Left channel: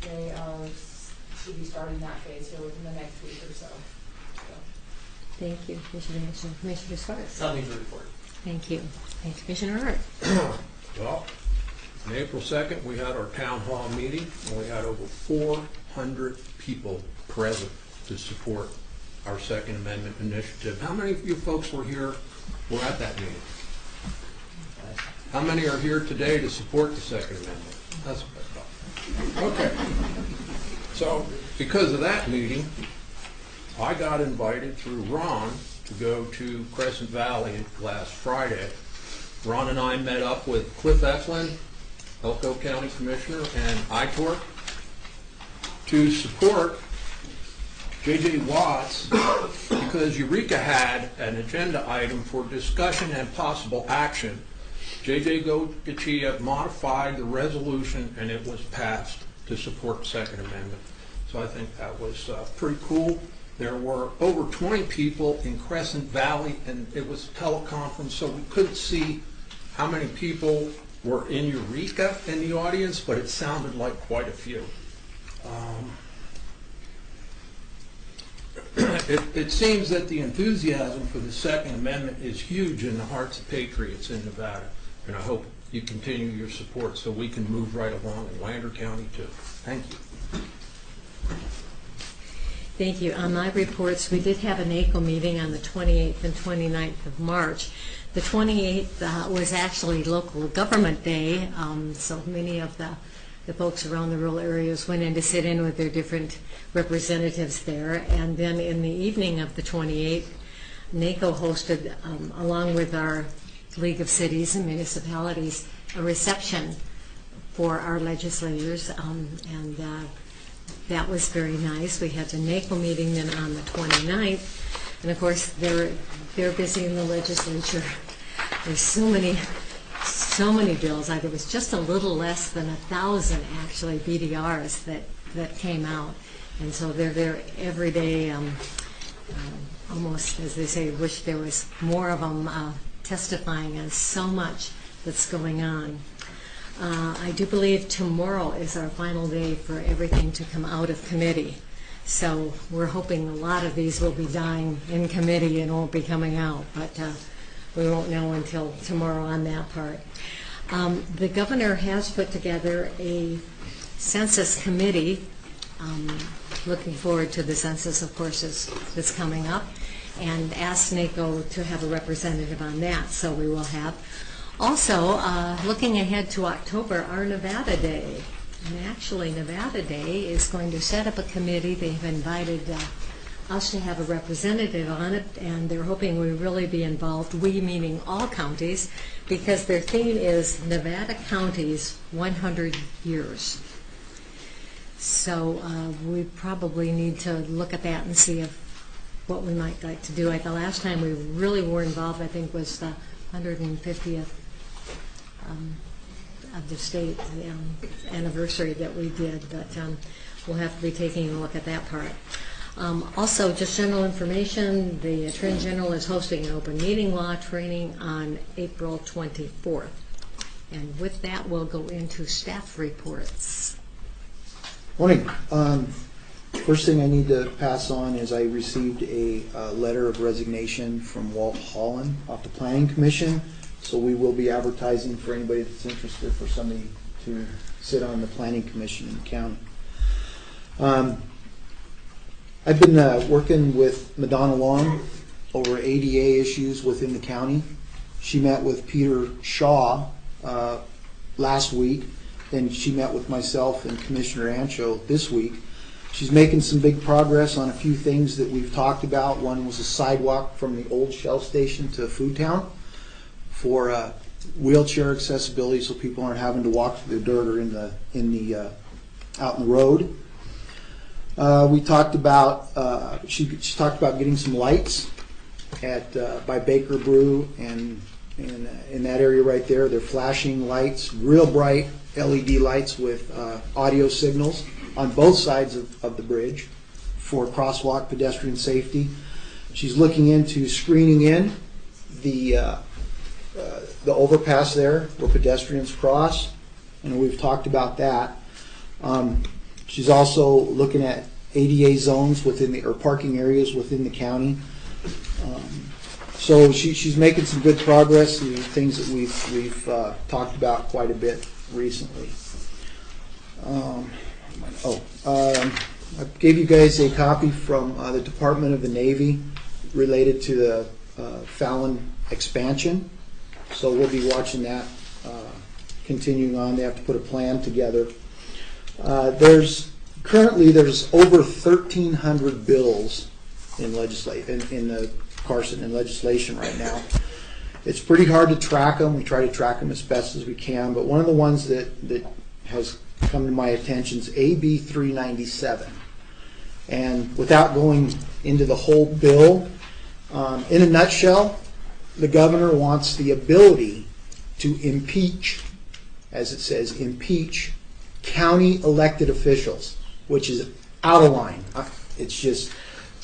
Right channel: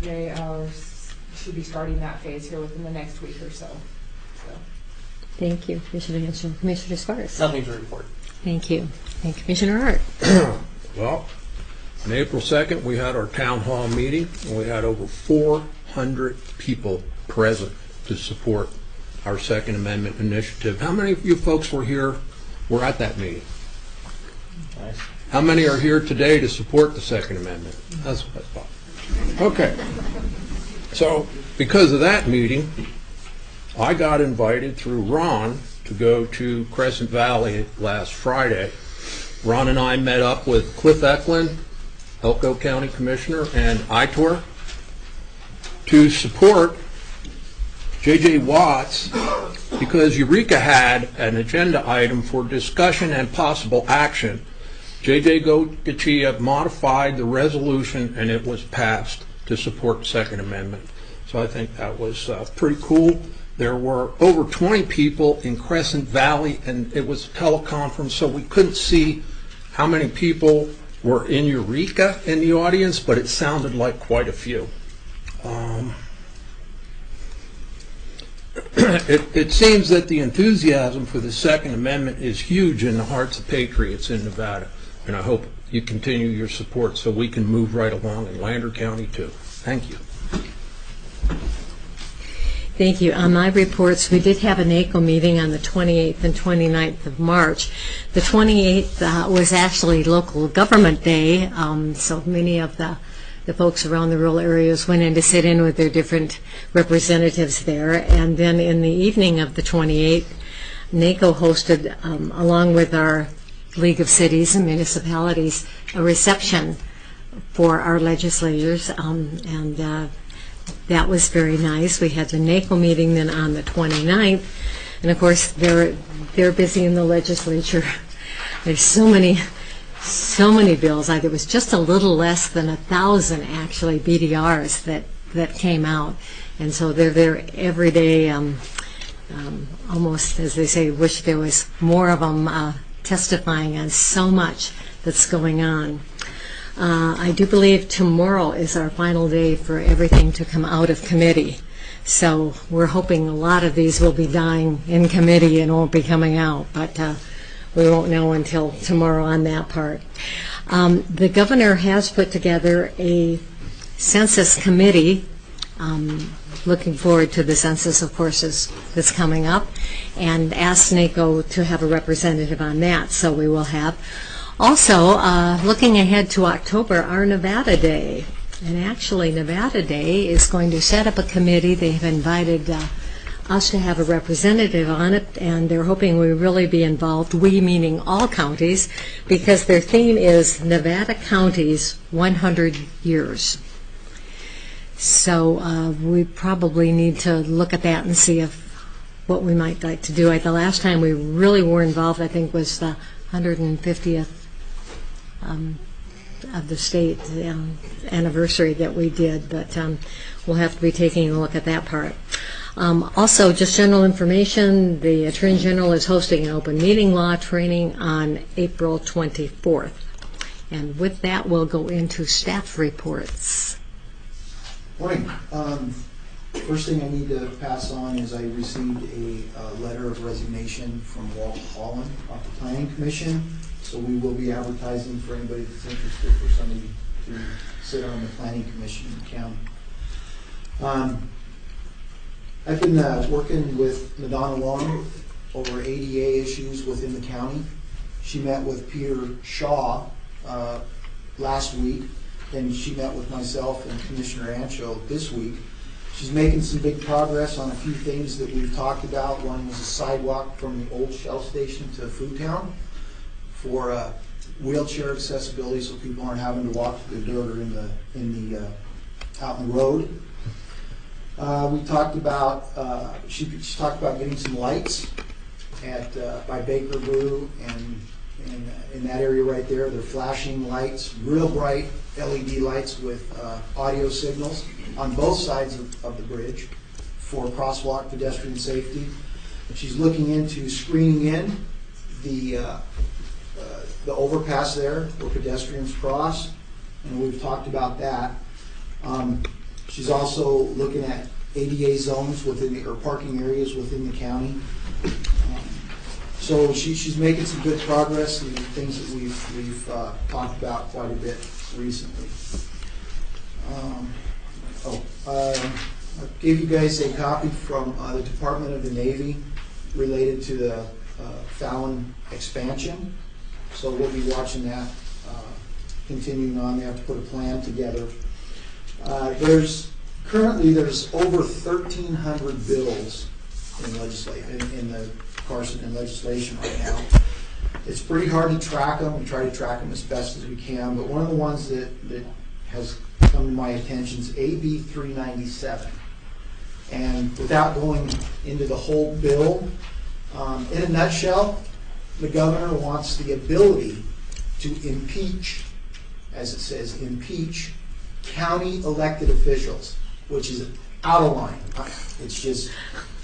They should be starting that phase here within the next week or so. Thank you, Commissioner Hanson. Commissioner Sparks. Nothing to report. Thank you. And Commissioner Hart. Well, on April 2nd, we had our town hall meeting, and we had over 400 people present to support our Second Amendment initiative. How many of you folks were at that meeting? Nice. How many are here today to support the Second Amendment? That's what I thought. Okay. So, because of that meeting, I got invited through Ron to go to Crescent Valley last Friday. Ron and I met up with Cliff Eklund, Elko County Commissioner, and ITOR to support J.J. Watts because Eureka had an agenda item for discussion and possible action. J.J. Gachia modified the resolution and it was passed to support the Second Amendment. So I think that was pretty cool. There were over 20 people in Crescent Valley, and it was a teleconference, so we couldn't see how many people were in Eureka in the audience, but it sounded like quite a few. It seems that the enthusiasm for the Second Amendment is huge in the hearts of patriots in Nevada, and I hope you continue your support so we can move right along in Lander County too. Thank you. Thank you. On my reports, we did have an NACO meeting on the 28th and 29th of March. The 28th was actually local government day, so many of the folks around the rural areas went in to sit in with their different representatives there. And then in the evening of the 28th, NACO hosted, along with our League of Cities and Municipalities, a reception for our legislators, and that was very nice. We had the NACO meeting then on the 29th, and of course they're busy in the legislature. There's so many bills. There was just a little less than 1,000 actually BDRs that came out, and so they're there every day. Almost, as they say, wish there was more of them testifying on so much that's going on. I do believe tomorrow is our final day for everything to come out of committee. So we're hoping a lot of these will be dying in committee and won't be coming out, but we won't know until tomorrow on that part. The governor has put together a census committee. Looking forward to the census, of course, that's coming up, and asked NACO to have a representative on that, so we will have. Also, looking ahead to October, our Nevada Day. And actually, Nevada Day is going to set up a committee. They've invited us to have a representative on it, and they're hoping we really be involved, we meaning all counties, because their theme is Nevada Counties 100 Years. So we probably need to look at that and see what we might like to do. The last time we really were involved, I think, was the 150th of the state anniversary that we did, but we'll have to be taking a look at that part. Also, just general information, the Attorney General is hosting an open meeting law training on April 24th. And with that, we'll go into staff reports. Morning. First thing I need to pass on is I received a letter of resignation from Walt Holland off the Planning Commission. So we will be advertising for anybody that's interested for somebody to sit on the Planning Commission in the county. I've been working with Madonna Long over ADA issues within the county. She met with Peter Shaw last week, then she met with myself and Commissioner Ancho this week. She's making some big progress on a few things that we've talked about. One was a sidewalk from the old Shell station to Food Town for wheelchair accessibility, so people aren't having to walk through the dirt or out in the road. We talked about she talked about getting some lights at by Baker Brew and in that area right there. They're flashing lights, real bright LED lights with audio signals on both sides of the bridge for crosswalk pedestrian safety. She's looking into screening in the overpass there where pedestrians cross, and we've talked about that. She's also looking at ADA zones within the, or parking areas within the county. So she's making some good progress, and things that we've talked about quite a bit recently. I gave you guys a copy from the Department of the Navy related to the Fallon expansion. So we'll be watching that continuing on. They have to put a plan together. Currently there's over 1,300 bills in the Carson in legislation right now. It's pretty hard to track them. We try to track them as best as we can, but one of the ones that has come to my attention is AB 397. And without going into the whole bill, in a nutshell, the governor wants the ability to impeach, as it says, impeach county elected officials, which is out of line. It's just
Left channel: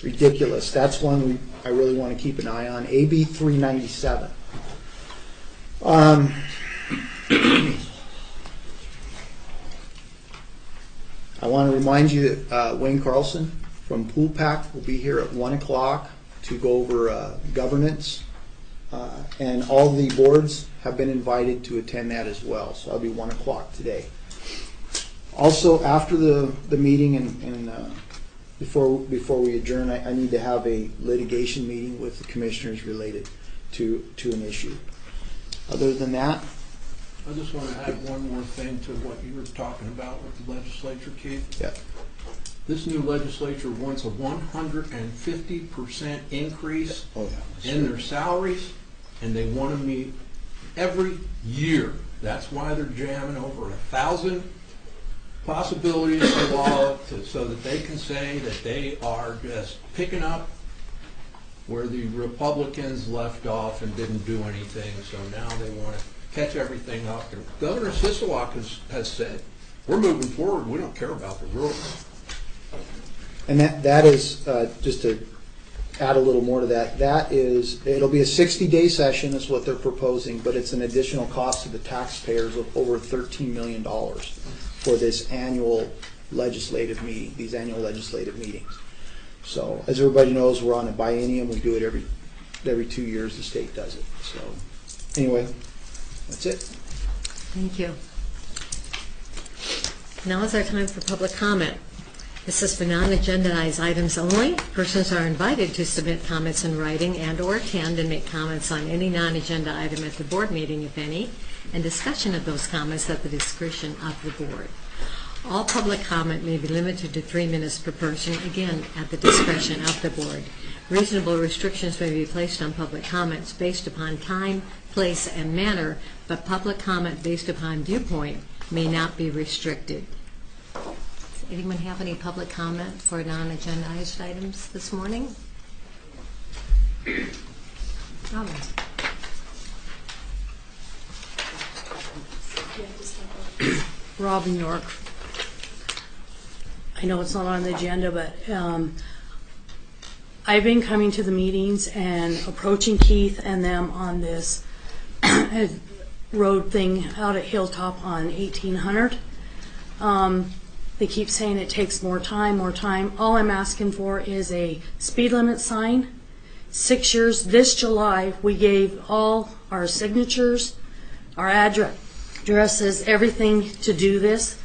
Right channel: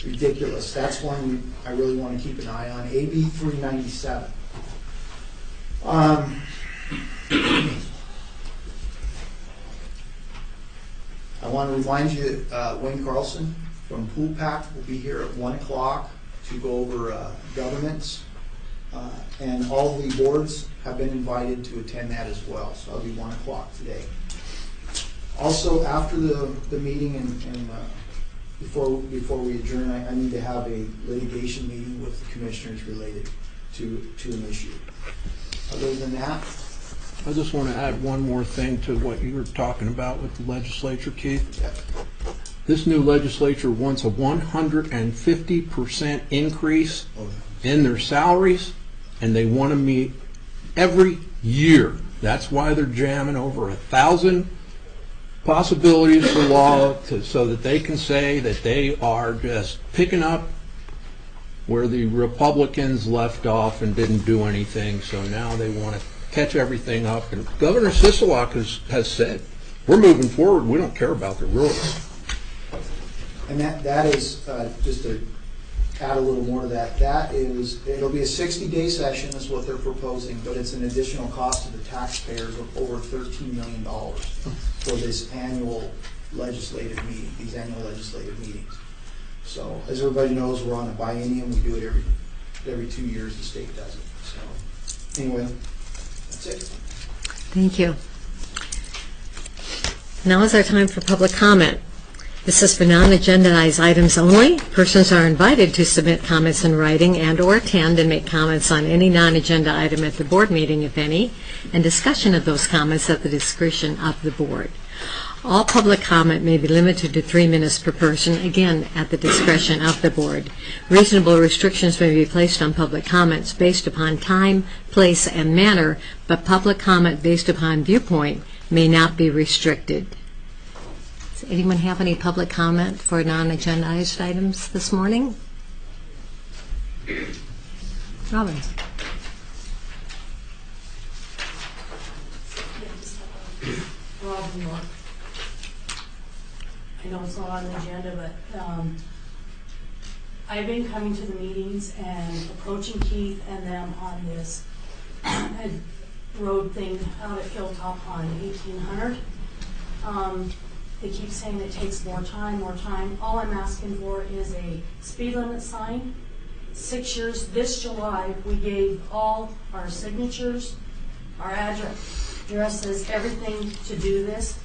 ridiculous. That's one I really want to keep an eye on. AB 397. I want to remind you that Wayne Carlson from Pool Pack will be here at 1 o'clock to go over governance. And all the boards have been invited to attend that as well. So that'll be 1 o'clock today. Also, after the meeting and before we adjourn, I need to have a litigation meeting with the commissioners related to an issue. Other than that, I just want to add one more thing to what you were talking about with the legislature, Keith. yeah. This new legislature wants a 150% increase in their salaries, and they want to meet every year. That's why they're jamming over 1,000 possibilities for law so that they can say that they are just picking up where the Republicans left off and didn't do anything. So now they want to catch everything up. And Governor Sisolak has said, we're moving forward. We don't care about the rules. And that is, just to add a little more to that, it'll be a 60-day session is what they're proposing, but it's an additional cost to the taxpayers of over $13 million for this annual legislative meeting, these annual legislative meetings. So as everybody knows, we're on a biennium. We do it every 2 years, the state does it. So anyway, that's it. Thank you. Now is our time for public comment. This is for non-agendized items only. Persons are invited to submit comments in writing and/or attend and make comments on any non-agenda item at the board meeting, if any, and discussion of those comments at the discretion of the board. All public comment may be limited to 3 minutes per person, again, at the discretion of the board. Reasonable restrictions may be placed on public comments based upon time, place, and manner, but public comment based upon viewpoint may not be restricted. Does anyone have any public comment for non-agendized items this morning? Robin. Robin York. I know it's not on the agenda, but I've been coming to the meetings and approaching Keith and them on this road thing out at Hilltop on 1800. They keep saying it takes more time, more time. All I'm asking for is a speed limit sign. 6 years, this July, we gave all our signatures, our addresses, everything to do this.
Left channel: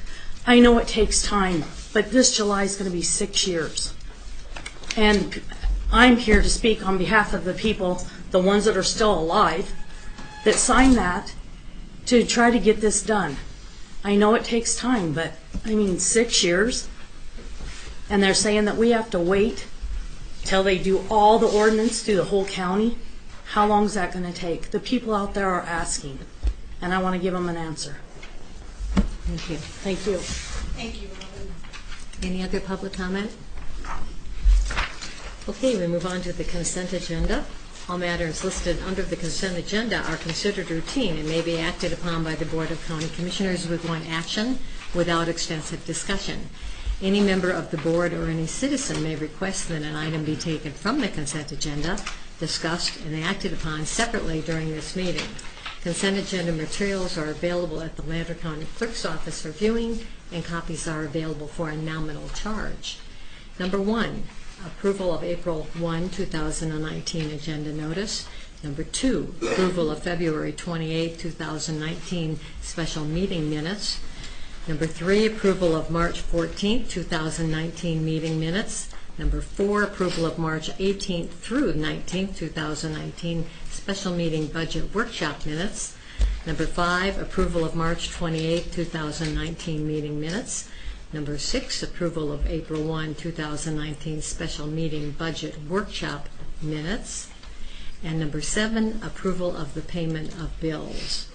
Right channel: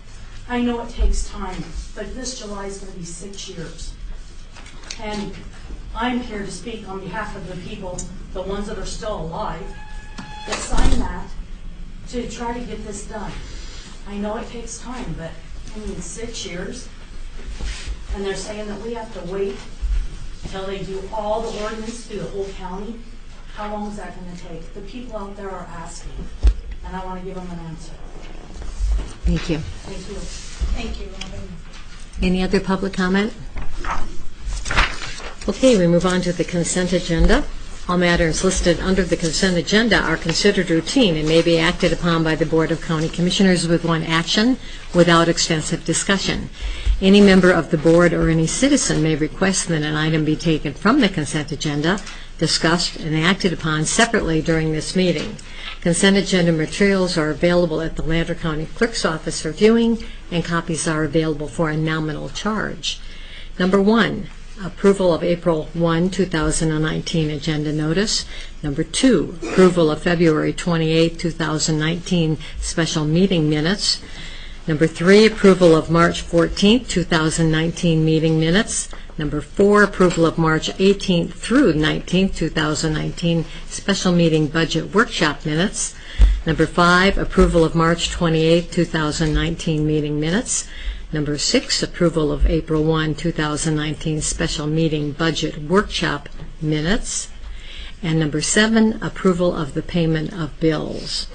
I know it takes time, but this July is going to be 6 years. And I'm here to speak on behalf of the people, the ones that are still alive, that signed that to try to get this done. I know it takes time, but I mean 6 years, and they're saying that we have to wait till they do all the ordinance through the whole county. How long is that going to take? The people out there are asking, and I want to give them an answer. Thank you. Thank you. Thank you, Robin. Any other public comment? Okay, we move on to the consent agenda. All matters listed under the consent agenda are considered routine and may be acted upon by the Board of County Commissioners with one action without extensive discussion. Any member of the board or any citizen may request that an item be taken from the consent agenda, discussed, and acted upon separately during this meeting. Consent agenda materials are available at the Lander County Clerk's Office for viewing, and copies are available for a nominal charge. Number 1, approval of April 1, 2019 agenda notice. Number 2, approval of February 28, 2019 special meeting minutes. Number 3, approval of March 14, 2019 meeting minutes. Number 4, approval of March 18th through 19th, 2019 special meeting budget workshop minutes. Number 5, approval of March 28, 2019 meeting minutes. Number 6, approval of April 1, 2019 special meeting budget workshop minutes. And number 7, approval of the payment of bills.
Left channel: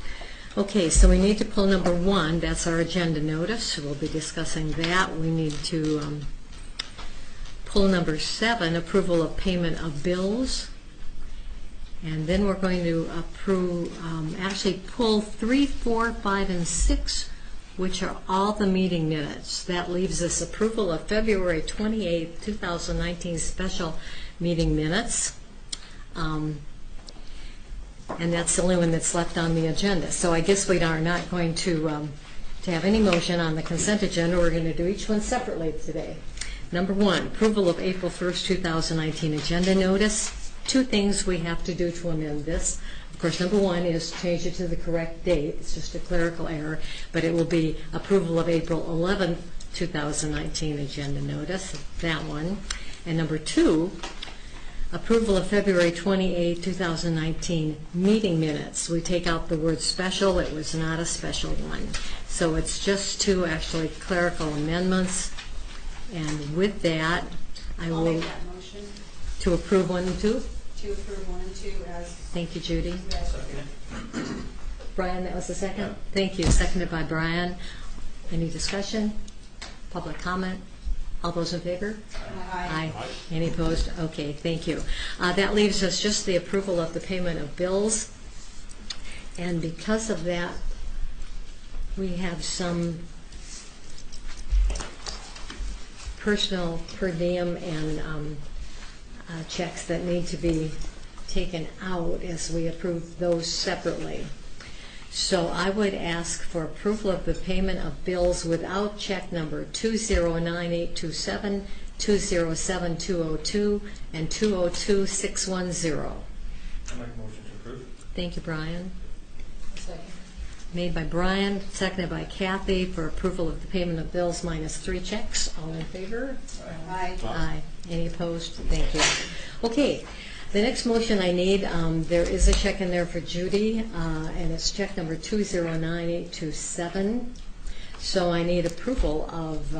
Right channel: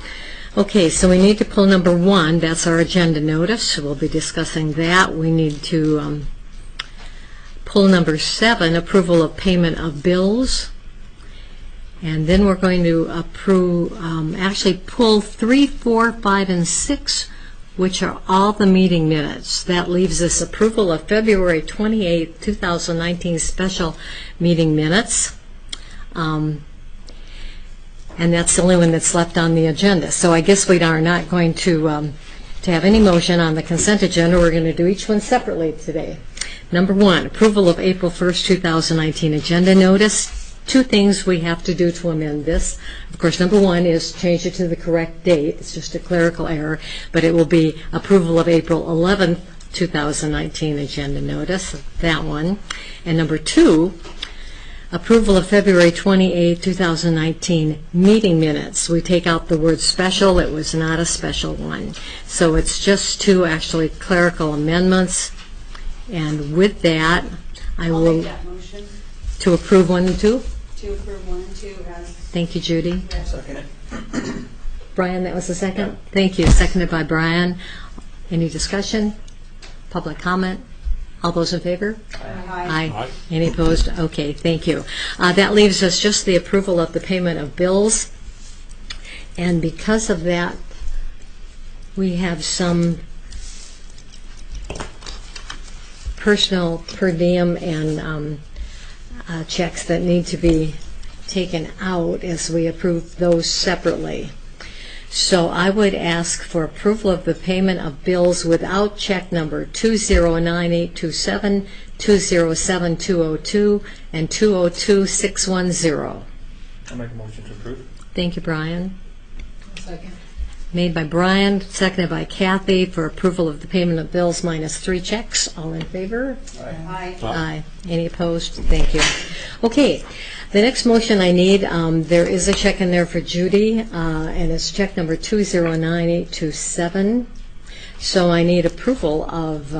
Okay, so we need to pull number 1. That's our agenda notice. We'll be discussing that. We need to pull number 7, approval of payment of bills. And then we're going to actually pull 3, 4, 5, and 6, which are all the meeting minutes. That leaves us approval of February 28, 2019 special meeting minutes. And that's the only one that's left on the agenda. So I guess we are not going to have any motion on the consent agenda. We're going to do each one separately today. Number 1, approval of April 1st, 2019 agenda notice. 2 things we have to do to amend this. Of course, number 1 is change it to the correct date. It's just a clerical error, but it will be approval of April 11th, 2019 agenda notice, that one. And number 2, approval of February 28, 2019 meeting minutes. We take out the word special. It was not a special one. So it's just 2 actually clerical amendments. And with that, I I'll will make that motion to approve 1 and 2. to approve 1 and 2 as Thank you, Judy. read. Second it. Brian, that was the second? Thank you. Seconded by Brian. Any discussion? Public comment? All those in favor? Aye. Aye. Any opposed? Okay, thank you. That leaves us just the approval of the payment of bills. And because of that, we have some personal per diem and checks that need to be taken out as we approve those separately. So I would ask for approval of the payment of bills without check number 209827, 207202, and 202610. I'll make a motion to approve. Thank you, Brian. Second. Made by Brian, seconded by Kathy for approval of the payment of bills minus 3 checks. All in favor? Aye. Aye. Any opposed? Thank you. Okay, the next motion I need, there is a check in there for Judy, and it's check number 209827. So I need approval of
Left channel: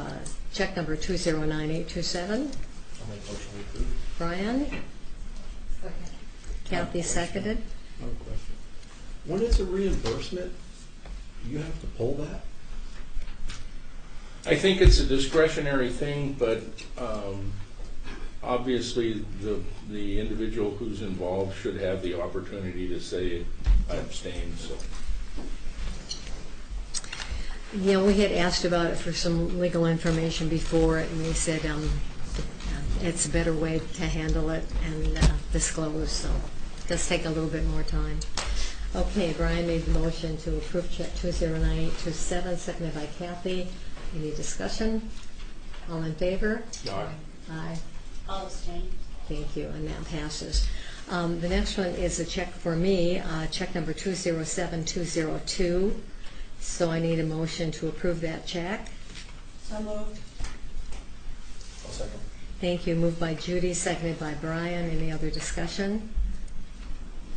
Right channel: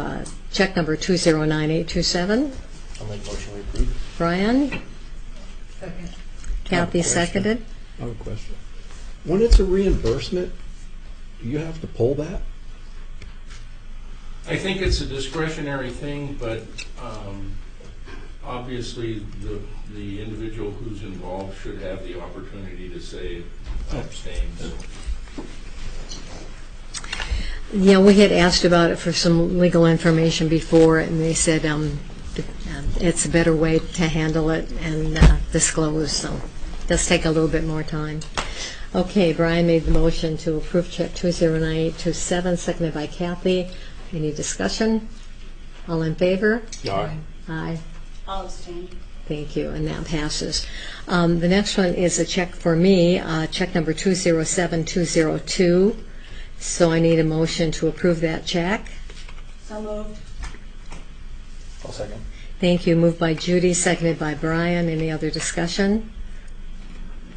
check number 209827. I'll make a motion to approve. Brian? Second. Kathy question. seconded. I have a question. When it's a reimbursement, do you have to pull that? I think it's a discretionary thing, but obviously the individual who's involved should have the opportunity to say, I abstain. So. Yeah, we had asked about it for some legal information before, and they said it's a better way to handle it and disclose, so it does take a little bit more time. Okay, Brian made the motion to approve check 209827, seconded by Kathy. Any discussion? All in favor? Aye. Aye. I'll abstain. Thank you, and that passes. The next one is a check for me, check number 207202. So I need a motion to approve that check. So moved. I'll second. Thank you. Moved by Judy, seconded by Brian. Any other discussion?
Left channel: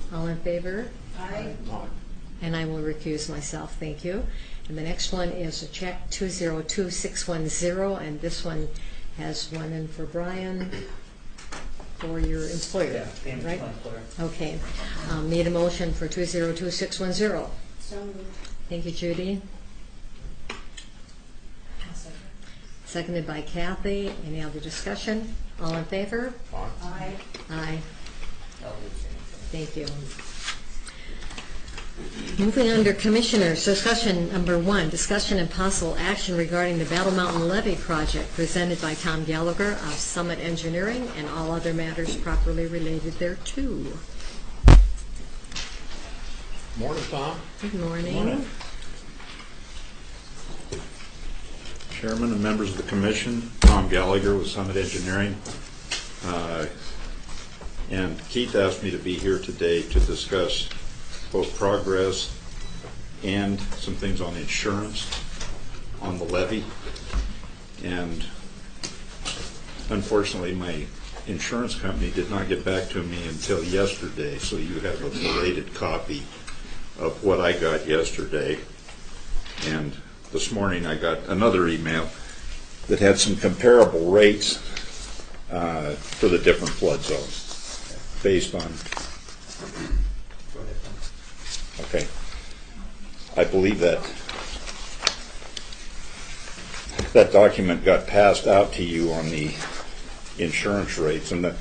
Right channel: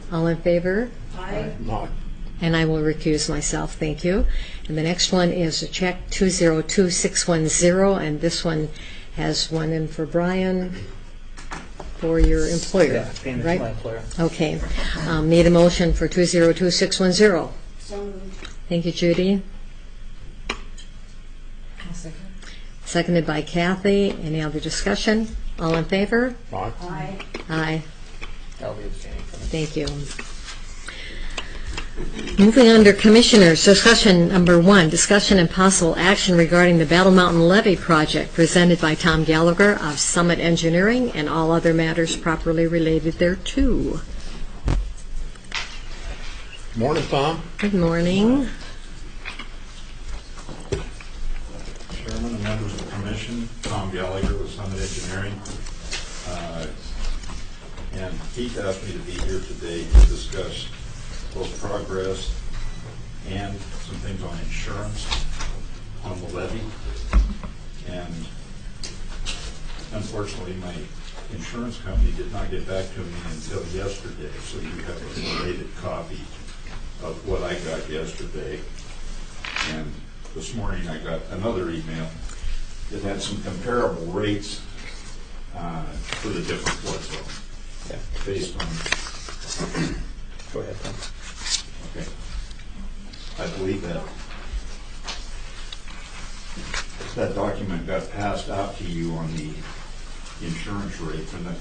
All in favor? Aye. Aye. And I will recuse myself. Thank you. And the next one is a check 202610, and this one has one in for Brian for your employer, Yeah, payment right? to my employer. Okay. Need a motion for 202610. So moved. Thank you, Judy. I'll second. Seconded by Kathy. Any other discussion? All in favor? Aye. Aye. Aye. I'll be abstaining from it. Thank you. Moving under Commissioners, discussion number 1, discussion and possible action regarding the Battle Mountain Levee project presented by Tom Gallagher of Summit Engineering and all other matters properly related thereto. Morning, Tom. Good morning. Chairman and members of the commission, Tom Gallagher with Summit Engineering. And Keith asked me to be here today to discuss both progress and some things on insurance on the levy. And unfortunately, my insurance company did not get back to me until yesterday, so you have a belated copy of what I got yesterday. And this morning I got another email that had some comparable rates for the different flood zones based on. Go ahead, Tom. Okay. I believe that document got passed out to you on the insurance rates, and the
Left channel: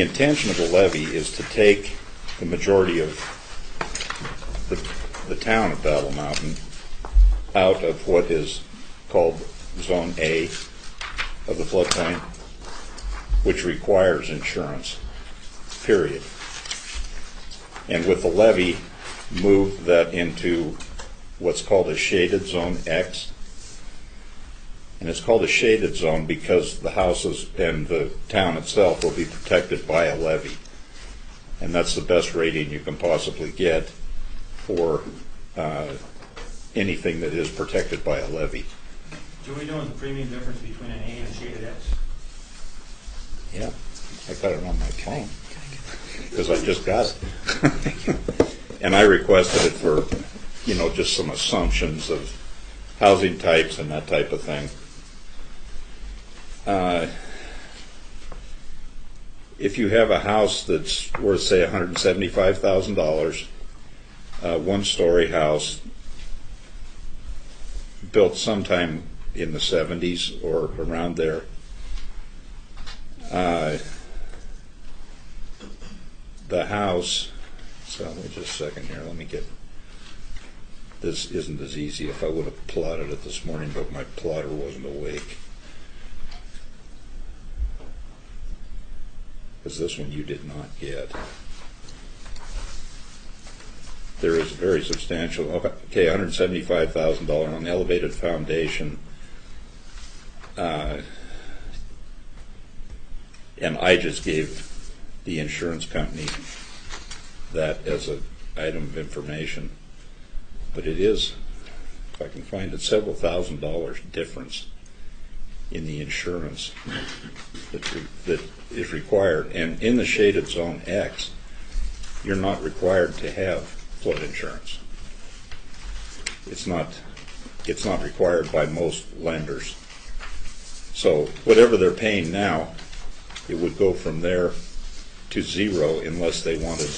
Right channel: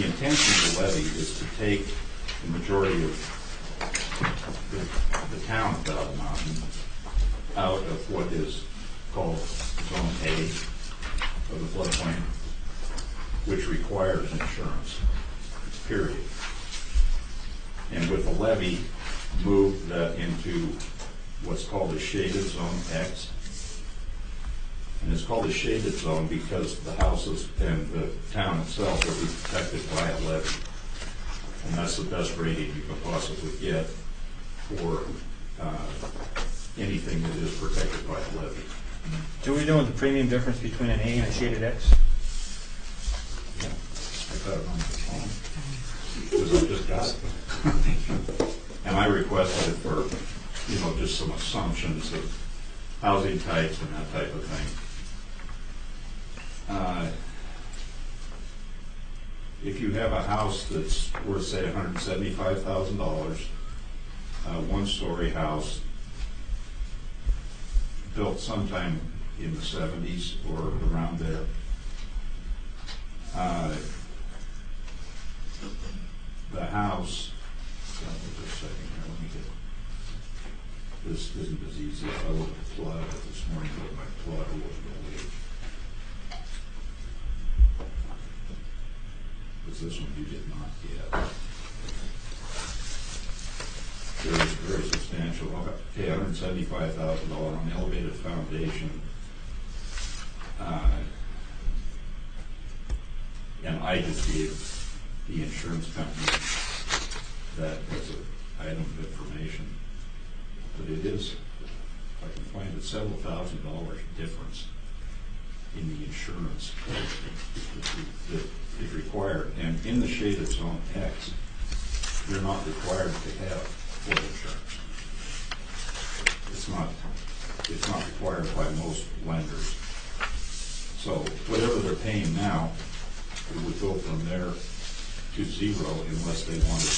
intention of the levy is to take the majority of the town of Battle Mountain out of what is called Zone A of the floodplain, which requires insurance, period. And with the levy, move that into what's called a shaded Zone X. And it's called a shaded zone because the houses and the town itself will be protected by a levy. And that's the best rating you can possibly get for anything that is protected by a levy. Do we know the premium difference between an A and a shaded X? Yeah, I got it on my phone because I just got it. Thank you. And I requested it for, just some assumptions of housing types and that type of thing. If you have a house that's worth, say, $175,000, one-story house, built sometime in the 70s or around there, the house, so just a second here, let me get, this isn't as easy. If I would have plotted it this morning, but my plotter wasn't awake. Because this one you did not get. There is a very substantial, okay, $175,000 on the elevated foundation. And I just gave the insurance company that as an item of information. But it is, if I can find it, several $1,000s difference in the insurance that is required. And in the shaded Zone X, you're not required to have flood insurance. It's not required by most lenders. So whatever they're paying now, it would go from there to zero unless they wanted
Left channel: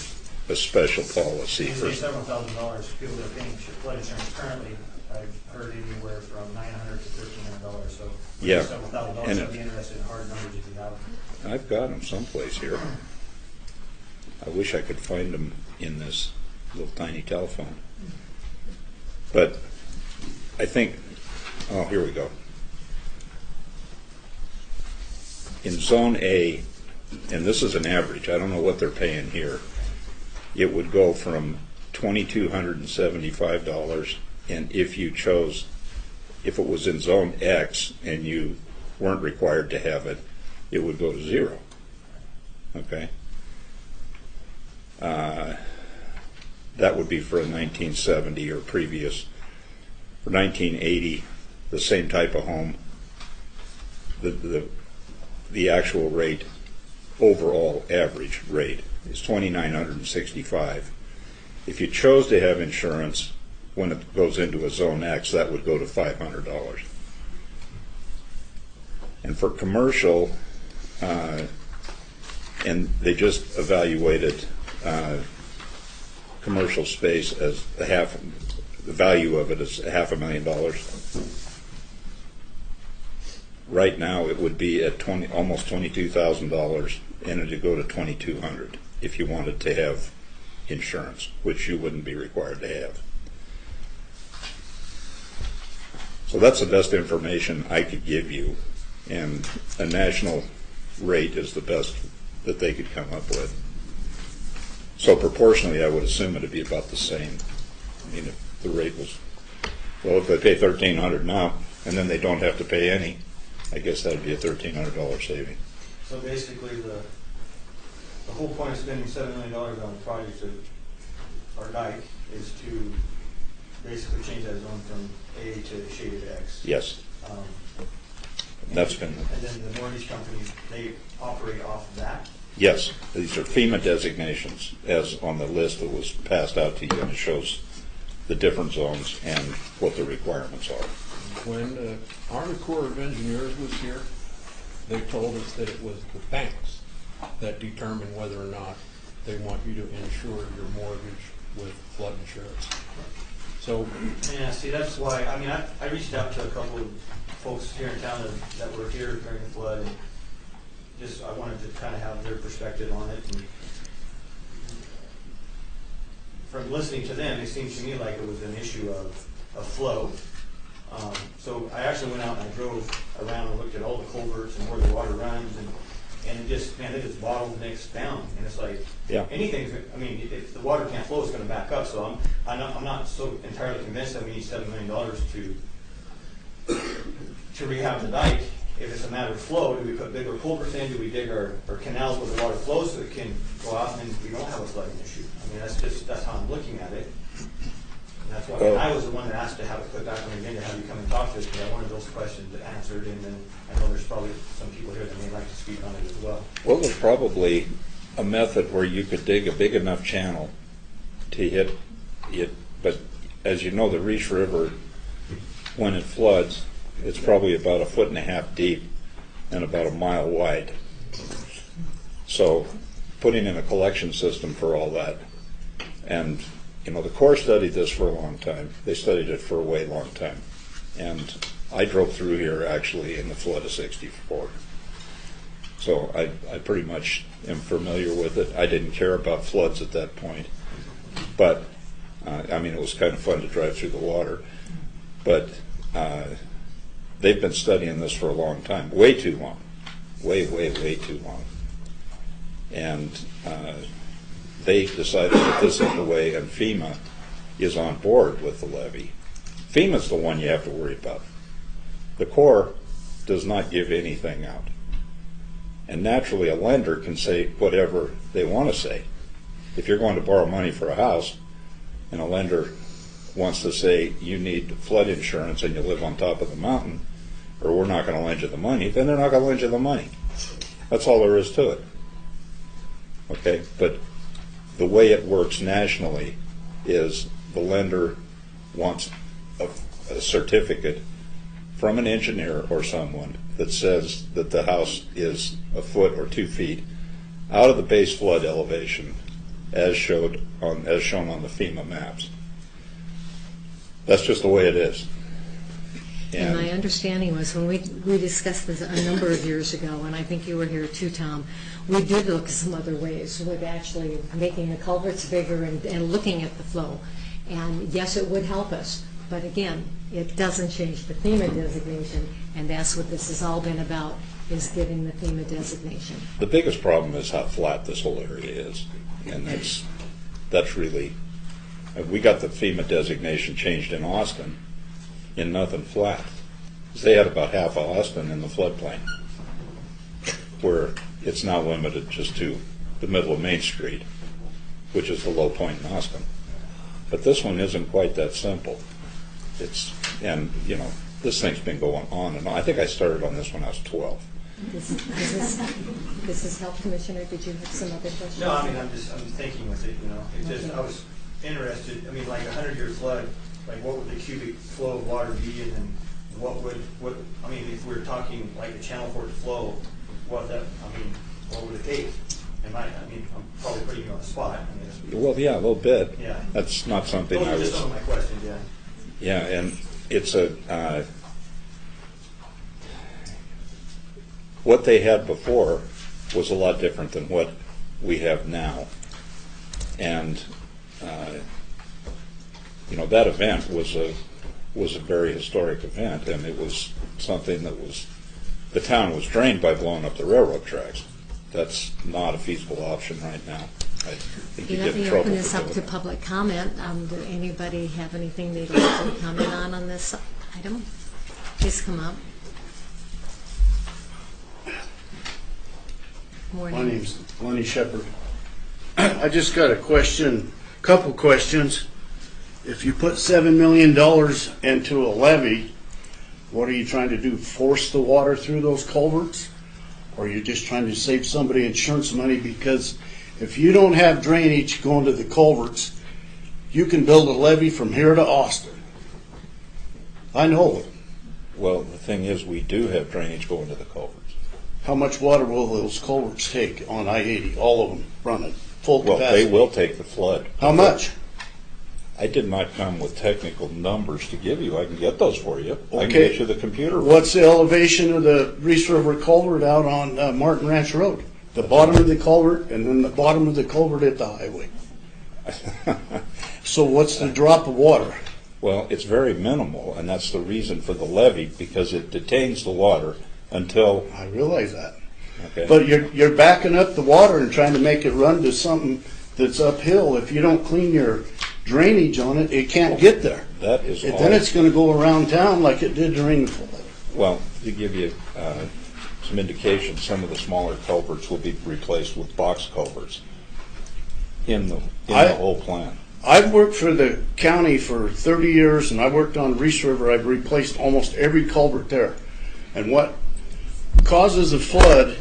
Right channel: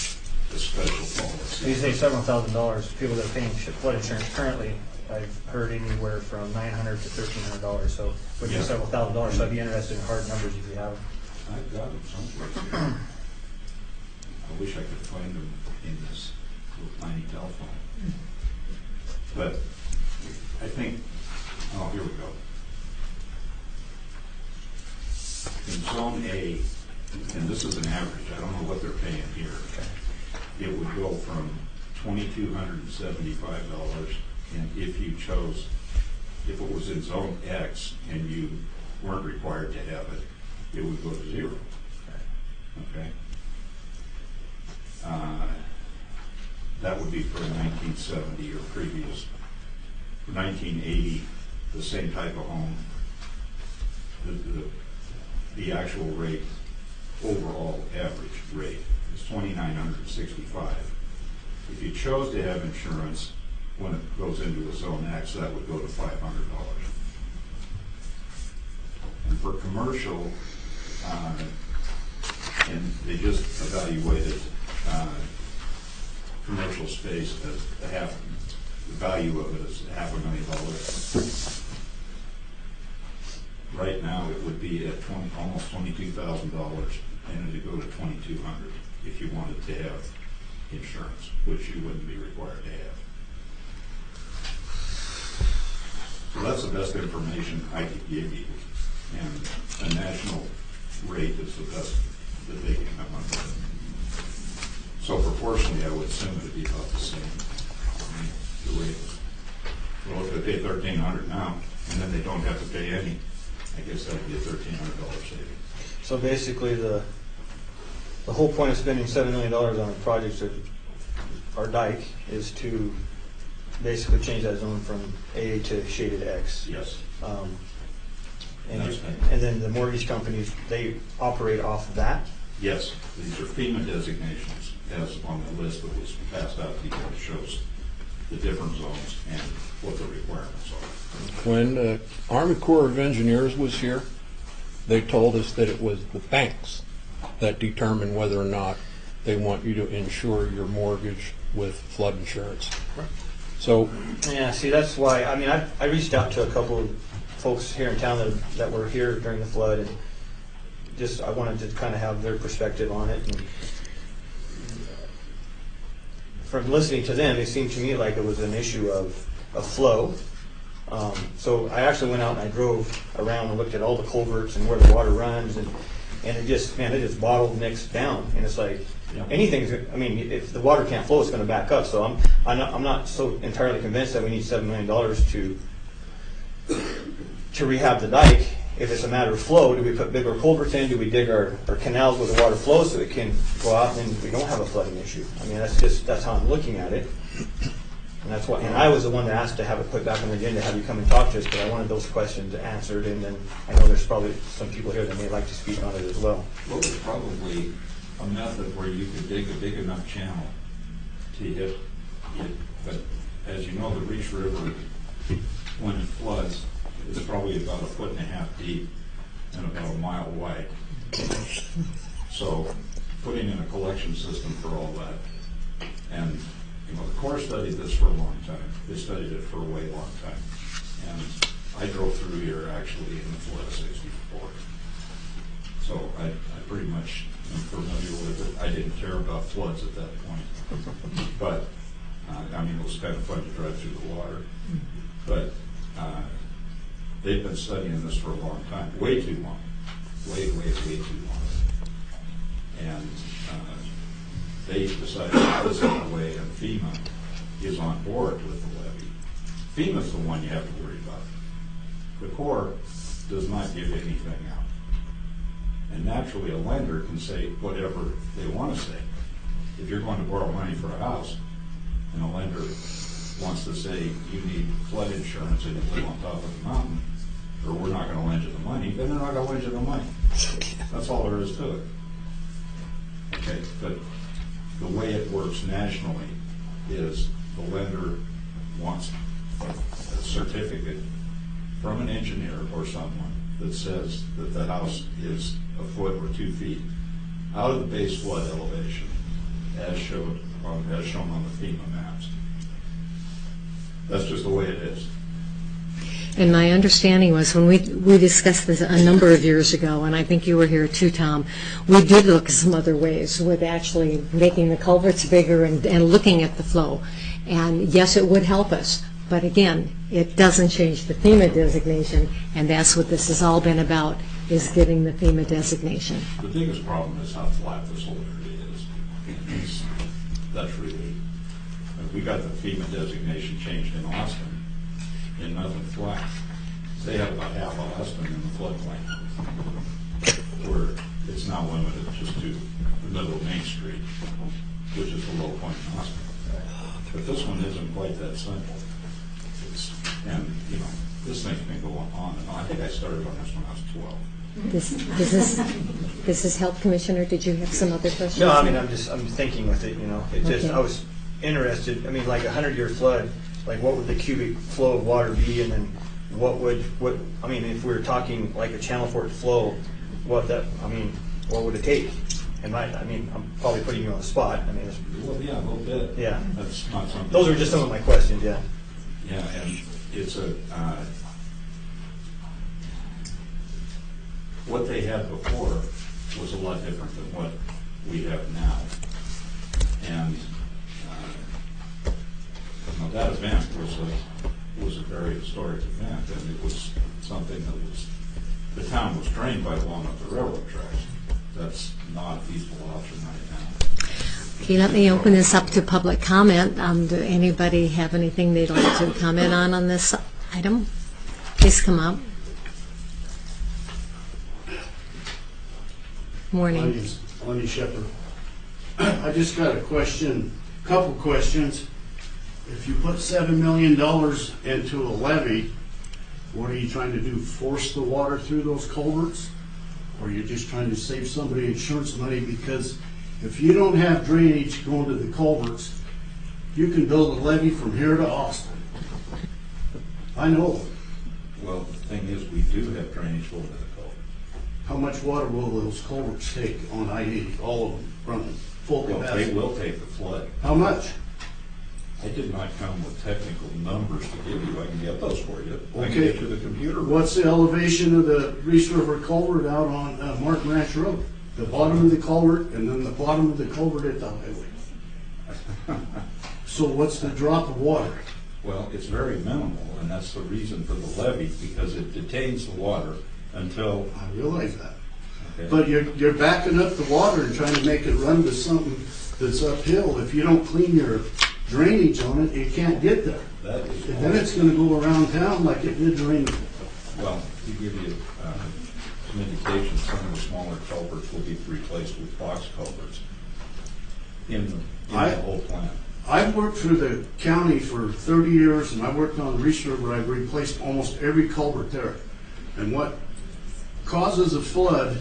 a special policy. You say several $1,000s. People that are paying flood insurance currently, I've heard anywhere from $900 to $1,300. So with Yeah. several $1,000s, I'd be interested in hard numbers if you have. I've got them someplace here. I wish I could find them in this little tiny telephone. But I think, oh, here we go. In Zone A, and this is an average, I don't know what they're paying here, it would go from $2,275, and if you chose, if it was in Zone X and you weren't required to have it, it would go to zero. Okay? That would be for a 1970 or previous. For 1980, the same type of home, the actual rate, overall average rate, is $2,965. If you chose to have insurance, when it goes into a Zone X, that would go to $500. And for commercial, and they just evaluated commercial space as the value of it is $500,000. Right now, it would be at almost $22,000, and it would go to $2,200 if you wanted to have insurance, which you wouldn't be required to have. So that's the best information I could give you, and a national rate is the best that they could come up with. So proportionally, I would assume it'd be about the same. I mean, if the rate was, well, if they pay $1,300 now, and then they don't have to pay any, I guess that'd be a $1,300 saving. So basically, the whole point of spending $7 million on a project of our dike is to basically change that zone from A to shaded X. Yes. And That's you- been- And then the mortgage companies, they operate off of that? Yes, these are FEMA designations, as on the list that was passed out to you, and it shows the different zones and what the requirements are. When Army Corps of Engineers was here, they told us that it was the banks that determine whether or not they want you to insure your mortgage with flood insurance. So, Yeah, see, that's why, I mean, I reached out to a couple of folks here in town that were here during the flood, and just, I wanted to kind of have their perspective on it. And from listening to them, it seemed to me like it was an issue of flow. So I actually went out and I drove around and looked at all the culverts and where the water runs, and it just, man, it just bottlenecks down. And it's like, Yeah. anything's, I mean, if the water can't flow, it's gonna back up. So I'm not so entirely convinced that we need $7 million to rehab the dike. If it's a matter of flow, do we put bigger culverts in? Do we dig our canals where the water flows so it can go out and we don't have a flooding issue? I mean, that's how I'm looking at it. And that's why, and I was the one that asked to have it put back on the agenda, have you come and talk to us, because I wanted those questions answered. And then I know there's probably some people here that may like to speak on it as well. What was probably a method where you could dig a big enough channel to hit it, but as you know, the Reese River, when it floods, it's probably about 1.5 feet deep and about 1 mile wide. So putting in a collection system for all that. And, you know, the Corps studied this for a long time. They studied it for a way long time. And I drove through here actually in the flood of '64. So I pretty much am familiar with it. I didn't care about floods at that point. But, I mean, it was kind of fun to drive through the water. But they've been studying this for a long time, way too long, way too long. And they decided that this is the way, and FEMA is on board with the levy. FEMA's the one you have to worry about. The Corps does not give anything out. And naturally, a lender can say whatever they want to say. If you're going to borrow money for a house, and a lender wants to say you need flood insurance and you live on top of the mountain, or we're not going to lend you the money, then they're not going to lend you the money. That's all there is to it. Okay, but the way it works nationally is the lender wants a certificate from an engineer or someone that says that the house is 1 foot or 2 feet out of the base flood elevation as shown on the FEMA maps. That's just the way it is. And my understanding was when we discussed this a number of years ago, and I think you were here too, Tom, we did look at some other ways with actually making the culverts bigger and looking at the flow. And yes, it would help us, but again, it doesn't change the FEMA designation, and that's what this has all been about, is getting the FEMA designation. The biggest problem is how flat this whole area is. And that's really, we got the FEMA designation changed in Austin in nothing flat. They had about half of Austin in the floodplain, where it's now limited just to the middle of Main Street, which is the low point in Austin. But this one isn't quite that simple. And you know, this thing's been going on and on. I think I started on this when I was 12. This is Health Commissioner. Did you have some other questions? No, I mean, I'm thinking with it, you know, it just, Okay. I was interested, I mean, like 100-year flood, like what would the cubic flow of water be, and then what, I mean, if we were talking like a channel for it to flow, what would it take? I mean, I'm probably putting you on the spot, I mean, Well, yeah, a little bit. Yeah. That's not something. those are just some of my questions, yeah. Yeah, and it's what they had before was a lot different than what we have now. And, you know, that event was a very historic event, and it was something that the town was drained by blowing up the railroad tracks. that's not a feasible option right now. Okay, let me open this up to public comment. Do anybody have anything they'd like to comment on this item? Please come up. My Morning. name's Lonnie Shepherd. I just got a question, couple questions. If you put $7 million into a levee, what are you trying to do, force the water through those culverts? Or are you just trying to save somebody insurance money? Because if you don't have drainage going to the culverts, you can build a levee from here to Austin. I know. Well, the thing is, we do have drainage going to the culverts. How much water will those culverts take on I-80, all of them running full Well, capacity? they will take the flood. How much? I did not come with technical numbers to give you. I can get those for you. I can Okay. get you the computer. What's the elevation of the Reese River culvert out on Martin Ranch Road? The bottom of the culvert and then the bottom of the culvert at the highway. So what's the drop of water? Well, it's very minimal, and that's the reason for the levee, because it detains the water until, I realize that. okay? But you're backing up the water and trying to make it run to something that's uphill. If you don't clean your drainage on it, it can't get there. That is And all. then it's gonna go around town like it did during the flood. Well, to give you some indication, some of the smaller culverts will be replaced with box culverts in the whole plan. I've worked for the county for 30 years, and I worked on Reese River. I've replaced almost every culvert there. And what causes a flood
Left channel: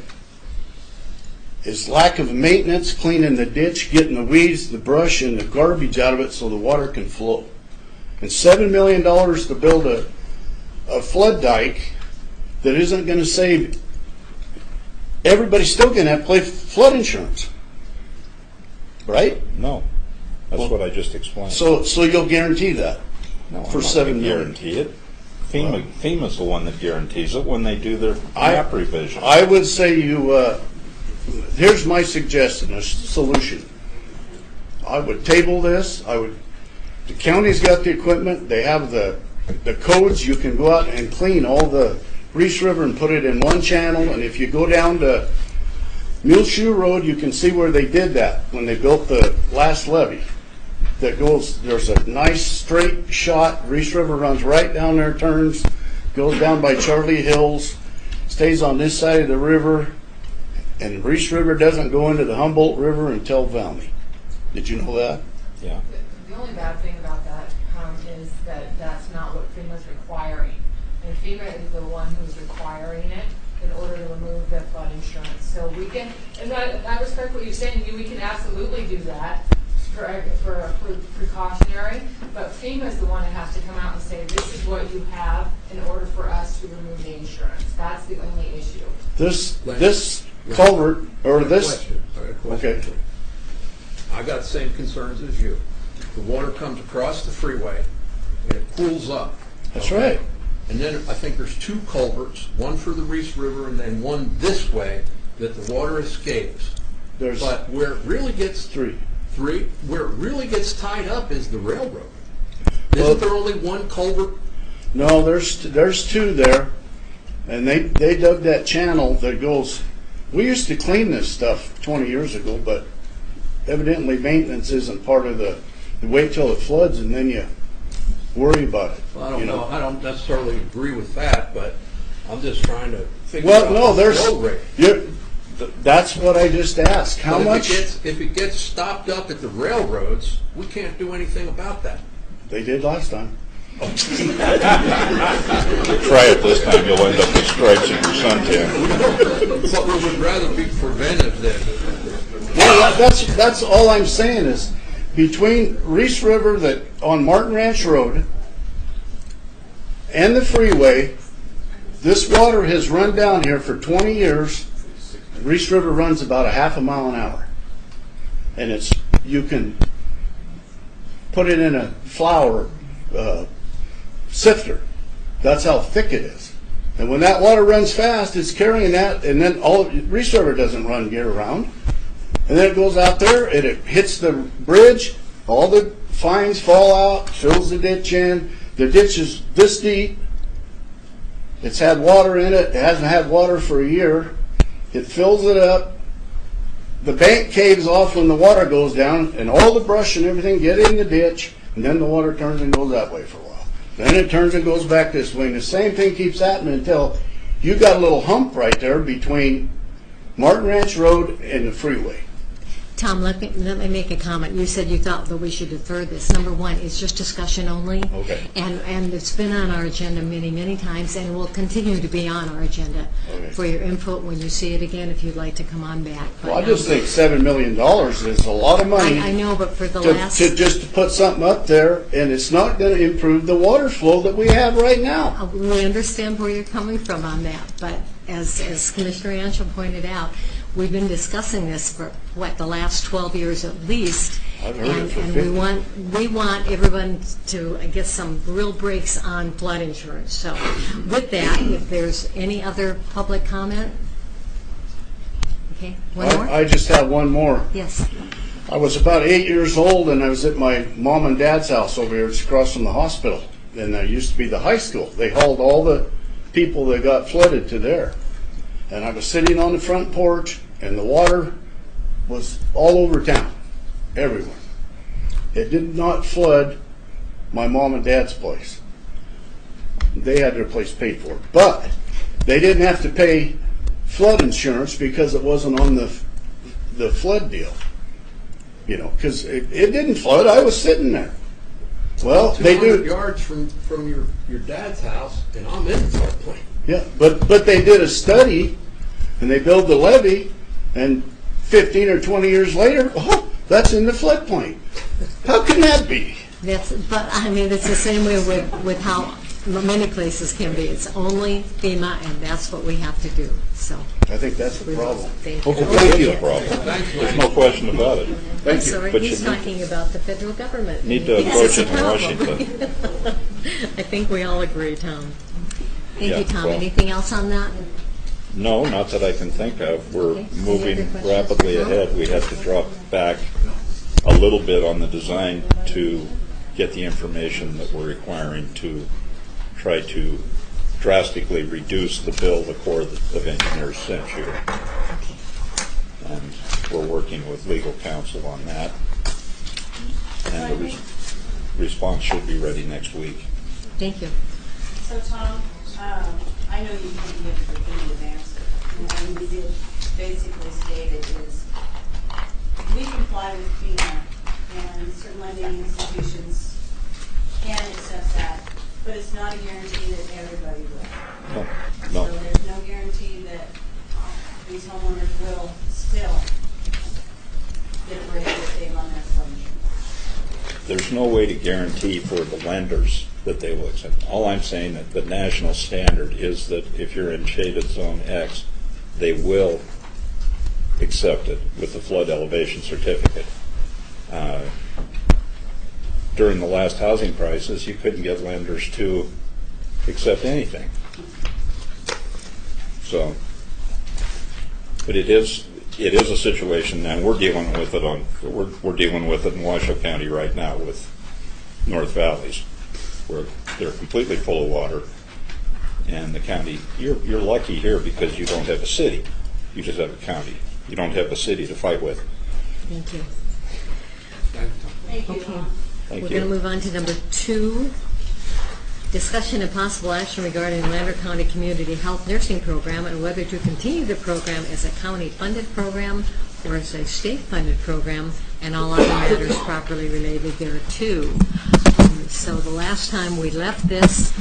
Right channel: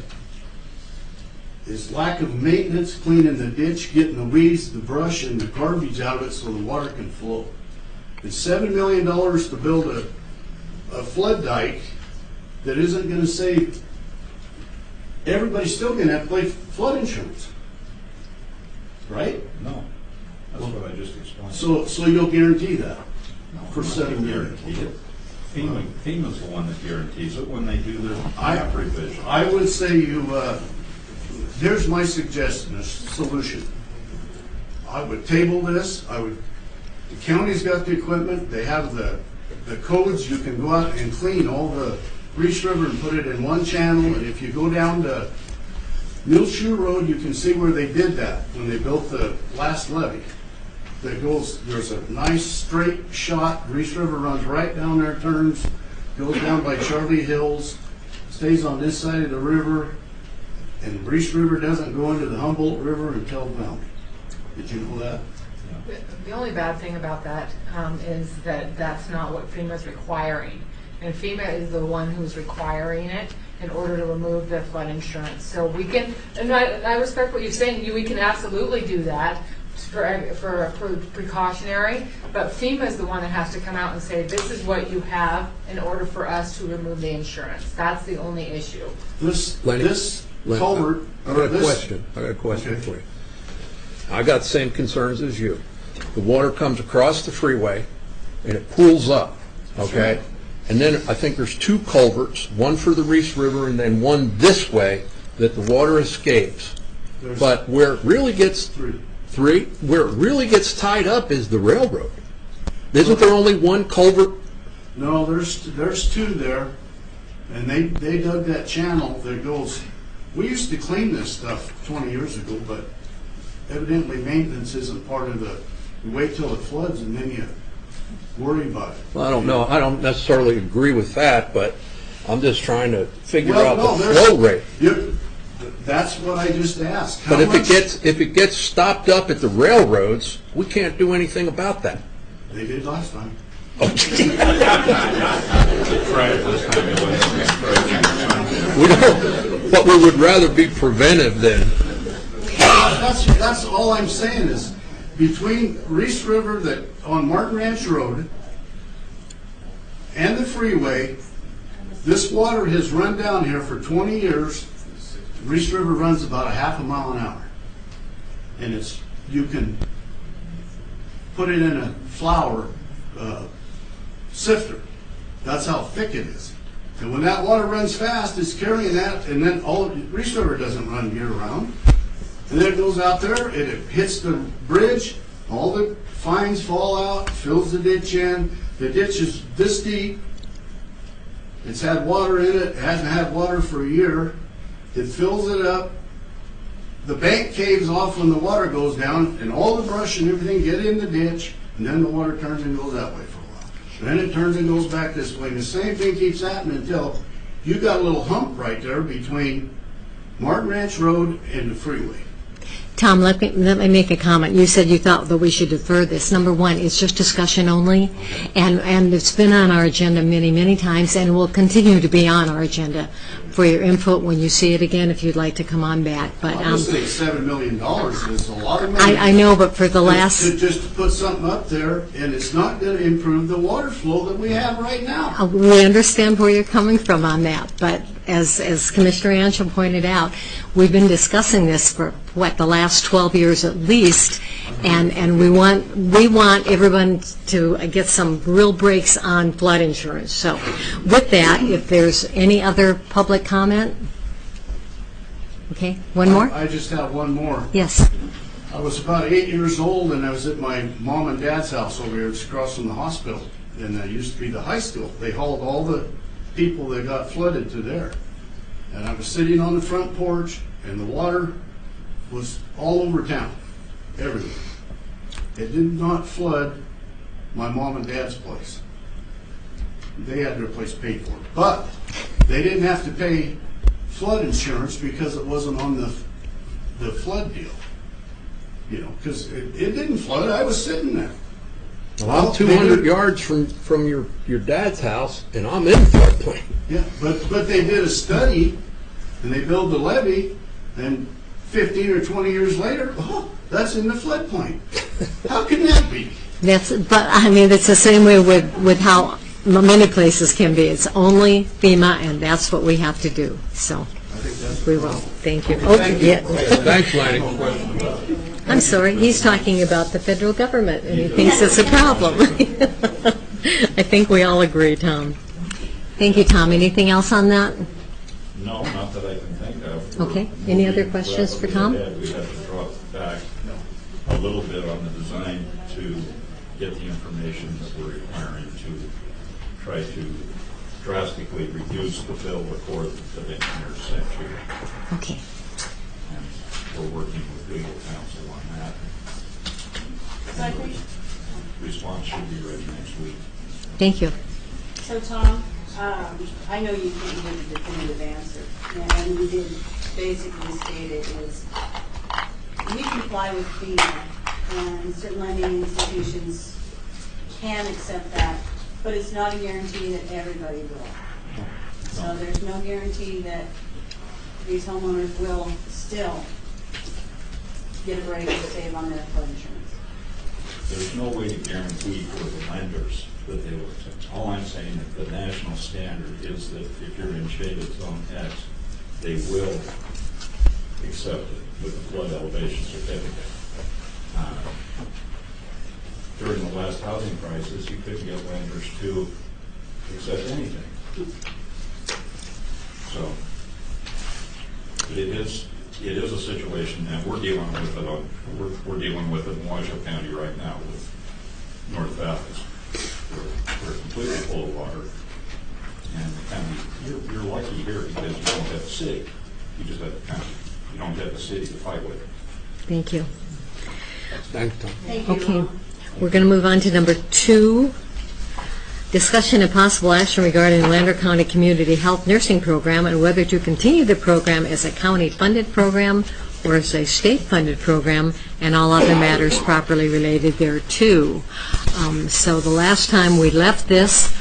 is lack of maintenance, cleaning the ditch, getting the weeds, the brush, and the garbage out of it so the water can flow. And $7 million to build a flood dike that isn't going to save, everybody's still going to have to pay flood insurance. Right? No, that's what I just explained. So you'll guarantee that? No, for I'm not $7 gonna million. guarantee it. FEMA's the one that guarantees it when they do their I- map revision. I would say here's my suggestion, a solution. I would table this, the county's got the equipment, they have the codes, you can go out and clean all the Reese River and put it in one channel, and if you go down to Muleshoe Road, you can see where they did that, when they built the last levee. There's a nice straight shot, Reese River runs right down there, turns, goes down by Charlie Hills, stays on this side of the river, and Reese River doesn't go into the Humboldt River until Valley. Did you know that? Yeah. The only bad thing about that is that that's not what FEMA's requiring. And FEMA is the one who's requiring it in order to remove the flood insurance. So we can, and I respect what you're saying, we can absolutely do that for precautionary, but FEMA is the one that has to come out and say, this is what you have in order for us to remove the insurance. That's the only issue. This Lenny, culvert, or this. I got a question Okay. for you. I got the same concerns as you. The water comes across the freeway and it pools up. That's okay? right. And then I think there's two culverts, one for the Reese River and then one this way that the water escapes. There's But where it really gets three. where it really gets tied up is the railroad. Isn't there only one culvert? No, there's two there, and they dug that channel that goes. We used to clean this stuff 20 years ago, but evidently maintenance isn't part of the. You wait till it floods and then you worry about it. Well, I don't know. I don't necessarily agree with that, but I'm just trying to figure Well, no, out the there's flow rate. That's what I just asked. How But much? if it gets stopped up at the railroads, we can't do anything about that. They did last time. Try it this time, you'll end up with stripes in your suntan. We don't, but we would rather be preventive than. Well, that's all I'm saying is between Reese River that on Martin Ranch Road and the freeway, this water has run down here for 20 years. Reese River runs about a half a mile an hour. And you can put it in a flour sifter. That's how thick it is. And when that water runs fast, it's carrying that, and then Reese River doesn't run year round. And then it goes out there and it hits the bridge, all the fines fall out, fills the ditch in. The ditch is this deep. It's had water in it. It hasn't had water for a year. It fills it up. the bank caves off when the water goes down, and all the brush and everything get in the ditch, and then the water turns and goes that way for a while. Then it turns and goes back this way, and the same thing keeps happening until you got a little hump right there between Martin Ranch Road and the freeway. Tom, let me make a comment. You said you thought that we should defer this. Number one, it's just discussion only, Okay. and it's been on our agenda many, many times, and will continue to be on our agenda for your input when you see it again, if you'd like to come on back. But I just think $7 million is a lot of money. I know, but for the last... Just to put something up there, and it's not gonna improve the water flow that we have right now. We understand where you're coming from on that, but as Commissioner Anschel pointed out, we've been discussing this for, the last 12 years at least, and we want everyone to get some real breaks on flood insurance. So with that, if there's any other public comment? Okay, one more? I just have one more. Yes. I was about 8 years old, and I was at my mom and dad's house over here, it's across from the hospital. And there used to be the high school. They hauled all the people that got flooded to there. And I was sitting on the front porch, and the water was all over town, everywhere. It did not flood my mom and dad's place. They had their place paid for. But they didn't have to pay flood insurance because it wasn't on the flood deal. You know, because it didn't flood. I was sitting there. Well, they 200 do- yards from your dad's house, and I'm in floodplain. Yeah, but they did a study, and they built the levee, and 15 or 20 years later, oh, that's in the floodplain. How can that be? But I mean, it's the same way with how many places can be. It's only FEMA, and that's what we have to do. So I think that's we the will. problem. Thank you. Okay, Oh, thank you. yeah. Thanks, Lanny. No question about it. I'm sorry, he's talking about the federal government, and he thinks it's a problem. I think we all agree, Tom. Thank you, Tom. Anything else on that? No, not that I can think of. We're Okay. Any other moving questions for rapidly Tom? ahead. We have to drop back a little bit on the design to get the information that we're requiring to try to drastically reduce the bill the Corps of Engineers sent you. Okay. And we're working with legal counsel on that. And the response should be ready next week. Thank you. So Tom, I know you didn't give a definitive answer, and you did basically state it is, we comply with FEMA, and certain lending institutions can accept that, but it's not a guarantee that everybody will. No. So there's no guarantee that these homeowners will still get a break if they've on their flood insurance. There's no way to guarantee for the lenders that they will accept. All I'm saying that the national standard is that if you're in shaded zone X, they will accept it with the flood elevation certificate. During the last housing crisis, you couldn't get lenders to accept anything. So, but it is a situation, and we're dealing with it we're dealing with it in Washoe County right now with North Valleys, where they're completely full of water, and the county. You're lucky here because you don't have a city. You just have a county. You don't have a city to fight with. Thank you. Thanks, Tom. Thank you. Okay. Thank We're you. going to move on to number 2. Discussion and possible action regarding Lander County Community Health Nursing Program and whether to continue the program as a county-funded program or as a state-funded program and all other matters properly related thereto. So the last time we left this,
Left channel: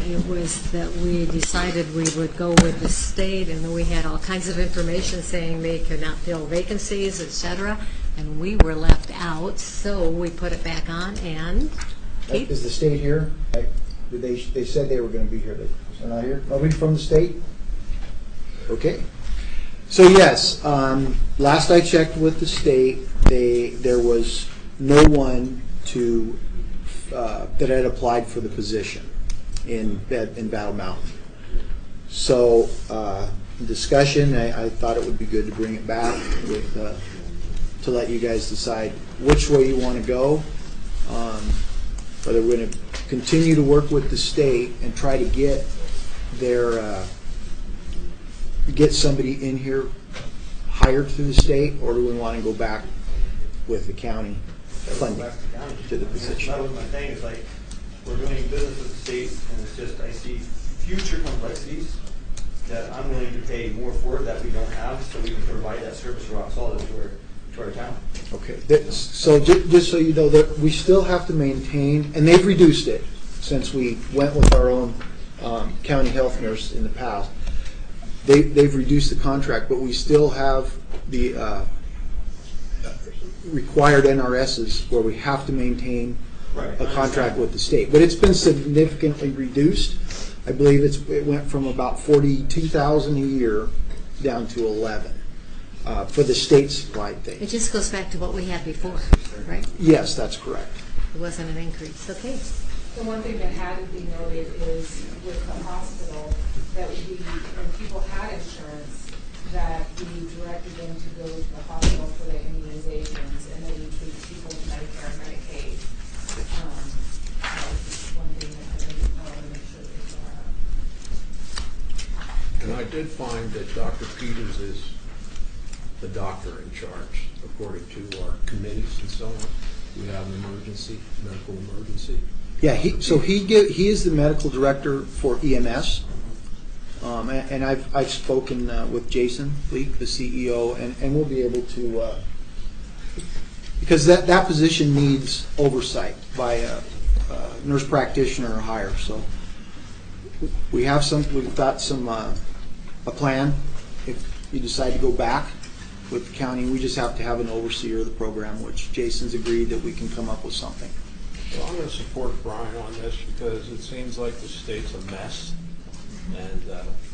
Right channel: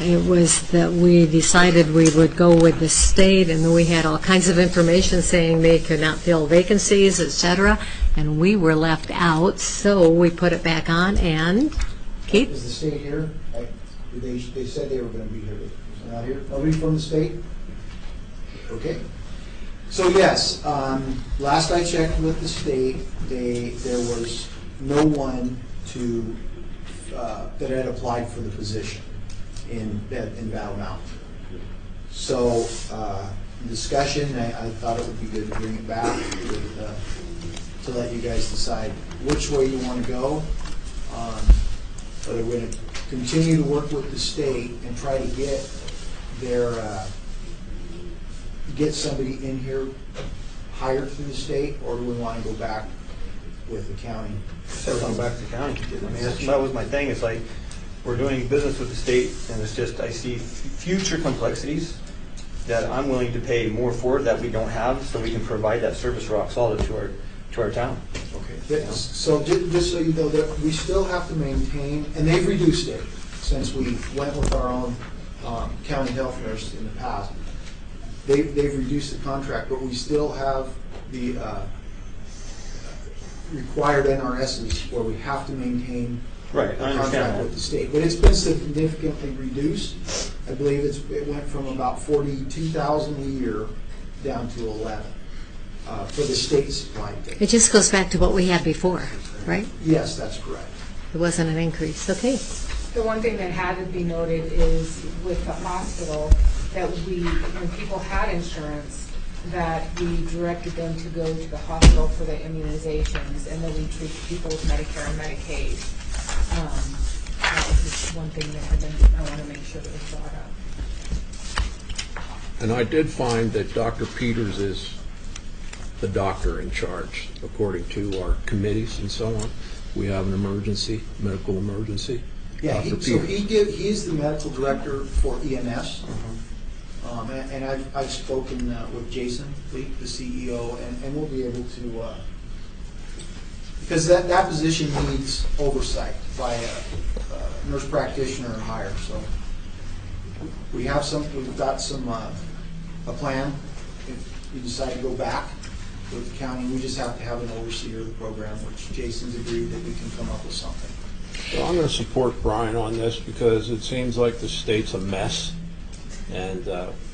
it was that we decided we would go with the state, and then we had all kinds of information saying they could not fill vacancies, etc., and we were left out, so we put it back on, and Keith? Is the state here? They said they were going to be here. They're not here? Nobody from the state? Okay. So yes, last I checked with the state, there was no one that had applied for the position in Battle Mountain. So discussion, I thought it would be good to bring it back to let you guys decide which way you want to go. Whether we're going to continue to work with the state and try to get somebody in here hired through the state, or do we want to go back with the county? I'd like back to the county. I mean, that was my thing, it's like, we're doing business with the state, and it's just, I see future complexities that I'm willing to pay more for that we don't have, so we can provide that service rock solid to our town. Okay, so just so you know, that we still have to maintain, and they've reduced it since we went with our own county health nurse in the past. They've reduced the contract, but we still have the required NRSs where we have to maintain Right, I a understand contract that. with the state. But it's been significantly reduced. I believe it went from about 42,000 a year down to 11 for the state supplied thing. It just goes back to what we had before, right? Yes, that's correct. It wasn't an increase. Okay. The one thing that had to be noted is with the hospital, that when people had insurance, that we directed them to go to the hospital for their immunizations, and that we treat people with Medicare and Medicaid. That was just one thing that I want to make sure that we brought up. And I did find that Dr. Peters is the doctor in charge, according to our committees and so on. We have an emergency, medical emergency. Yeah, Dr. he is the medical director for EMS. And I've spoken with Jason Leak, the CEO, and we'll be able to, because that position needs oversight by a nurse practitioner or higher. So we've got a plan. If you decide to go back with the county, we just have to have an overseer of the program, which Jason's agreed that we can come up with something. Well, I'm going to support Brian on this because it seems like the state's a mess, and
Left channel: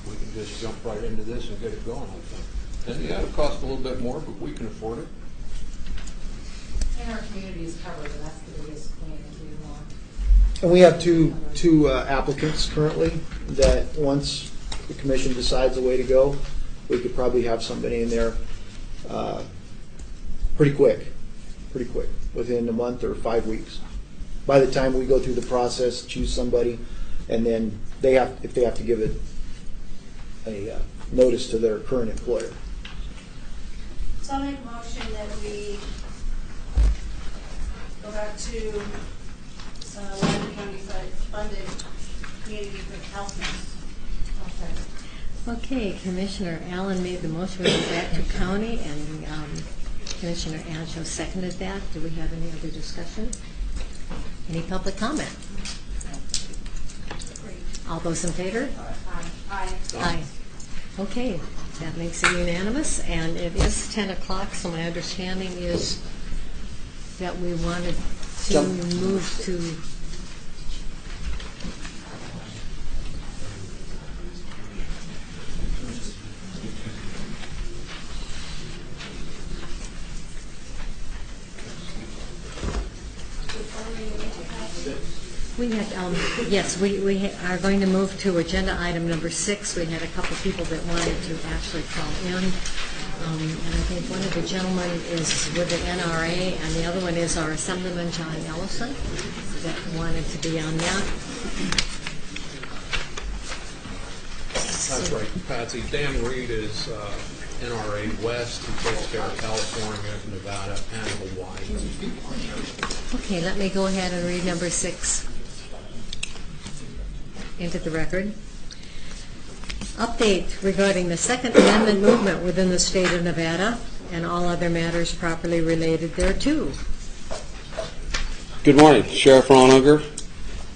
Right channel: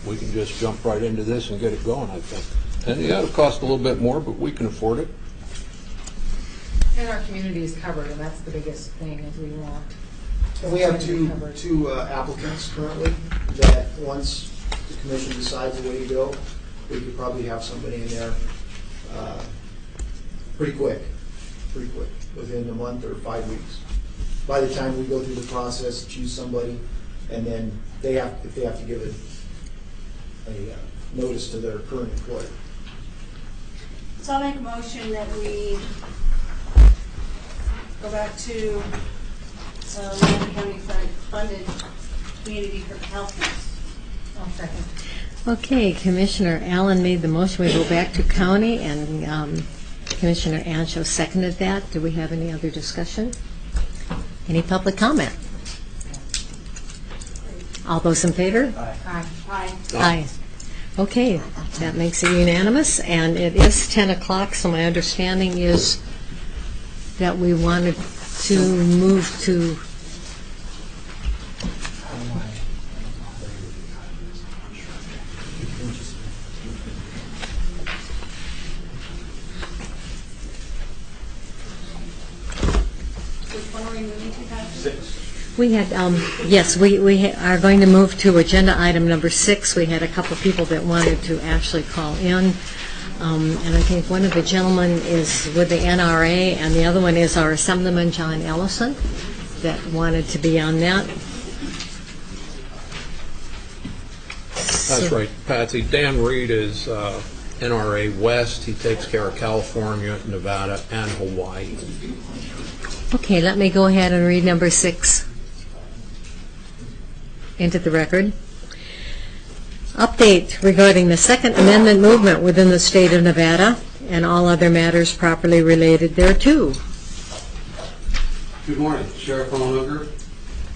we can just jump right into this and get it going, I think. And yeah, it'll cost a little bit more, but we can afford it. And our community is covered, and that's the biggest thing is we want. And we have two applicants currently that once the commission decides the way to go, we could probably have somebody in there pretty quick, within a month or 5 weeks. By the time we go through the process, choose somebody, and then if they have to give a notice to their current employer. So I'll make a motion that we go back to Lorraine County funded community health nurse. I'll second. Okay, Commissioner Allen made the motion. We go back to county, and Commissioner Ancho seconded that. Do we have any other discussion? Any public comment? All those in favor? Aye. Aye. Aye. Okay, that makes it unanimous, and it is 10 o'clock, so my understanding is that we wanted to move to... We had, yes, we are going to move to agenda item number 6. We had a couple of people that wanted to actually call in. And I think one of the gentlemen is with the NRA, and the other one is our Assemblyman John Ellison that wanted to be on that. That's right, Patsy. Dan Reed is NRA West. He takes care of California, Nevada, and Hawaii. Okay, let me go ahead and read number 6 into the record. Update regarding the Second Amendment movement within the state of Nevada and all other matters properly related thereto. Good morning, Sheriff Ron Unger.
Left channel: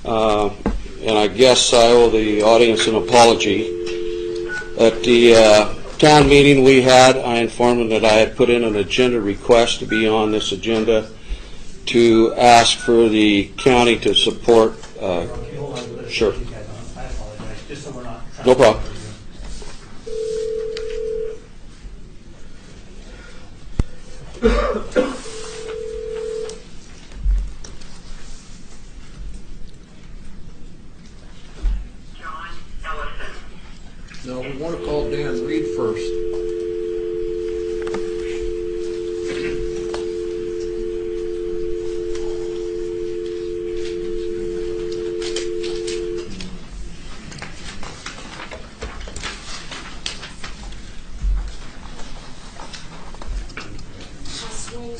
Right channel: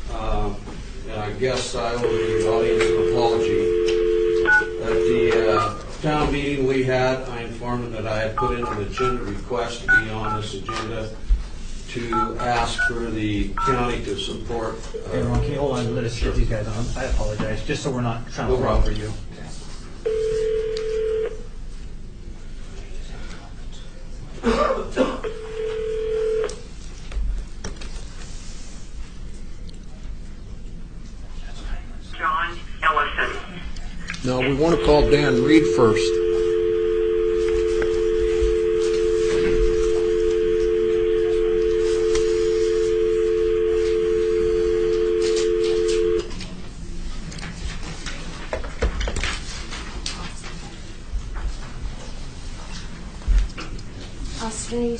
And I guess I owe the audience an apology. At the town meeting we had, I informed them that I had put in an agenda request to be on this agenda to ask for the county to support. Ron, can you hold on and let us Sure. get these guys on? I apologize, just so we're not trying No to talk problem. over you. John Ellison. No, we want to call Dan Reed first.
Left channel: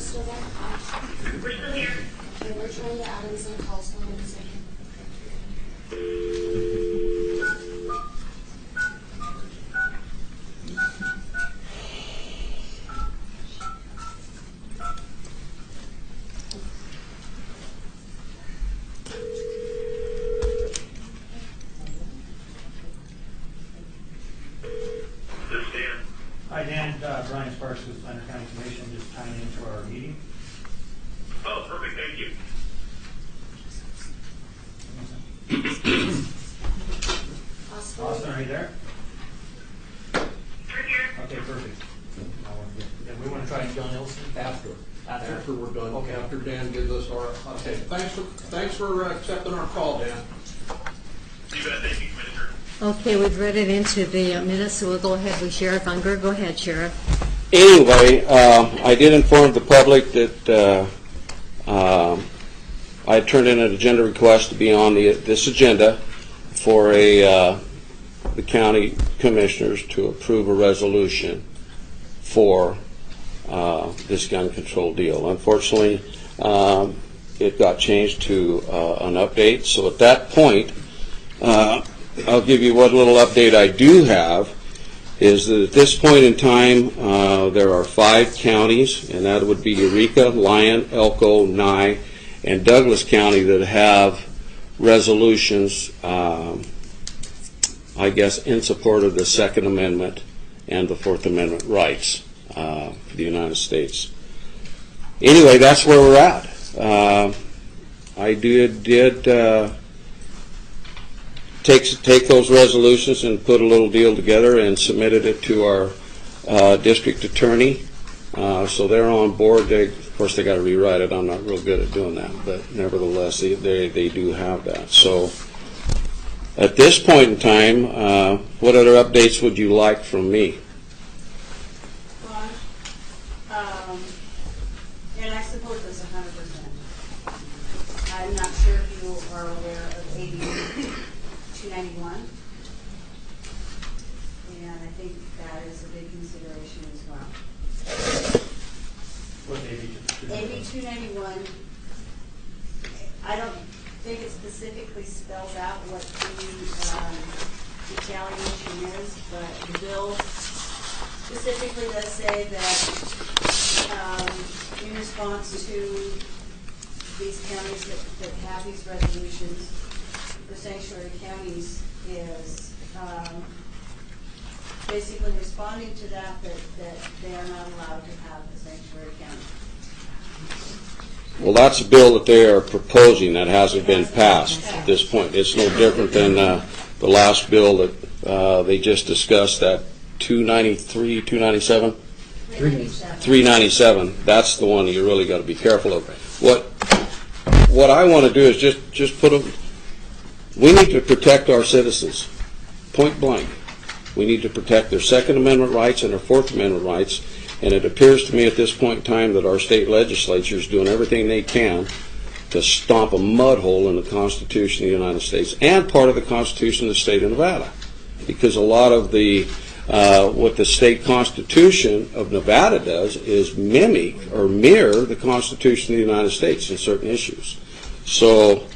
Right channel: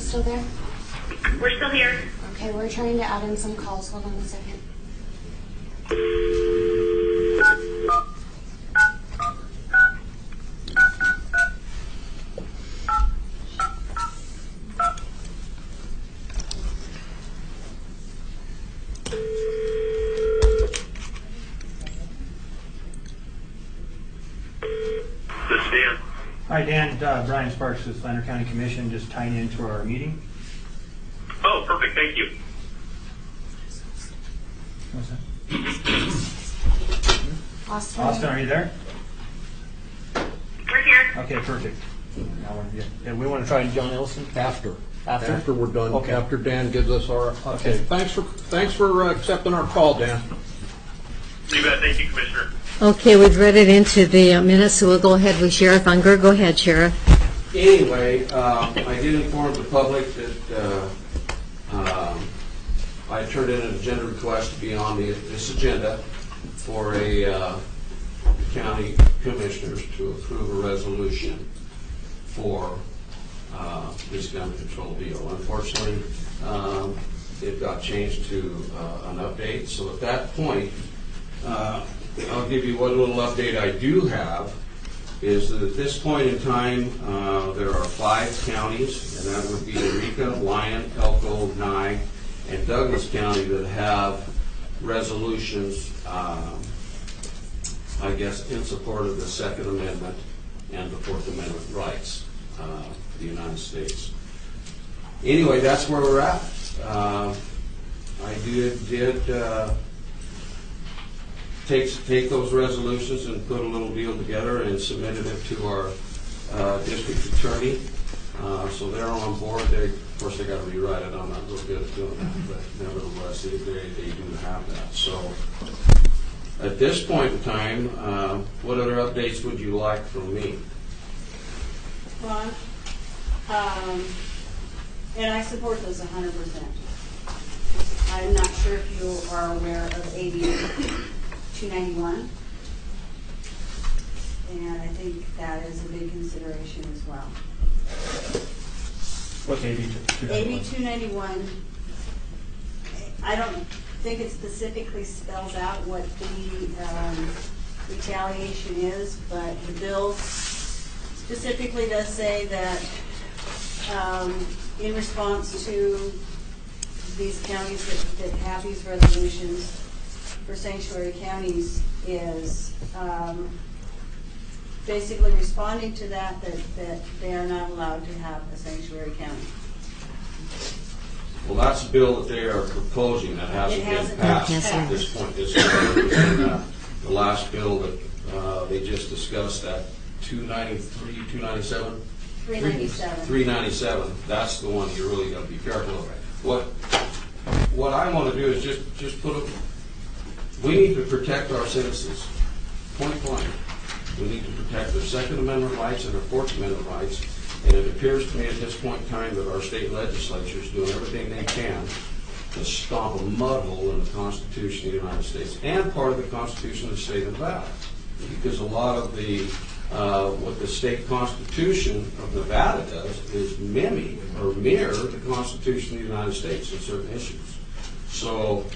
still there? We're still here. Okay, we're trying to add in some calls. Hold on a second. This is Dan. Hi, Dan. Brian Sparks with Lander County Commission, just tying into our meeting. Oh, perfect. Thank you. Austin. Austin, are you there? We're here. Okay, perfect. Yeah, we want to try John Ellison? After. After? After we're done, Okay. after Dan gives us our, okay, thanks for accepting our call, Dan. You bet. Thank you, Commissioner. Okay, we've read it into the minutes, so we'll go ahead with Sheriff Unger. Go ahead, Sheriff. Anyway, I did inform the public that I turned in an agenda request to be on this agenda for the county commissioners to approve a resolution for this gun control deal. Unfortunately, it got changed to an update. So at that point, I'll give you what little update I do have. Is that at this point in time, there are 5 counties, and that would be Eureka, Lyon, Elko, Nye, and Douglas County that have resolutions, I guess, in support of the Second Amendment and the Fourth Amendment rights of the United States. Anyway, that's where we're at. I did take those resolutions and put a little deal together and submitted it to our district attorney. So they're on board. Of course, they got to rewrite it. I'm not real good at doing that, but nevertheless, they do have that. So at this point in time, what other updates would you like from me? Ron, and I support this 100%. I'm not sure if you are aware of AB 291, and I think that is a big consideration as well. What's AB 291? AB 291, I don't think it specifically spells out what the retaliation is, but the bill specifically does say that in response to these counties that have these resolutions for sanctuary counties is basically responding to that they are not allowed to have a sanctuary county. Well, that's a bill that they are proposing that hasn't been passed Yes, at this point. It's no different than the last bill that they just discussed, that 293, 297? 397. 397. That's the one you really got to be careful of. What I want to do is just put a. We need to protect our citizens, point blank. We need to protect their Second Amendment rights and their Fourth Amendment rights. And it appears to me at this point in time that our state legislature is doing everything they can to stomp a mud hole in the Constitution of the United States and part of the Constitution of the state of Nevada. Because a lot of the what the state constitution of Nevada does is mimic or mirror the Constitution of the United States in certain issues. So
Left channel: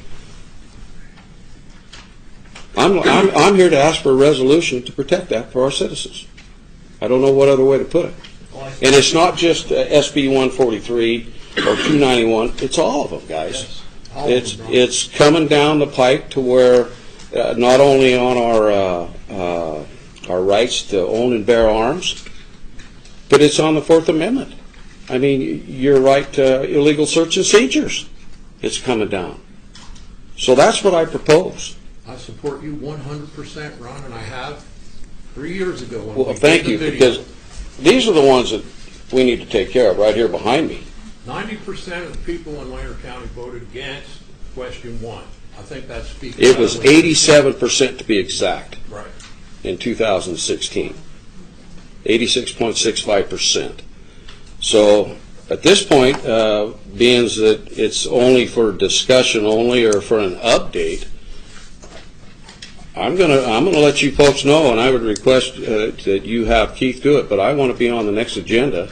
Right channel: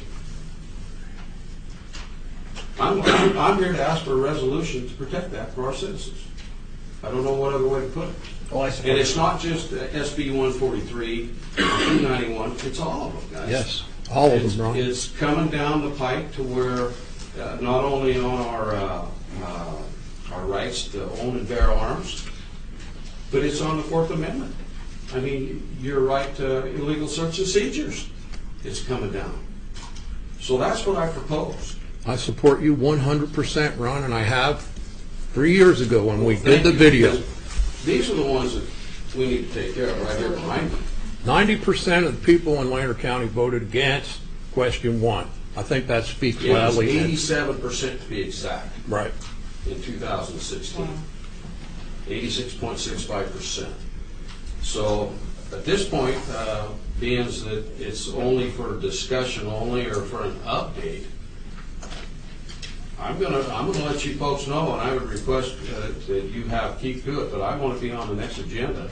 I'm here to ask for a resolution to protect that for our citizens. I don't know what other way to put it. And it's not just SB 143 or 291, it's all of them, guys. Yes, all of them, Ron. It's coming down the pipe to where not only on our rights to own and bear arms, but it's on the Fourth Amendment. I mean, your right to illegal search and seizures, it's coming down. So that's what I propose. I support you 100%, Ron, and I have 3 years ago when we thank did the you, video. because these are the ones that we need to take care of right here behind me. 90% of the people in Lander County voted against question 1. I think that speaks It was loudly. 87% to be exact Right. in 2016. 86.65%. So at this point, being that it's only for discussion only or for an update, I'm gonna let you folks know, and I would request that you have Keith do it, but I want to be on the next agenda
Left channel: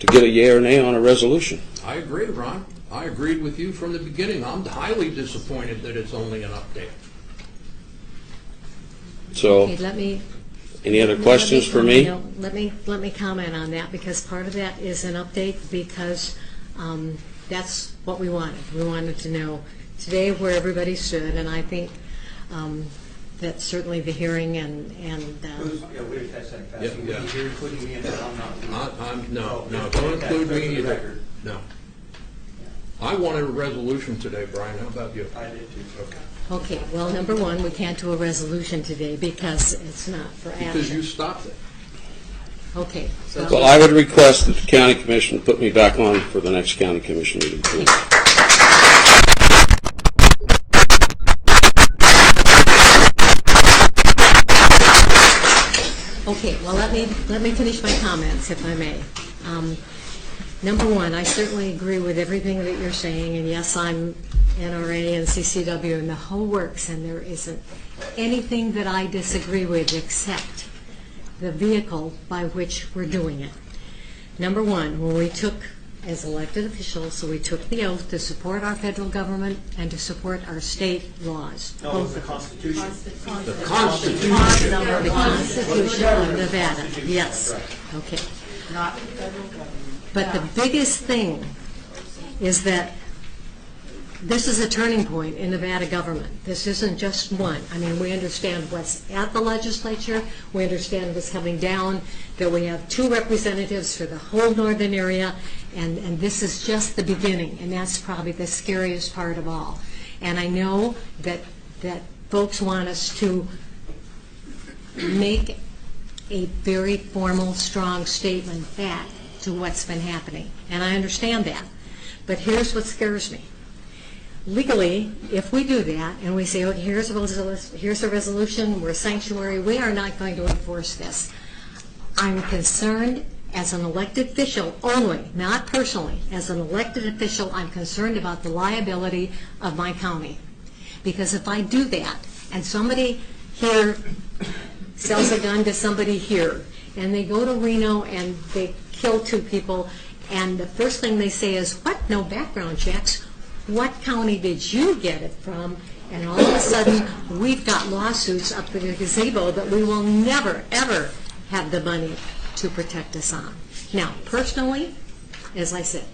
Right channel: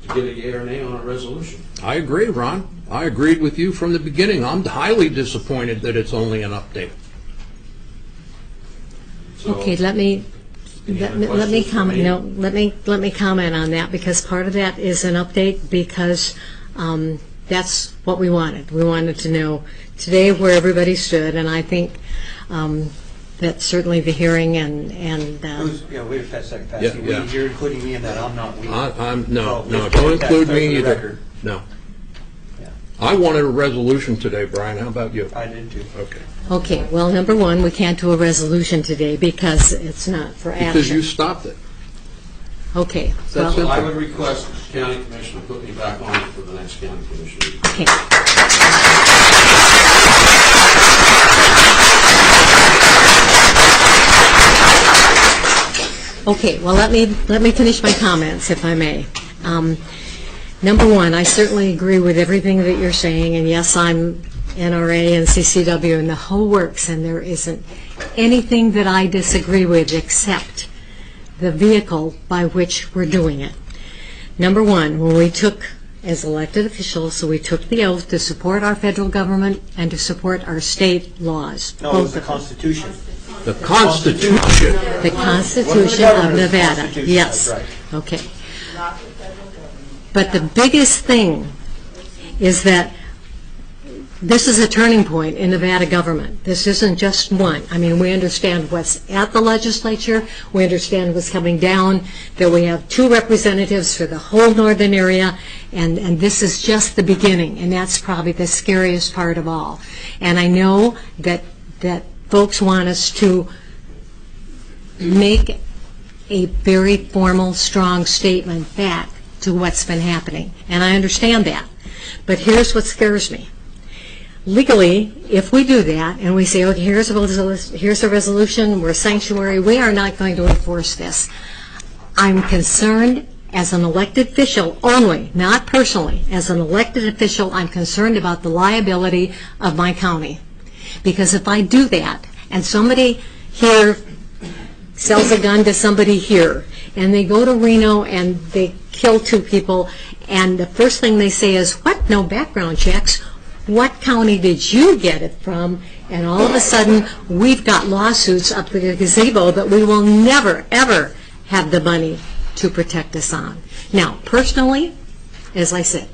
to get a yea or nay on a resolution. I agree, Ron. I agreed with you from the beginning. I'm highly disappointed that it's only an update. So, Okay, let me. any other let questions for me? No, let me comment on that, because part of that is an update, because that's what we wanted. We wanted to know today where everybody stood, and I think that certainly the hearing and Yeah, wait a second, Pat. Yeah, yeah. You're including me in that, I'm not. No, just don't make that include clear me for the either. record. No. Yeah. I wanted a resolution today, Brian. How about you? I did too. Okay. okay, well, number one, we can't do a resolution today because it's not for action. Because you stopped it. Okay. That's So I would request that the county commission put me back on for the next county commission meeting. Okay. Okay, well, let me finish my comments, if I may. Number one, I certainly agree with everything that you're saying, and yes, I'm NRA and CCW and the whole works, and there isn't anything that I disagree with except the vehicle by which we're doing it. Number one, when we took, as elected officials, so we took the oath to support our federal government and to support our state laws. No, it was the Constitution. The Constitution. The Constitution of Nevada, Constitution, yes. that's right. Okay. But the biggest thing is that this is a turning point in Nevada government. This isn't just one. I mean, we understand what's at the legislature. We understand what's coming down, that we have 2 representatives for the whole northern area, and this is just the beginning, and that's probably the scariest part of all. And I know that folks want us to make a very formal, strong statement back to what's been happening, and I understand that. But here's what scares me. Legally, if we do that and we say, okay, here's a resolution, we're a sanctuary, we are not going to enforce this. I'm concerned as an elected official only, not personally. As an elected official, I'm concerned about the liability of my county. Because if I do that and somebody here sells a gun to somebody here and they go to Reno and they kill 2 people, and the first thing they say is, what, no background checks? What county did you get it from? And all of a sudden, we've got lawsuits up the gazebo that we will never, ever have the money to protect us on. Now, personally, as I said,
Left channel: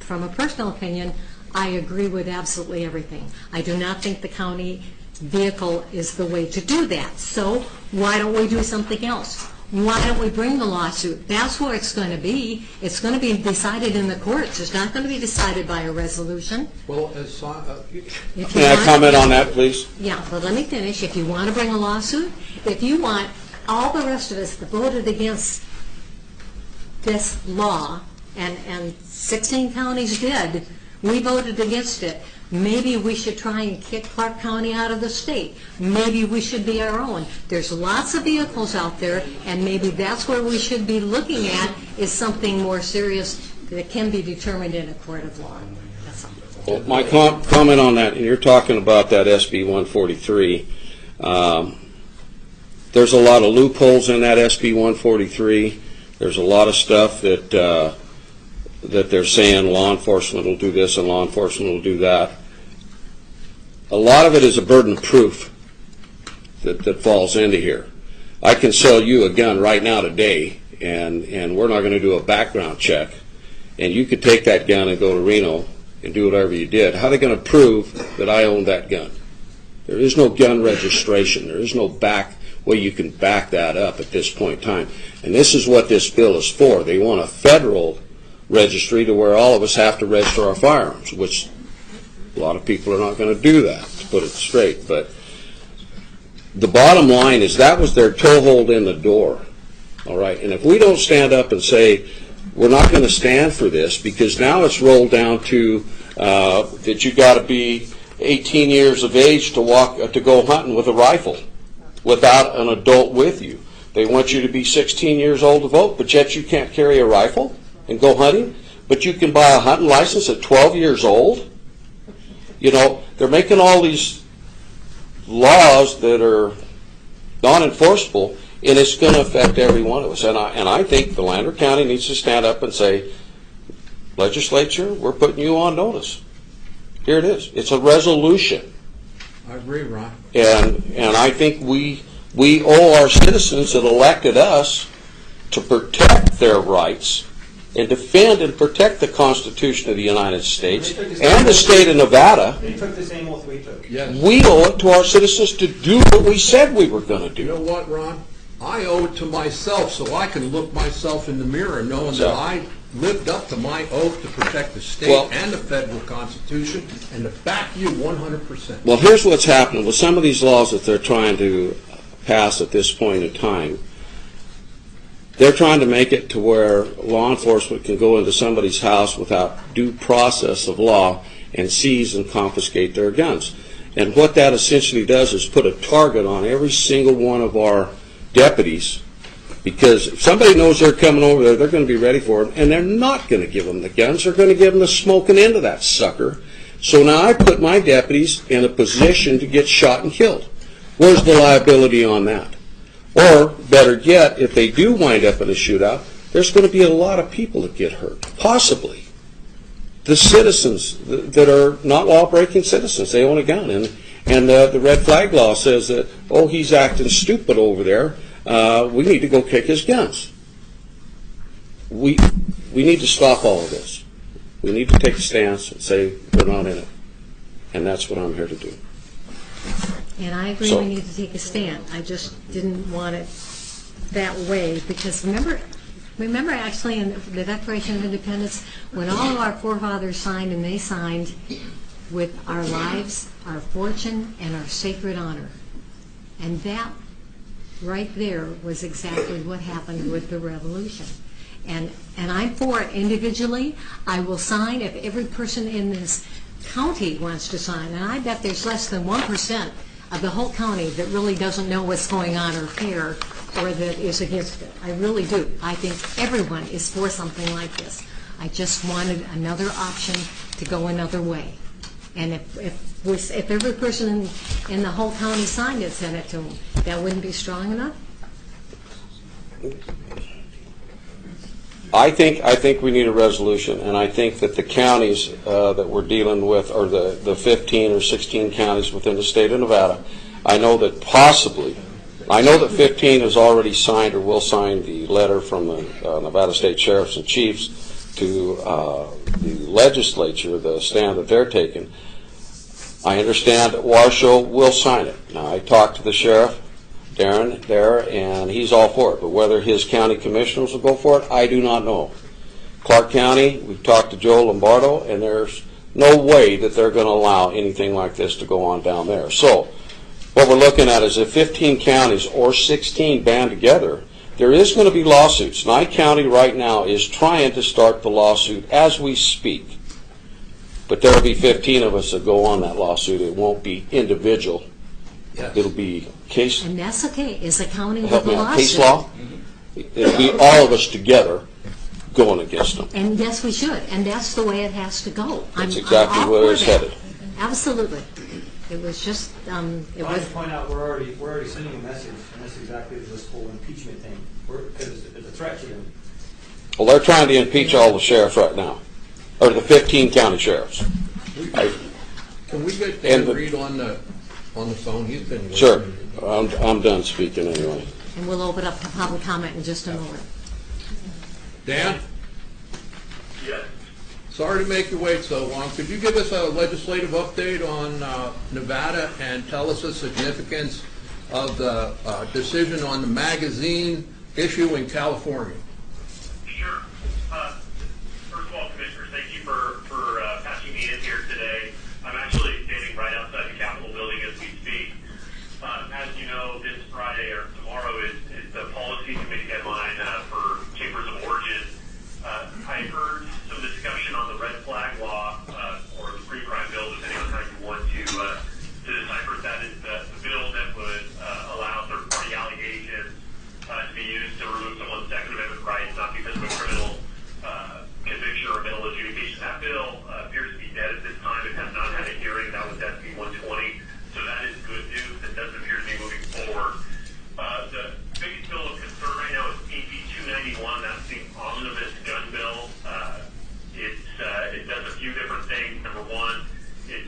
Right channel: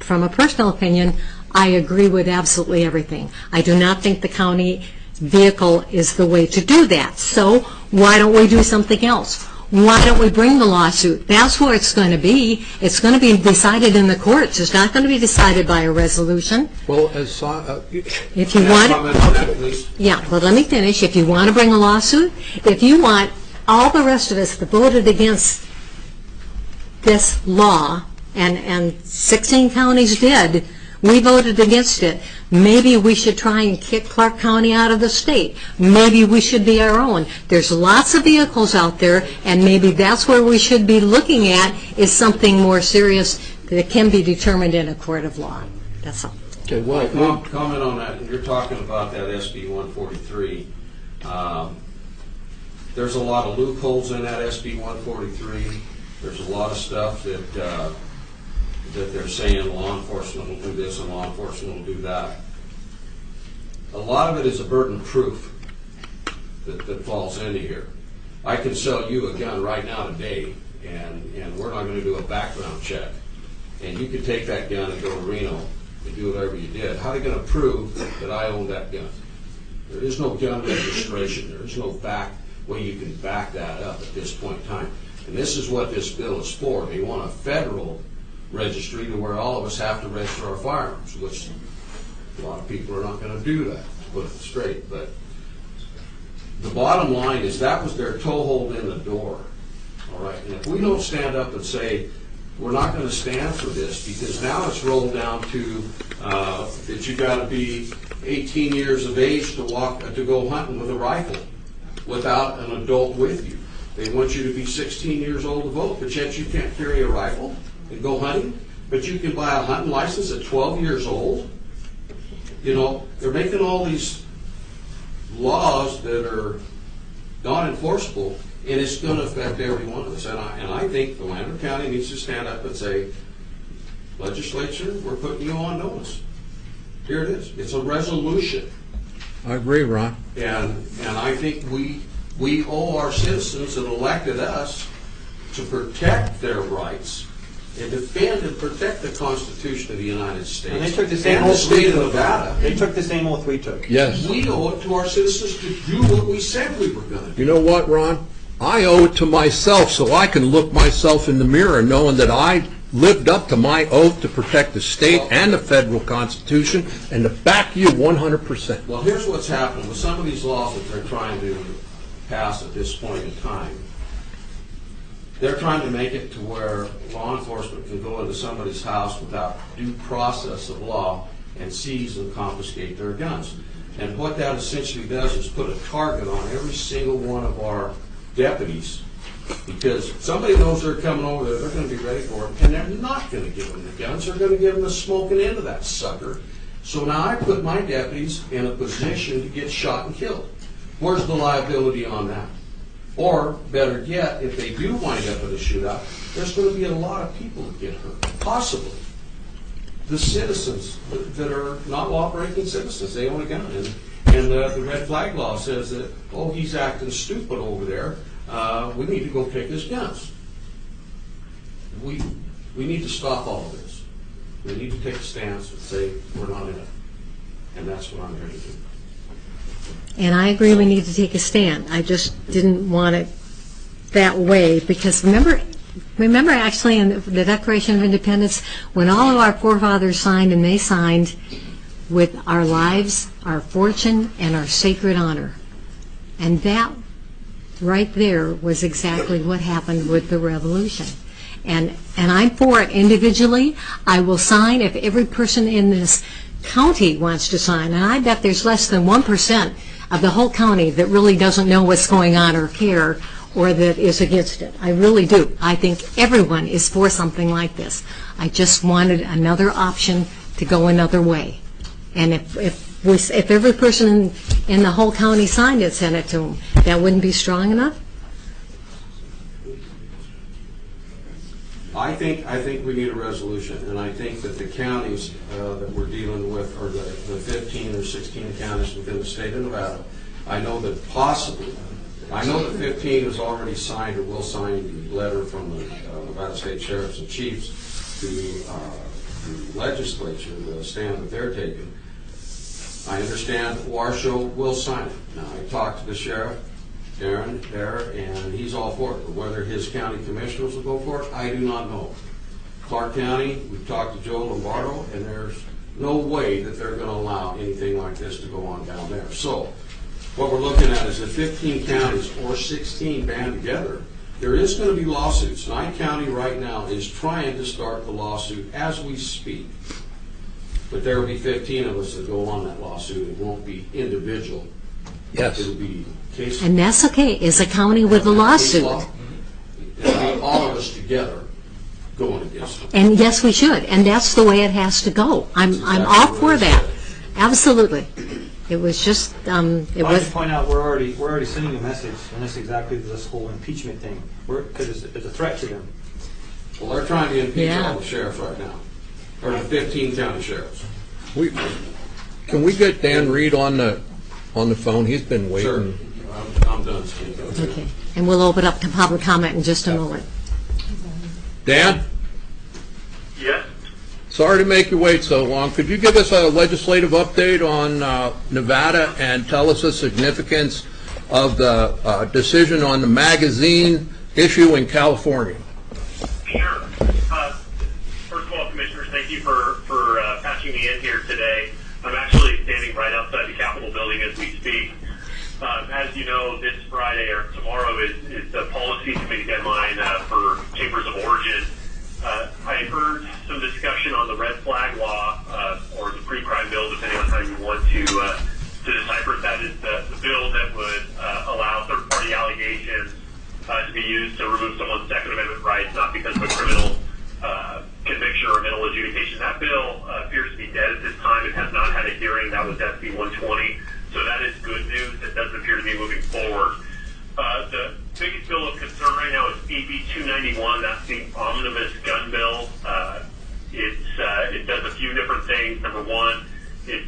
from a personal opinion, I agree with absolutely everything. I do not think the county vehicle is the way to do that. So why don't we do something else? Why don't we bring the lawsuit? That's where it's going to be. It's going to be decided in the courts. It's not going to be decided by a resolution. Well, If you Can I want, comment on that, please? yeah, but let me finish. If you want to bring a lawsuit, if you want all the rest of us that voted against this law, and 16 counties did, we voted against it. Maybe we should try and kick Clark County out of the state. Maybe we should be our own. There's lots of vehicles out there, and maybe that's where we should be looking at, is something more serious that can be determined in a court of law. That's all. Well, my comment on that, and you're talking about that SB 143. There's a lot of loopholes in that SB 143. There's a lot of stuff that they're saying law enforcement will do this and law enforcement will do that. A lot of it is a burden of proof that falls into here. I can sell you a gun right now today, and we're not going to do a background check, and you could take that gun and go to Reno and do whatever you did. How are they going to prove that I own that gun? There is no gun registration. There is no way you can back that up at this point in time. And this is what this bill is for. They want a federal registry to where all of us have to register our firearms, which a lot of people are not going to do that, to put it straight. But the bottom line is that was their toehold in the door, all right? And if we don't stand up and say, we're not going to stand for this, because now it's rolled down to that you got to be 18 years of age to go hunting with a rifle without an adult with you. They want you to be 16 years old to vote, but yet you can't carry a rifle and go hunting, but you can buy a hunting license at 12 years old. You know, they're making all these laws that are non-enforceable, and it's going to affect every one of us. And I think the Lander County needs to stand up and say, legislature, we're putting you on notice. Here it is. It's a resolution. I agree, Ron. And I think we owe our citizens that elected us to protect their rights and defend and protect the Constitution of the United States and the state of Nevada. They took the same oath we took. Yes. We owe it to our citizens to do what we said we were going to do. You know what, Ron? I owe it to myself so I can look myself in the mirror knowing that I lived up to my oath to protect the state and the federal Constitution and to back you 100%. Well, here's what's happening with some of these laws that they're trying to pass at this point in time. They're trying to make it to where law enforcement can go into somebody's house without due process of law and seize and confiscate their guns. And what that essentially does is put a target on every single one of our deputies, because if somebody knows they're coming over there, they're going to be ready for them, and they're not going to give them the guns. They're going to give them the smoking end of that sucker. So now I put my deputies in a position to get shot and killed. Where's the liability on that? Or, better yet, if they do wind up in a shootout, there's going to be a lot of people that get hurt, possibly. The citizens that are not law-breaking citizens, they own a gun. And the red flag law says that, oh, he's acting stupid over there. We need to go kick his guns. We need to stop all of this. We need to take a stance and say we're not in it. And that's what I'm here to do. And I agree we need to take a stand. I just didn't want it that way because remember actually in the Declaration of Independence when all of our forefathers signed, and they signed with our lives, our fortune, and our sacred honor. And that right there was exactly what happened with the revolution. And I'm for it individually. I will sign if every person in this county wants to sign. And I bet there's less than 1% of the whole county that really doesn't know what's going on or care or that is against it. I really do. I think everyone is for something like this. I just wanted another option to go another way. And if every person in the whole county signed it, sent it to them, that wouldn't be strong enough? I think we need a resolution, and I think that the counties that we're dealing with, or the 15 or 16 counties within the state of Nevada, I know that 15 has already signed or will sign the letter from the Nevada State Sheriffs and Chiefs to the legislature, the stand that they're taking. I understand that Washoe will sign it. Now, I talked to the sheriff, Darren, there, and he's all for it. But whether his county commissioners will go for it, I do not know. Clark County, we've talked to Joe Lombardo, and there's no way that they're going to allow anything like this to go on down there. So what we're looking at is if 15 counties or 16 band together, there is going to be lawsuits. Nye County right now is trying to start the lawsuit as we speak. But there will be 15 of us that go on that lawsuit. It won't be individual. Yes. It'll be case. And that's okay. It's a county with a lawsuit. It'll be all of us together going against them. And yes, we should. And that's the way it has to go. I'm exactly all what for I that. said. Absolutely. It was just, it I want was, to point out we're already sending a message, and that's exactly this whole impeachment thing, because it's a threat to them. Well, they're trying to impeach all the sheriffs right now, or the 15 county sheriffs. Can we get Dan Reed on the phone? He's been waiting. Sure. I'm done speaking anyway. okay. And we'll open up to public comment in just a moment. Dan? Yes? Sorry to make you wait so long. Could you give us a legislative update on Nevada and tell us the significance of the decision on the magazine issue in California? Sure. First of all, Commissioners, thank you for passing me in here today. I'm actually standing right outside the Capitol building as we speak. As you know, this Friday or tomorrow is the policy committee deadline for Chambers of Origin. I heard some discussion on the red flag law or the pre-crime bill, depending on how you want to decipher it. That is the bill that would allow third-party allegations to be used to remove someone's Second Amendment rights, not because of a criminal conviction or a mental adjudication. That bill appears to be dead at this time. It has not had a hearing. That was SB 120. So that is good news. It doesn't appear to be moving forward. The biggest bill few different things. Number one, it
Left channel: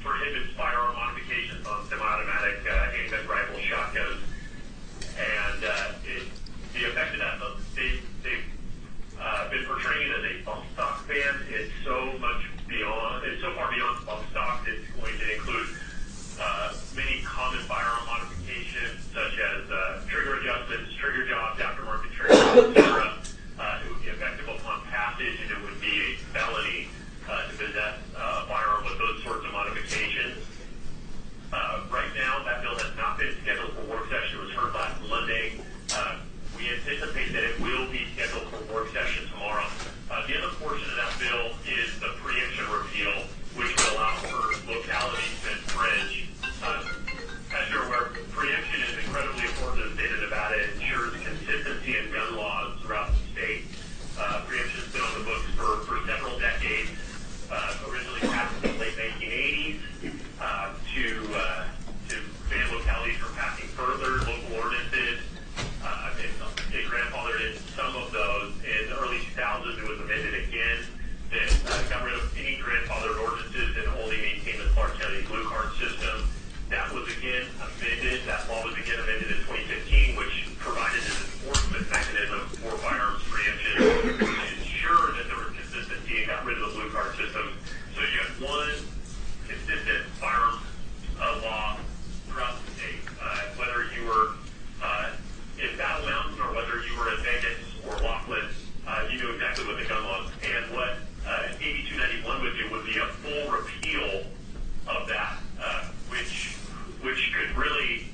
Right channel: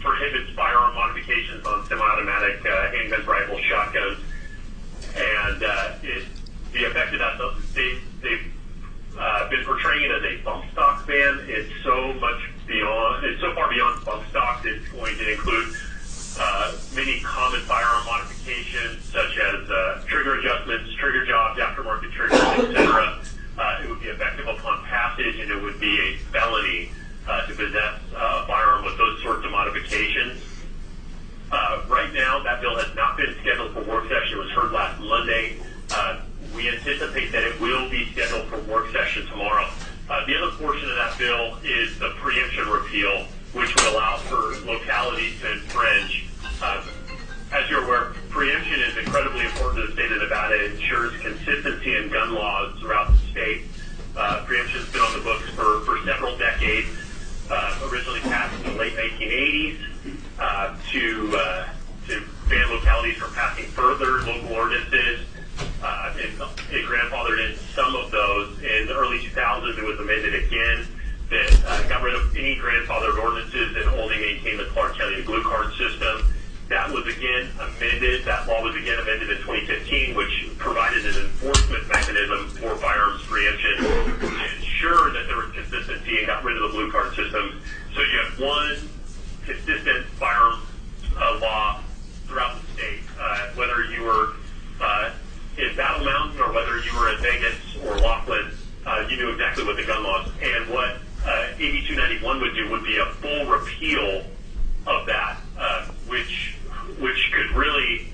prohibits firearm modifications on semi-automatic handguns, rifles, shotguns, and the effect of that, they've been portraying it as a bump stock ban. It's so far beyond bump stock. It's going to include many common firearm modifications, such as trigger adjustments, trigger jobs, aftermarket triggers, etc. It would be effective upon passage, and it would be a felony to possess a firearm with those sorts of modifications. Right now, that bill has not been scheduled for work session. It was heard last Monday. We anticipate that it will be scheduled for work session tomorrow. The other portion of that bill is the preemption repeal, which would allow for localities to infringe. As you're aware, preemption is incredibly important to the state of Nevada. It ensures consistency in gun laws throughout the state. Preemption has been on the books for several decades. Originally passed in the late 1980s to ban localities from passing further local ordinances. It grandfathered in some of those. In the early 2000s, it was amended again that got rid of any grandfathered ordinances and only maintained the Clark County blue card system. That was again amended. That law was again amended in 2015, which provided an enforcement mechanism for firearms preemption to ensure that there was consistency and got rid of the blue card system. So you have one consistent firearm law throughout the state. Whether you were in Battle Mountain or whether you were in Vegas or Laughlin, you knew exactly what the gun laws. And what AB 291 would do would be a full repeal of that, which could really,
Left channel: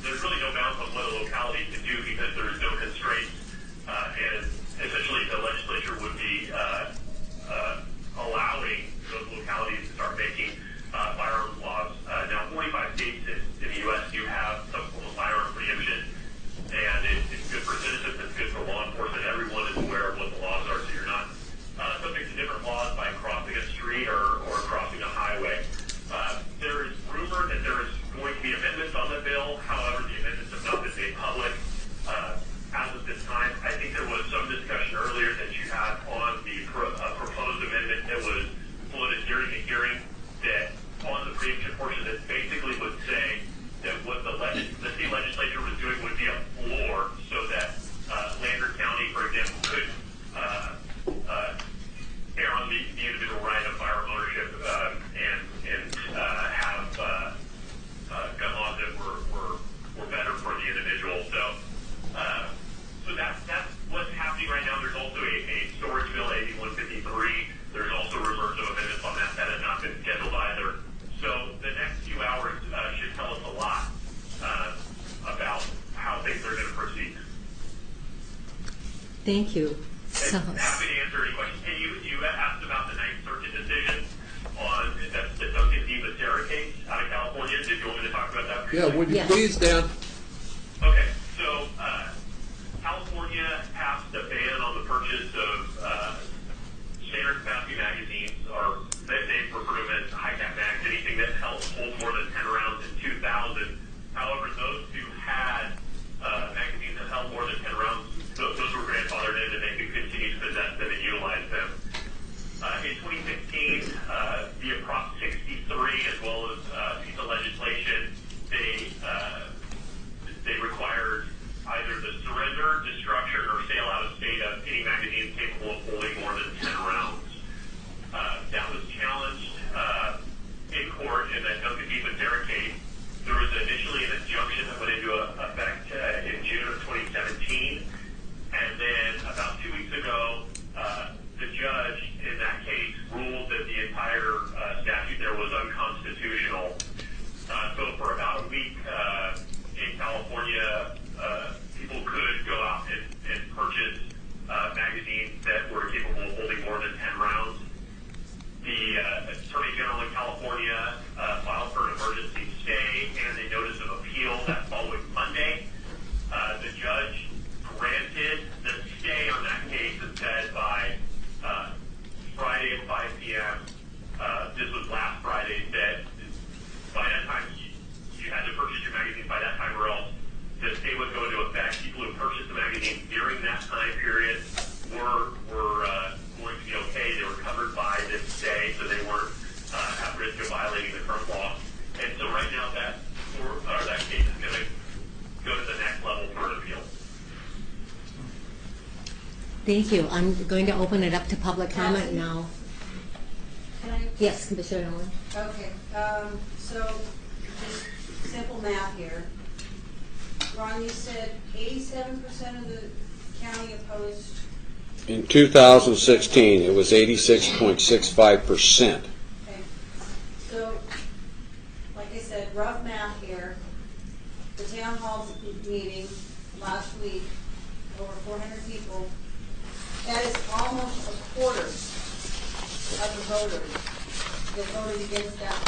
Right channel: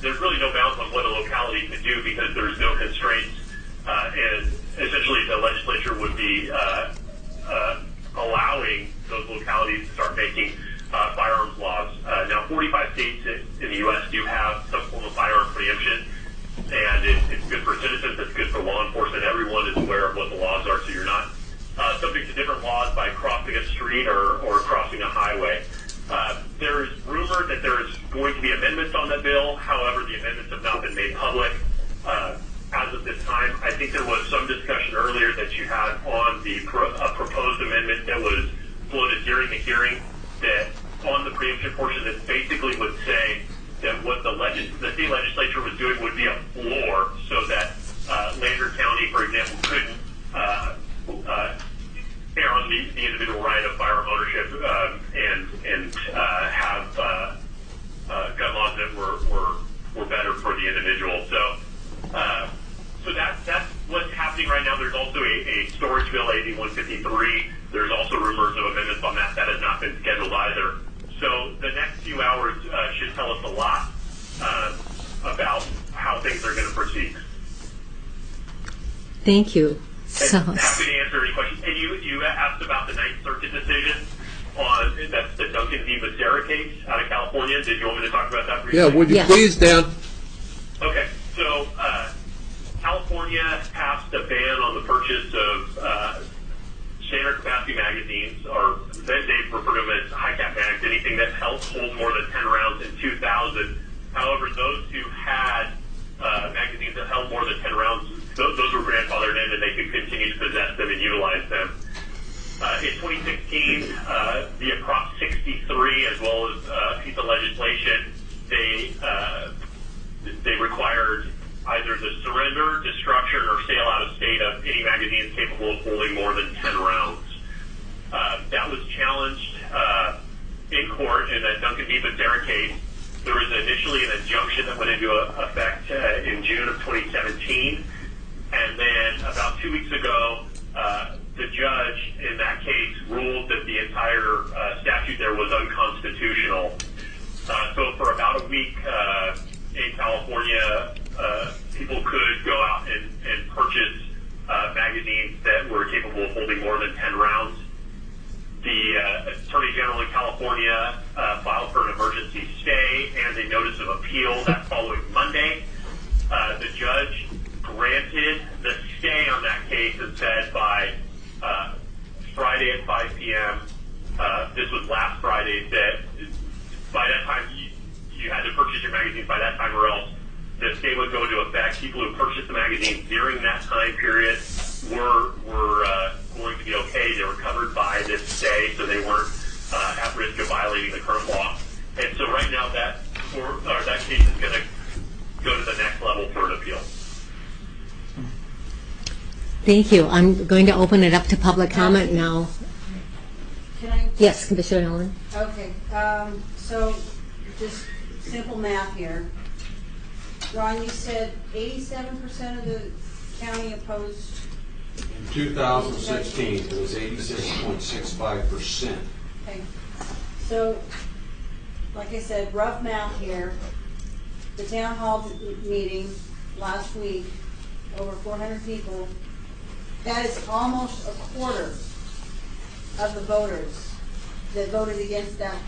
there's really no bounds on what a locality could do because there's no constraints, and essentially the legislature would be allowing those localities to start making firearms laws. Now, 45 states in the U.S. do have some form of firearm preemption, and it's good for citizens, it's good for law enforcement. Everyone is aware of what the laws are, so you're not subject to different laws by crossing a street or crossing a highway. There is rumor that there is going to be amendments on the bill. However, the amendments have not been made public as of this time. I think there was some discussion earlier that you had on the proposed amendment that was floated during the hearing that on the preemption portion that basically would say that what the state legislature was doing would be a floor so that Lander County, for example, couldn't err on the individual right of firearm ownership and have gun laws that were better for the individual. So that's what's happening right now. There's also a storage bill, AB 153. There's also rumors of amendments on that. That has not been scheduled either. So the next few hours should tell us a lot about how things are going to proceed. Thank you. So happy to answer any questions. And you asked about the Ninth Circuit decision on that's the Duncan v. Becerra case out of California. Did you want me to talk about that briefly? Yeah, would you please, Dan? Okay, so California passed a ban on the purchase of standard capacity magazines, or they refer to them as high cap mags, anything that holds more than 10 rounds in 2000. However, those who had magazines that held more than 10 rounds, those were grandfathered in and they could continue to possess them and utilize them. In 2016, via Prop 63, as well as a piece of legislation, they required either the surrender, destruction, or sale out of state of any magazines capable of holding more than 10 rounds. That was challenged in court in the Duncan v. Becerra case. There was initially an injunction that went into effect in June of 2017. And then about 2 weeks ago, the judge in that case ruled that the entire statute there was unconstitutional. So for about a week in California, people could go out and purchase magazines that were capable of holding more than 10 rounds. The Attorney General in California filed for an emergency stay and a notice of appeal that following Monday. The judge granted the stay on that case and said by Friday at 5 p.m., this was last Friday, that by that time you had to purchase your magazines by that time or else the stay would go into effect. People who purchased the magazines during that time period were going to be okay. They were covered by this stay, so they weren't at risk of violating the current law. And so right now that case is going to go to the next level for an appeal. Thank you. I'm going to open it up to public comment now. Can I? Yes, Commissioner Allen. Okay, so just simple math here. Ron, you said 87% of the county opposed. In 2016, it was 86.65%. Okay, so like I said, rough math here. The town hall meeting last week, over 400 people. That is almost a quarter of the voters that voted against that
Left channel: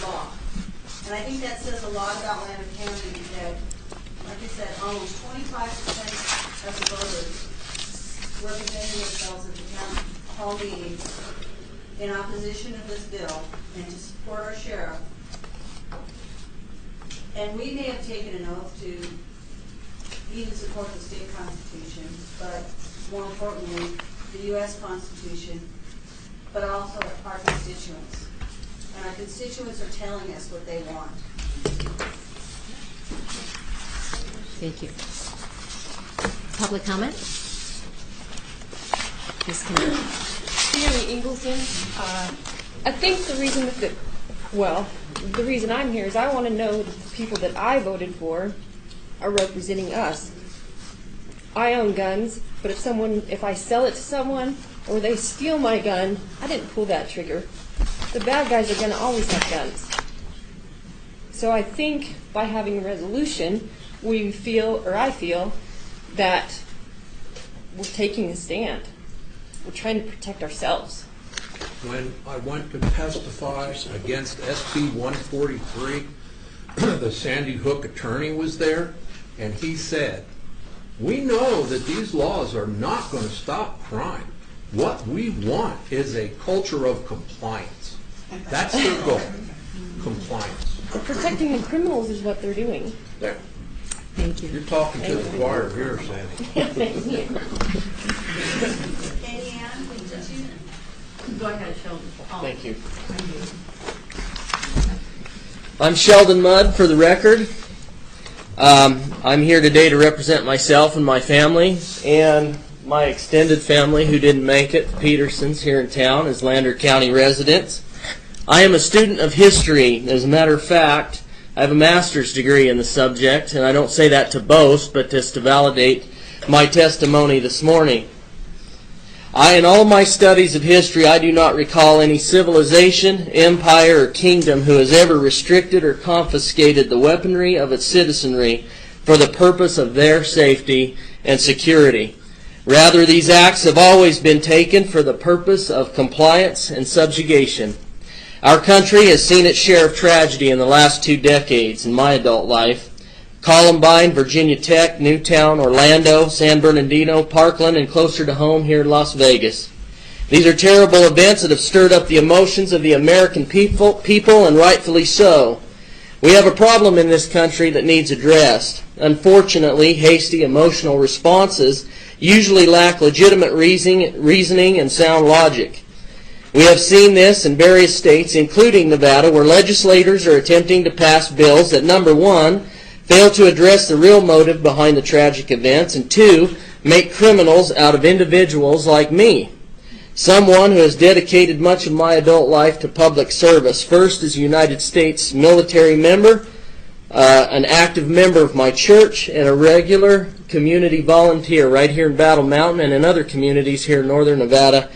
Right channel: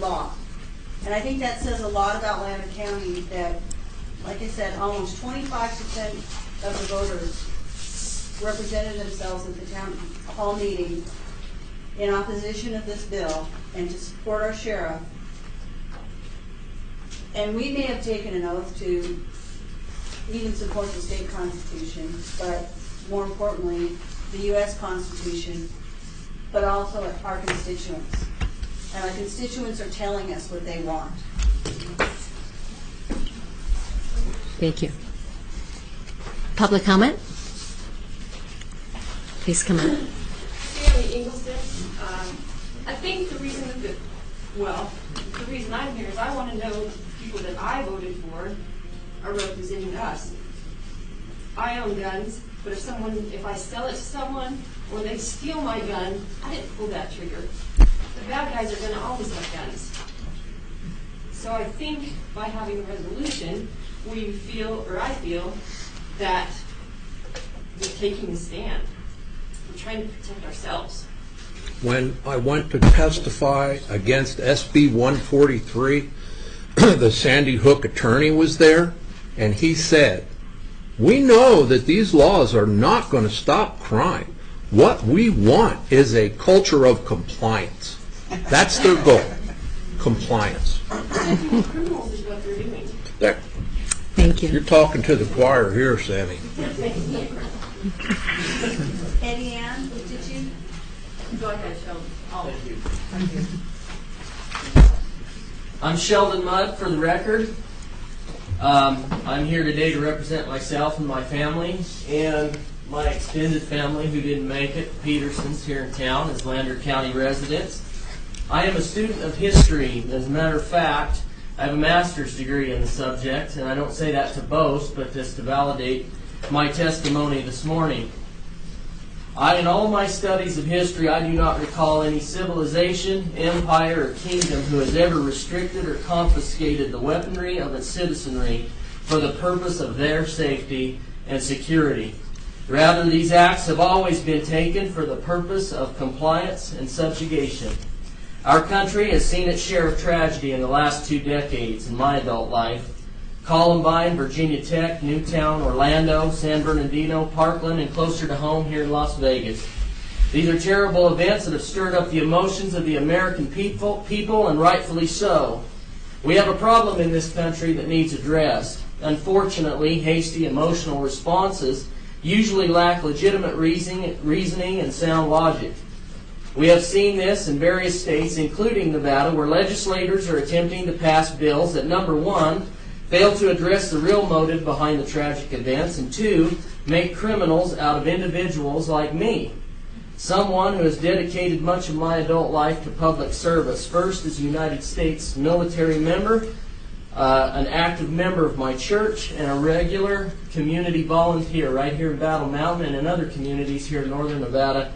law. And I think that says a lot about Lander County that, like I said, almost 25% of the voters represented themselves at the town hall meeting in opposition of this bill and to support our sheriff. And we may have taken an oath to even support the state constitution, but more importantly, the U.S. Constitution, but also our constituents. And our constituents are telling us what they want. Thank you. Public comment? Please come in. Tammy Ingleson. I think the reason the reason I'm here is I want to know the people that I voted for are representing us. I own guns, but if I sell it to someone or they steal my gun, I didn't pull that trigger. The bad guys are going to always have guns. So I think by having a resolution, I feel that we're taking a stand. We're trying to protect ourselves. When I went to testify against SB 143, the Sandy Hook attorney was there, and he said, "We know that these laws are not going to stop crime. What we want is a culture of compliance." That's their goal, compliance. Protecting the criminals is what they're doing. There. Thank you. You're talking to the choir here, Sammy. Eddie Ann, is it you? Go ahead, Sheldon. Thank you. I'm Sheldon Mudd, for the record. I'm here today to represent myself and my family and my extended family who didn't make it, Petersons here in town, as Lander County residents. I am a student of history. As a matter of fact, I have a master's degree in the subject, and I don't say that to boast, but just to validate my testimony this morning. In all my studies of history, I do not recall any civilization, empire, or kingdom who has ever restricted or confiscated the weaponry of its citizenry for the purpose of their safety and security. Rather, these acts have always been taken for the purpose of compliance and subjugation. Our country has seen its share of tragedy in the last 2 decades in my adult life. Columbine, Virginia Tech, Newtown, Orlando, San Bernardino, Parkland, and closer to home here in Las Vegas. These are terrible events that have stirred up the emotions of the American people, and rightfully so. We have a problem in this country that needs addressed. Unfortunately, hasty emotional responses usually lack legitimate reasoning and sound logic. We have seen this in various states, including Nevada, where legislators are attempting to pass bills that, number one, fail to address the real motive behind the tragic events, and 2, make criminals out of individuals like me, someone who has dedicated much of my adult life to public service, first as a United States military member, an active member of my church, and a regular community volunteer right here in Battle Mountain and in other communities here in northern Nevada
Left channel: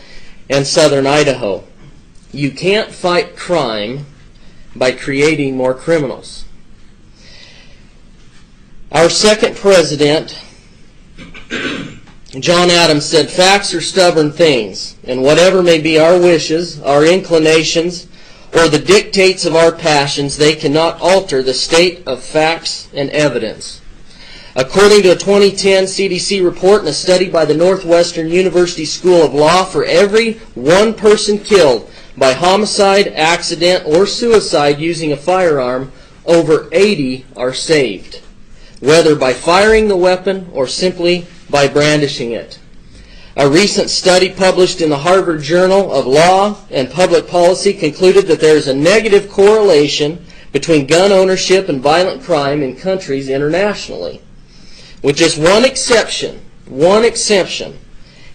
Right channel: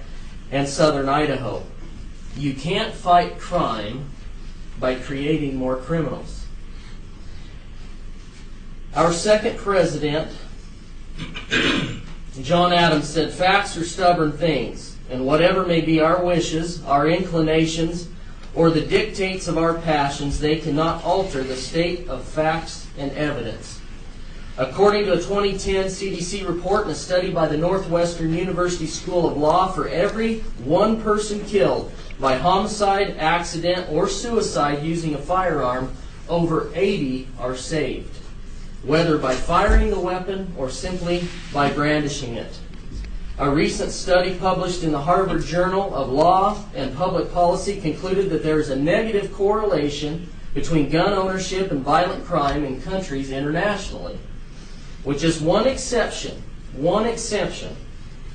and southern Idaho. You can't fight crime by creating more criminals. Our second president, John Adams, said, "Facts are stubborn things, and whatever may be our wishes, our inclinations, or the dictates of our passions, they cannot alter the state of facts and evidence." According to a 2010 CDC report and a study by the Northwestern University School of Law, for every one person killed by homicide, accident, or suicide using a firearm, over 80 are saved, whether by firing the weapon or simply by brandishing it. A recent study published in the Harvard Journal of Law and Public Policy concluded that there is a negative correlation between gun ownership and violent crime in countries internationally. With just one exception,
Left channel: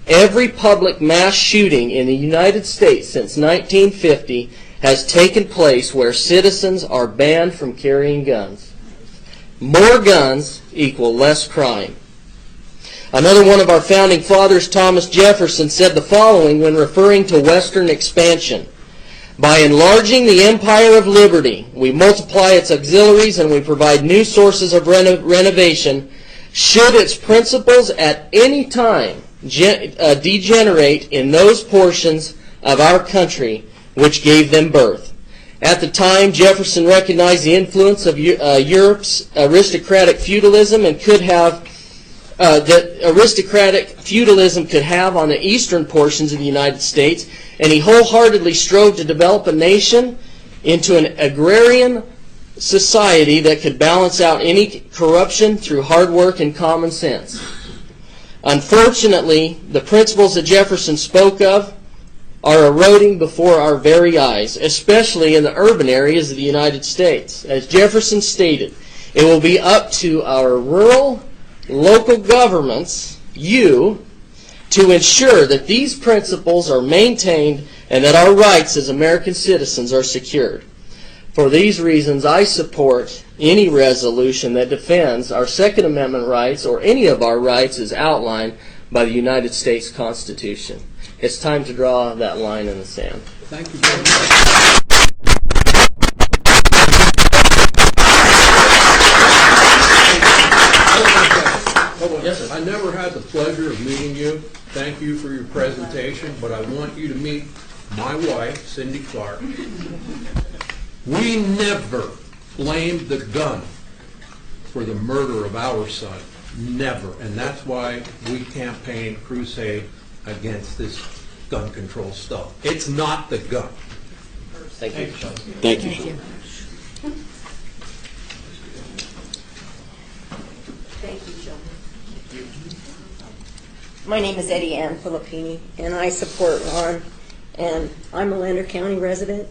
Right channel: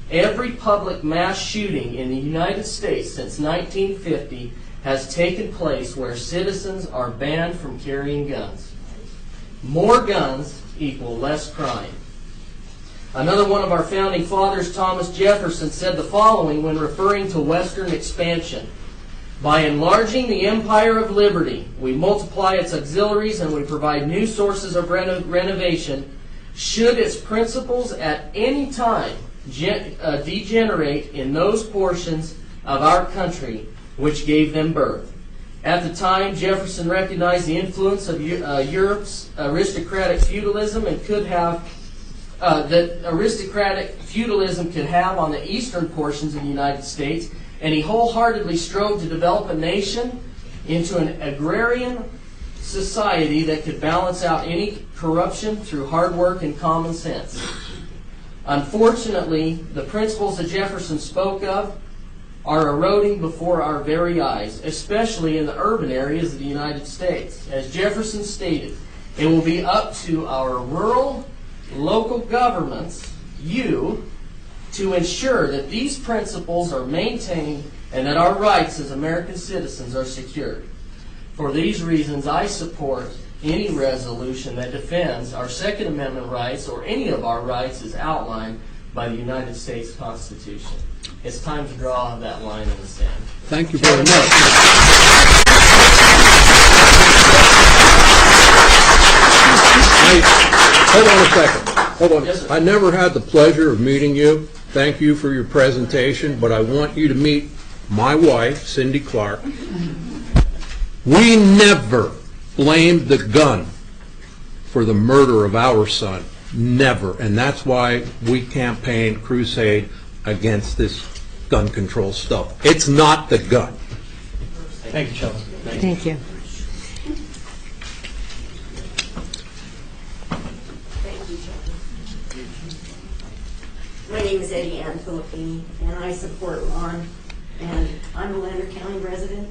every public mass shooting in the United States since 1950 has taken place where citizens are banned from carrying guns. More guns equal less crime. Another one of our founding fathers, Thomas Jefferson, said the following when referring to Western expansion. By enlarging the empire of liberty, we multiply its auxiliaries and we provide new sources of renovation. Should its principles at any time degenerate in those portions of our country which gave them birth. At the time, Jefferson recognized the influence of Europe's aristocratic feudalism and could have that aristocratic feudalism could have on the eastern portions of the United States, and he wholeheartedly strove to develop a nation into an agrarian society that could balance out any corruption through hard work and common sense. Unfortunately, the principles that Jefferson spoke of are eroding before our very eyes, especially in the urban areas of the United States. As Jefferson stated, it will be up to our rural, local governments, you, to ensure that these principles are maintained and that our rights as American citizens are secured. For these reasons, I support any resolution that defends our Second Amendment rights or any of our rights as outlined by the United States Constitution. It's time to draw that line in the sand. Thank you very much. Hey, hold on a second. Hold on. Yes, sir. I never had the pleasure of meeting you. Thank you for your presentation, but I want you to meet my wife, Cindy Clark. We never blamed the gun for the murder of our son. Never. And that's why we campaign, crusade against this gun control stuff. It's not the gun. Thank you, Sheldon. Thank you. Thank you, Sheldon. My name is Eddie Ann Filippini, and I support Ron, and I'm a Lander County resident.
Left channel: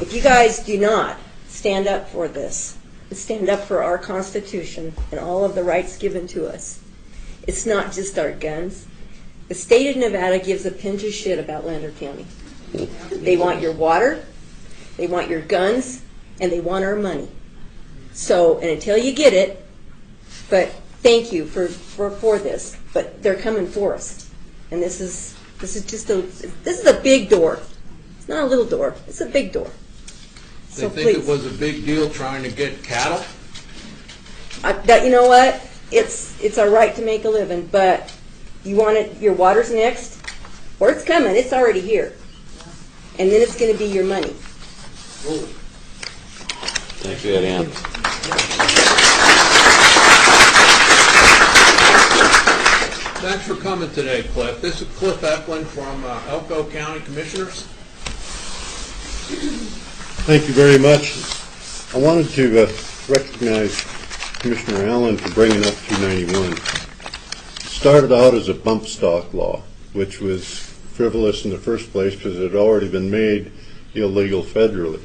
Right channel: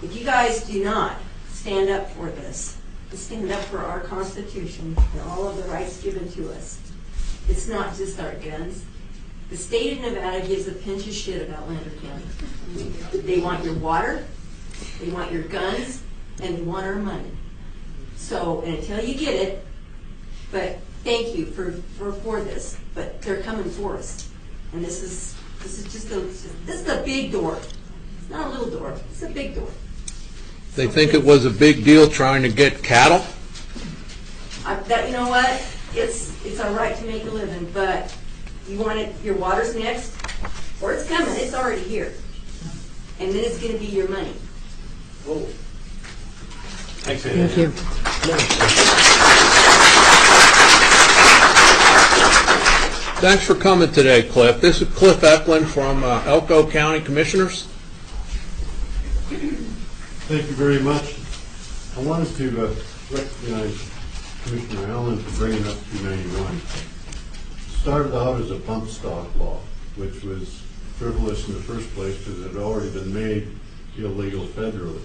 If you guys do not stand up for this, and stand up for our Constitution and all of the rights given to us, it's not just our guns. The state of Nevada gives a pinch of shit about Lander County. They want your water, they want your guns, and they want our money. So, and until you get it, but thank you for this, but they're coming for us. And this is a big door. It's not a little door, it's a big door. They So think please. it was a big deal trying to get cattle? You know what? It's our right to make a living, but you want it, your water's next, or it's coming, it's already here. And then it's gonna be your money. Thanks, Thank you. Thanks for coming today, Cliff. This is Cliff Eklund from Elko County Commissioners. Thank you very much. I wanted to recognize Commissioner Allen for bringing up 291. Started out as a bump stock law, which was frivolous in the first place because it had already been made illegal federally.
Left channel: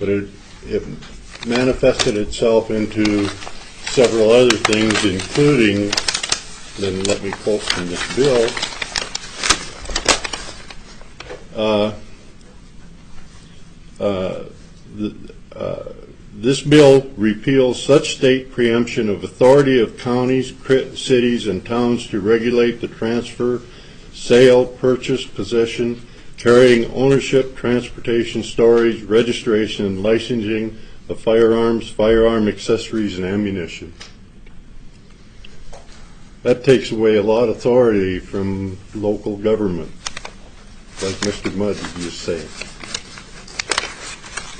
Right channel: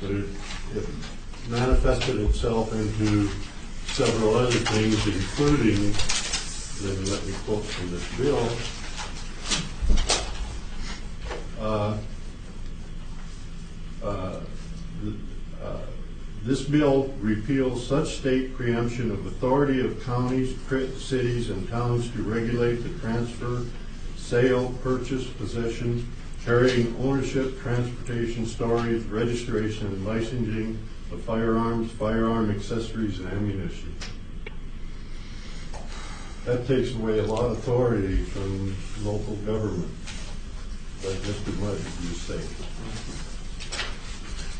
But it manifested itself into several other things, including, then let me quote from this bill, this bill repeals such state preemption of authority of counties, cities, and towns to regulate the transfer, sale, purchase, possession, carrying, ownership, transportation, storage, registration, and licensing of firearms, firearm accessories, and ammunition. That takes away a lot of authority from local government, like Mr. Mudd used to say.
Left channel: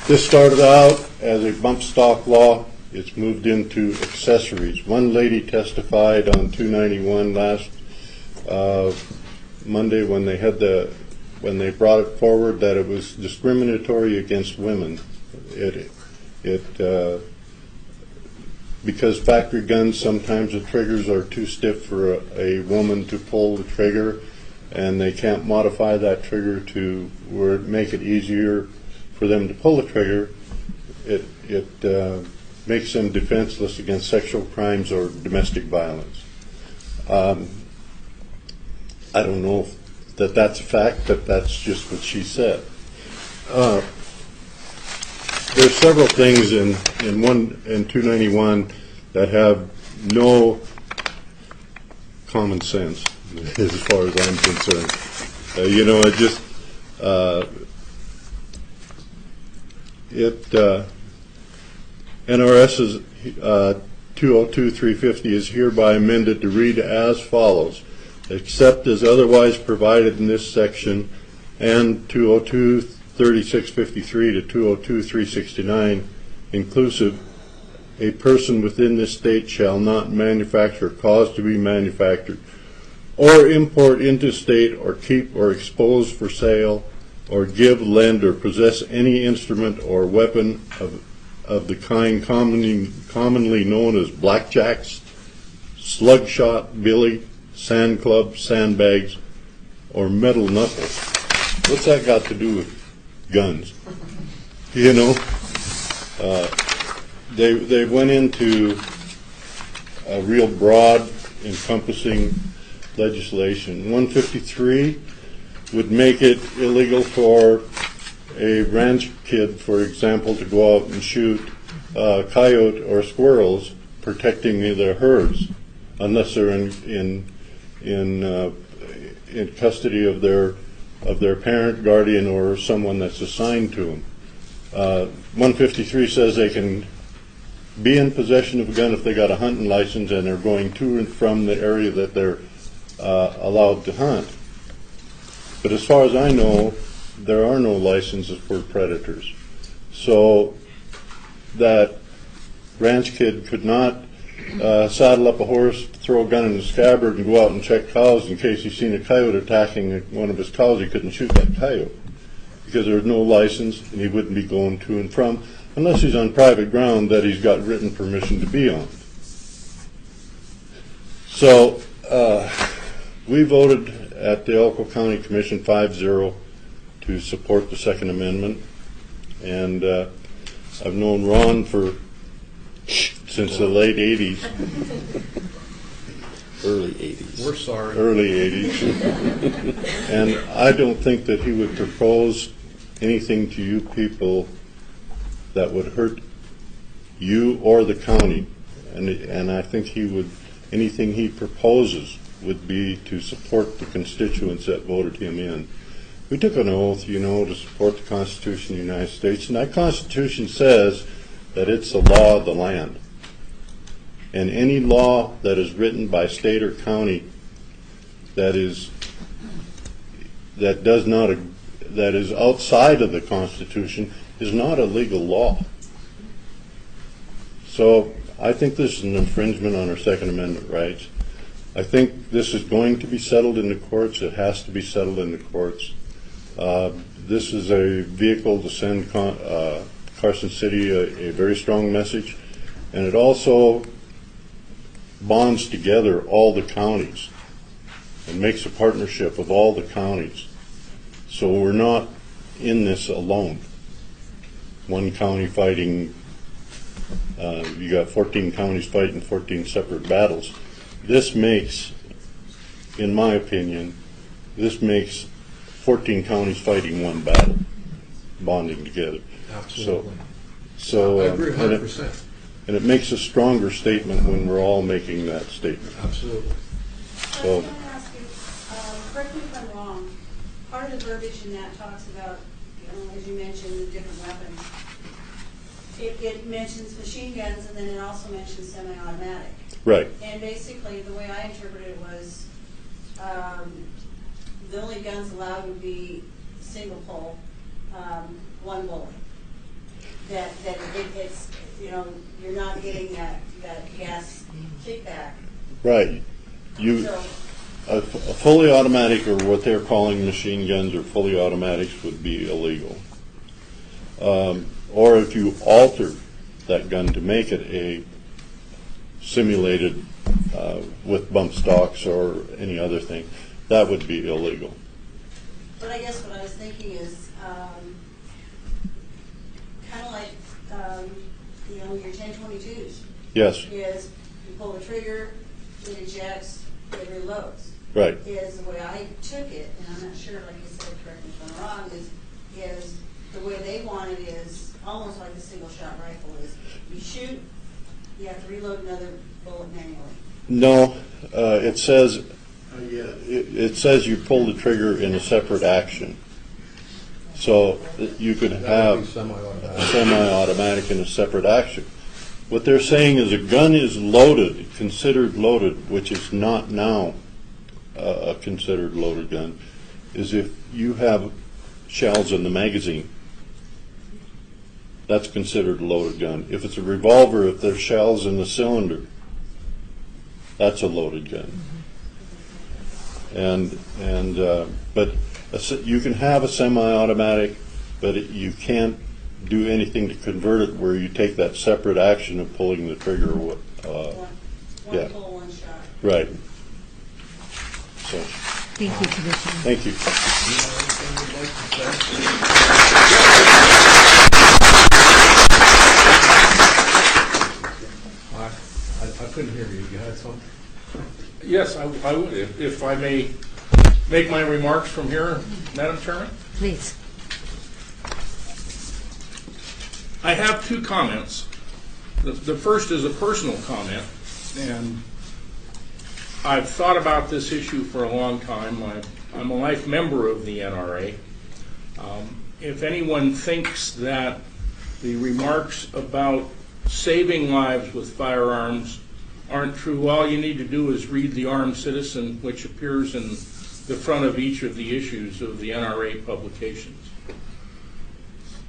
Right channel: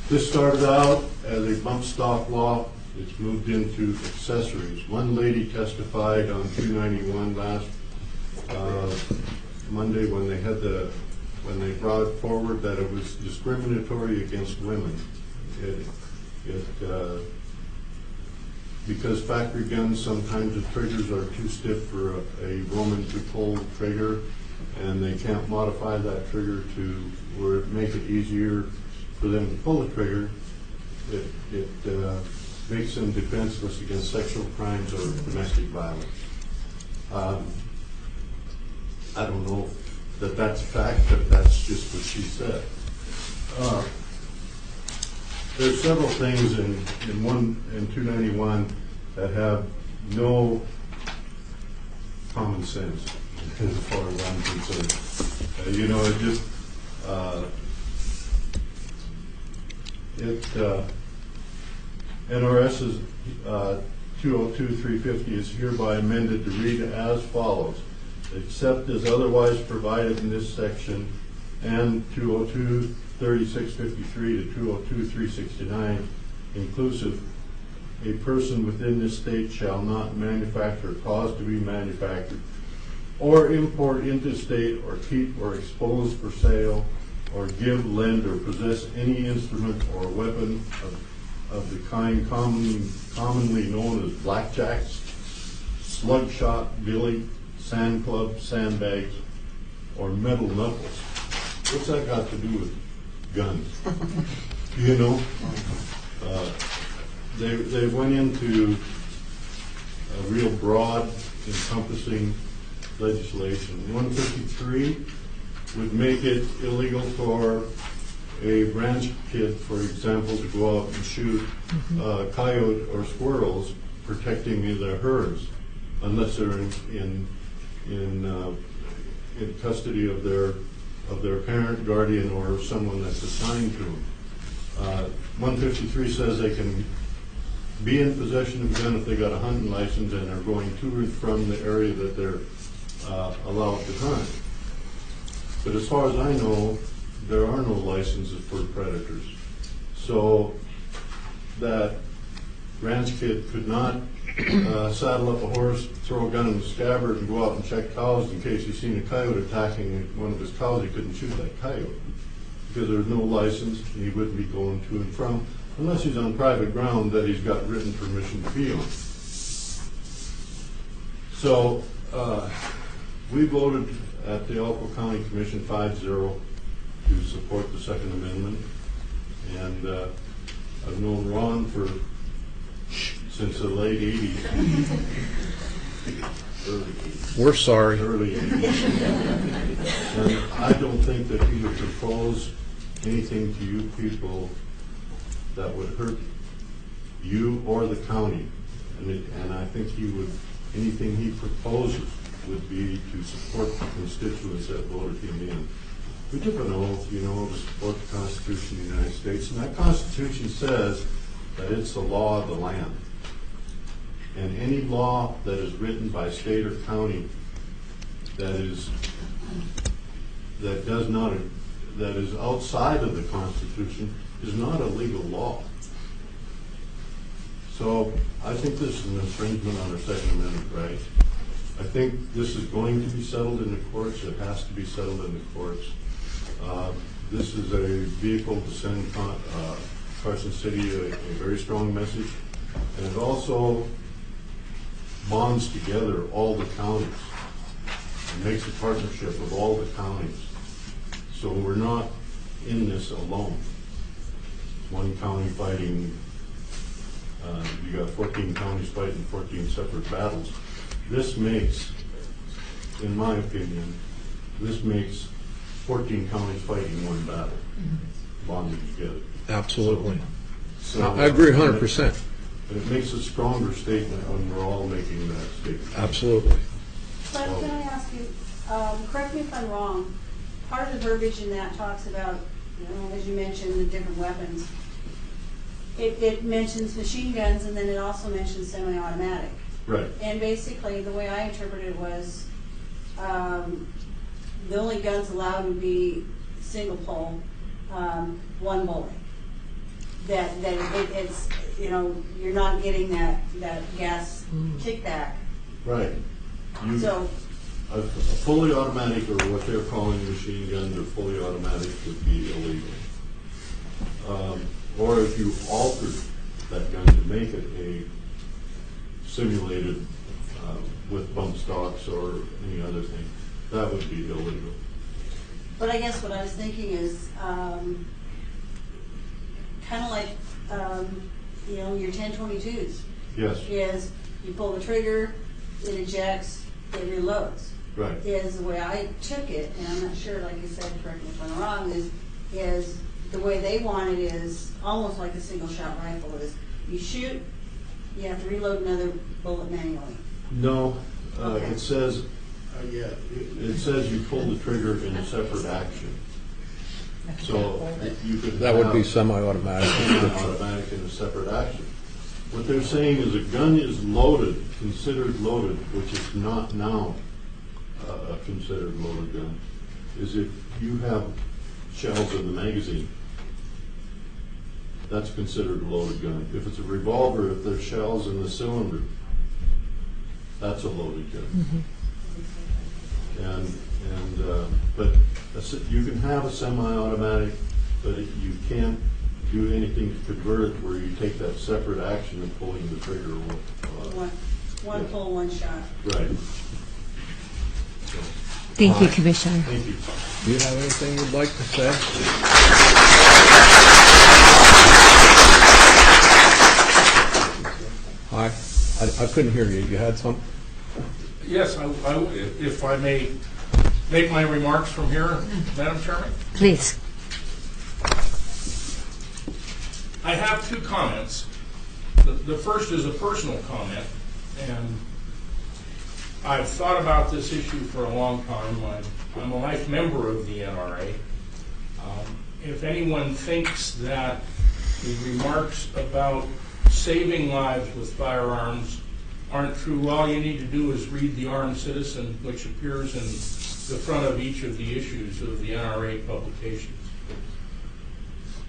This started out as a bump stock law. It's moved into accessories. One lady testified on 291 last Monday when they brought it forward that it was discriminatory against women. because factory guns, sometimes the triggers are too stiff for a woman to pull the trigger, and they can't modify that trigger to where it make it easier for them to pull the trigger. It makes them defenseless against sexual crimes or domestic violence. I don't know that that's a fact, but that's just what she said. There's several things in 291 that have no common sense as far as I'm concerned. It just NRS 202-350 is hereby amended to read as follows: except as otherwise provided in this section, and 202-3653 to 202-369 inclusive, a person within this state shall not manufacture, cause to be manufactured, or import into state, or keep or expose for sale, or give, lend, or possess any instrument or weapon of the kind commonly known as blackjacks, slugshot, billy, sand club, sandbags, or metal knuckles. What's that got to do with guns? They went into a real broad, encompassing legislation. 153 would make it illegal for a ranch kid, for example, to go out and shoot coyote or squirrels, protecting their herds, unless they're in custody of their parent, guardian, or someone that's assigned to them. 153 says they can be in possession of a gun if they got a hunting license and they're going to and from the area that they're allowed to hunt. But as far as I know, there are no licenses for predators. So that ranch kid could not saddle up a horse, throw a gun in the scabbard, and go out and check cows in case he's seen a coyote attacking one of his cows. He couldn't shoot that coyote because there's no license, and he wouldn't be going to and from unless he's on private ground that he's got written permission to be on. So we voted at the Elko County Commission 5-0 to support the Second Amendment, and I've known Ron since the late 80s. Early 80s. We're sorry. Early 80s. And I don't think that he would propose anything to you people that would hurt you or the county. And I think anything he proposes would be to support the constituents that voted him in. We took an oath, to support the Constitution of the United States, and that Constitution says that it's the law of the land. And any law that is written by state or county that is outside of the Constitution is not a legal law. So I think this is an infringement on our Second Amendment rights. I think this is going to be settled in the courts. It has to be settled in the courts. This is a vehicle to send Carson City a very strong message, and it also bonds together all the counties and makes a partnership of all the counties. So we're not in this alone. One county fighting, you got 14 counties fighting 14 separate battles. This makes, in my opinion, 14 counties fighting one battle, bonding together. Absolutely. So I agree 100%. And it makes a stronger statement when we're all making that statement. Absolutely. So, Can I ask you, correct me if I'm wrong, part of the verbiage in that talks about, as you mentioned, the different weapons. It mentions machine guns, and then it also mentions semi-automatic. right. And basically, the way I interpreted it was, the only guns allowed would be single pull, one bullet. That it's, you're not getting that gas kickback. Right. So, A fully automatic, or what they're calling machine guns, or fully automatics, would be illegal. Or if you altered that gun to make it simulated with bump stocks or any other thing, that would be illegal. But I guess what I was thinking is, kind of like, your 1022s. Yes, Is you pull the trigger, it ejects, it reloads. right. Is the way I took it, and I'm not sure, like you said, correct me if I'm wrong, is the way they want it is almost like a single shot rifle. Is you shoot, you have to reload another bullet manually. No, it says, it says you pull the trigger in a separate action. So that you could That would be have semi-automatic. semi-automatic in a separate action. What they're saying is a gun is loaded, considered loaded, which is not now a considered loaded gun, is if you have shells in the magazine. That's considered a loaded gun. If it's a revolver, if there's shells in the cylinder, that's a loaded gun. But you can have a semi-automatic, but you can't do anything to convert it where you take that separate action of pulling the trigger. One Yeah. pull, one shot. Right. So, Thank you, Commissioner. thank you. Do you have anything you'd like to say? Hi, I couldn't hear you. You had something? Yes, I would, if I may make my remarks from here, Madam Chairman. Please. I have two comments. The first is a personal comment, and I've thought about this issue for a long time. I'm a life member of the NRA. If anyone thinks that the remarks about saving lives with firearms aren't true, all you need to do is read The Armed Citizen, which appears in the front of each of the issues of the NRA publications.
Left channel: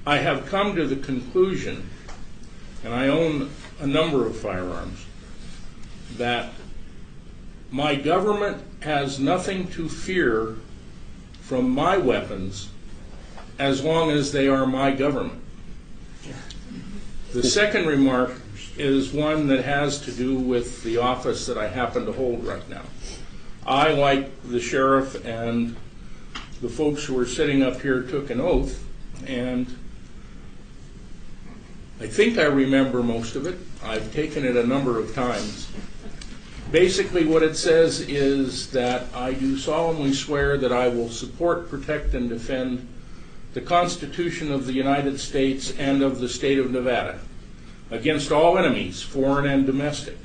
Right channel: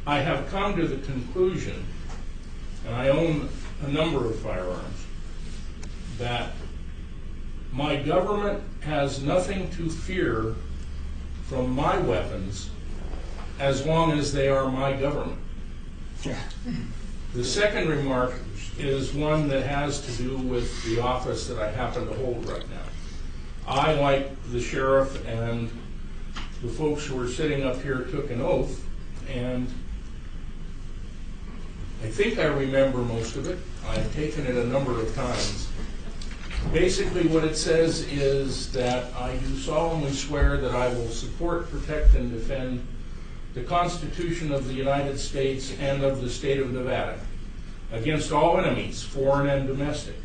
I have come to the conclusion, and I own a number of firearms, that my government has nothing to fear from my weapons as long as they are my government. The second remark is one that has to do with the office that I happen to hold right now. I, like the sheriff and the folks who are sitting up here, took an oath, and I think I remember most of it. I've taken it a number of times. Basically what it says is that I do solemnly swear that I will support, protect, and defend the Constitution of the United States and of the state of Nevada against all enemies, foreign and domestic.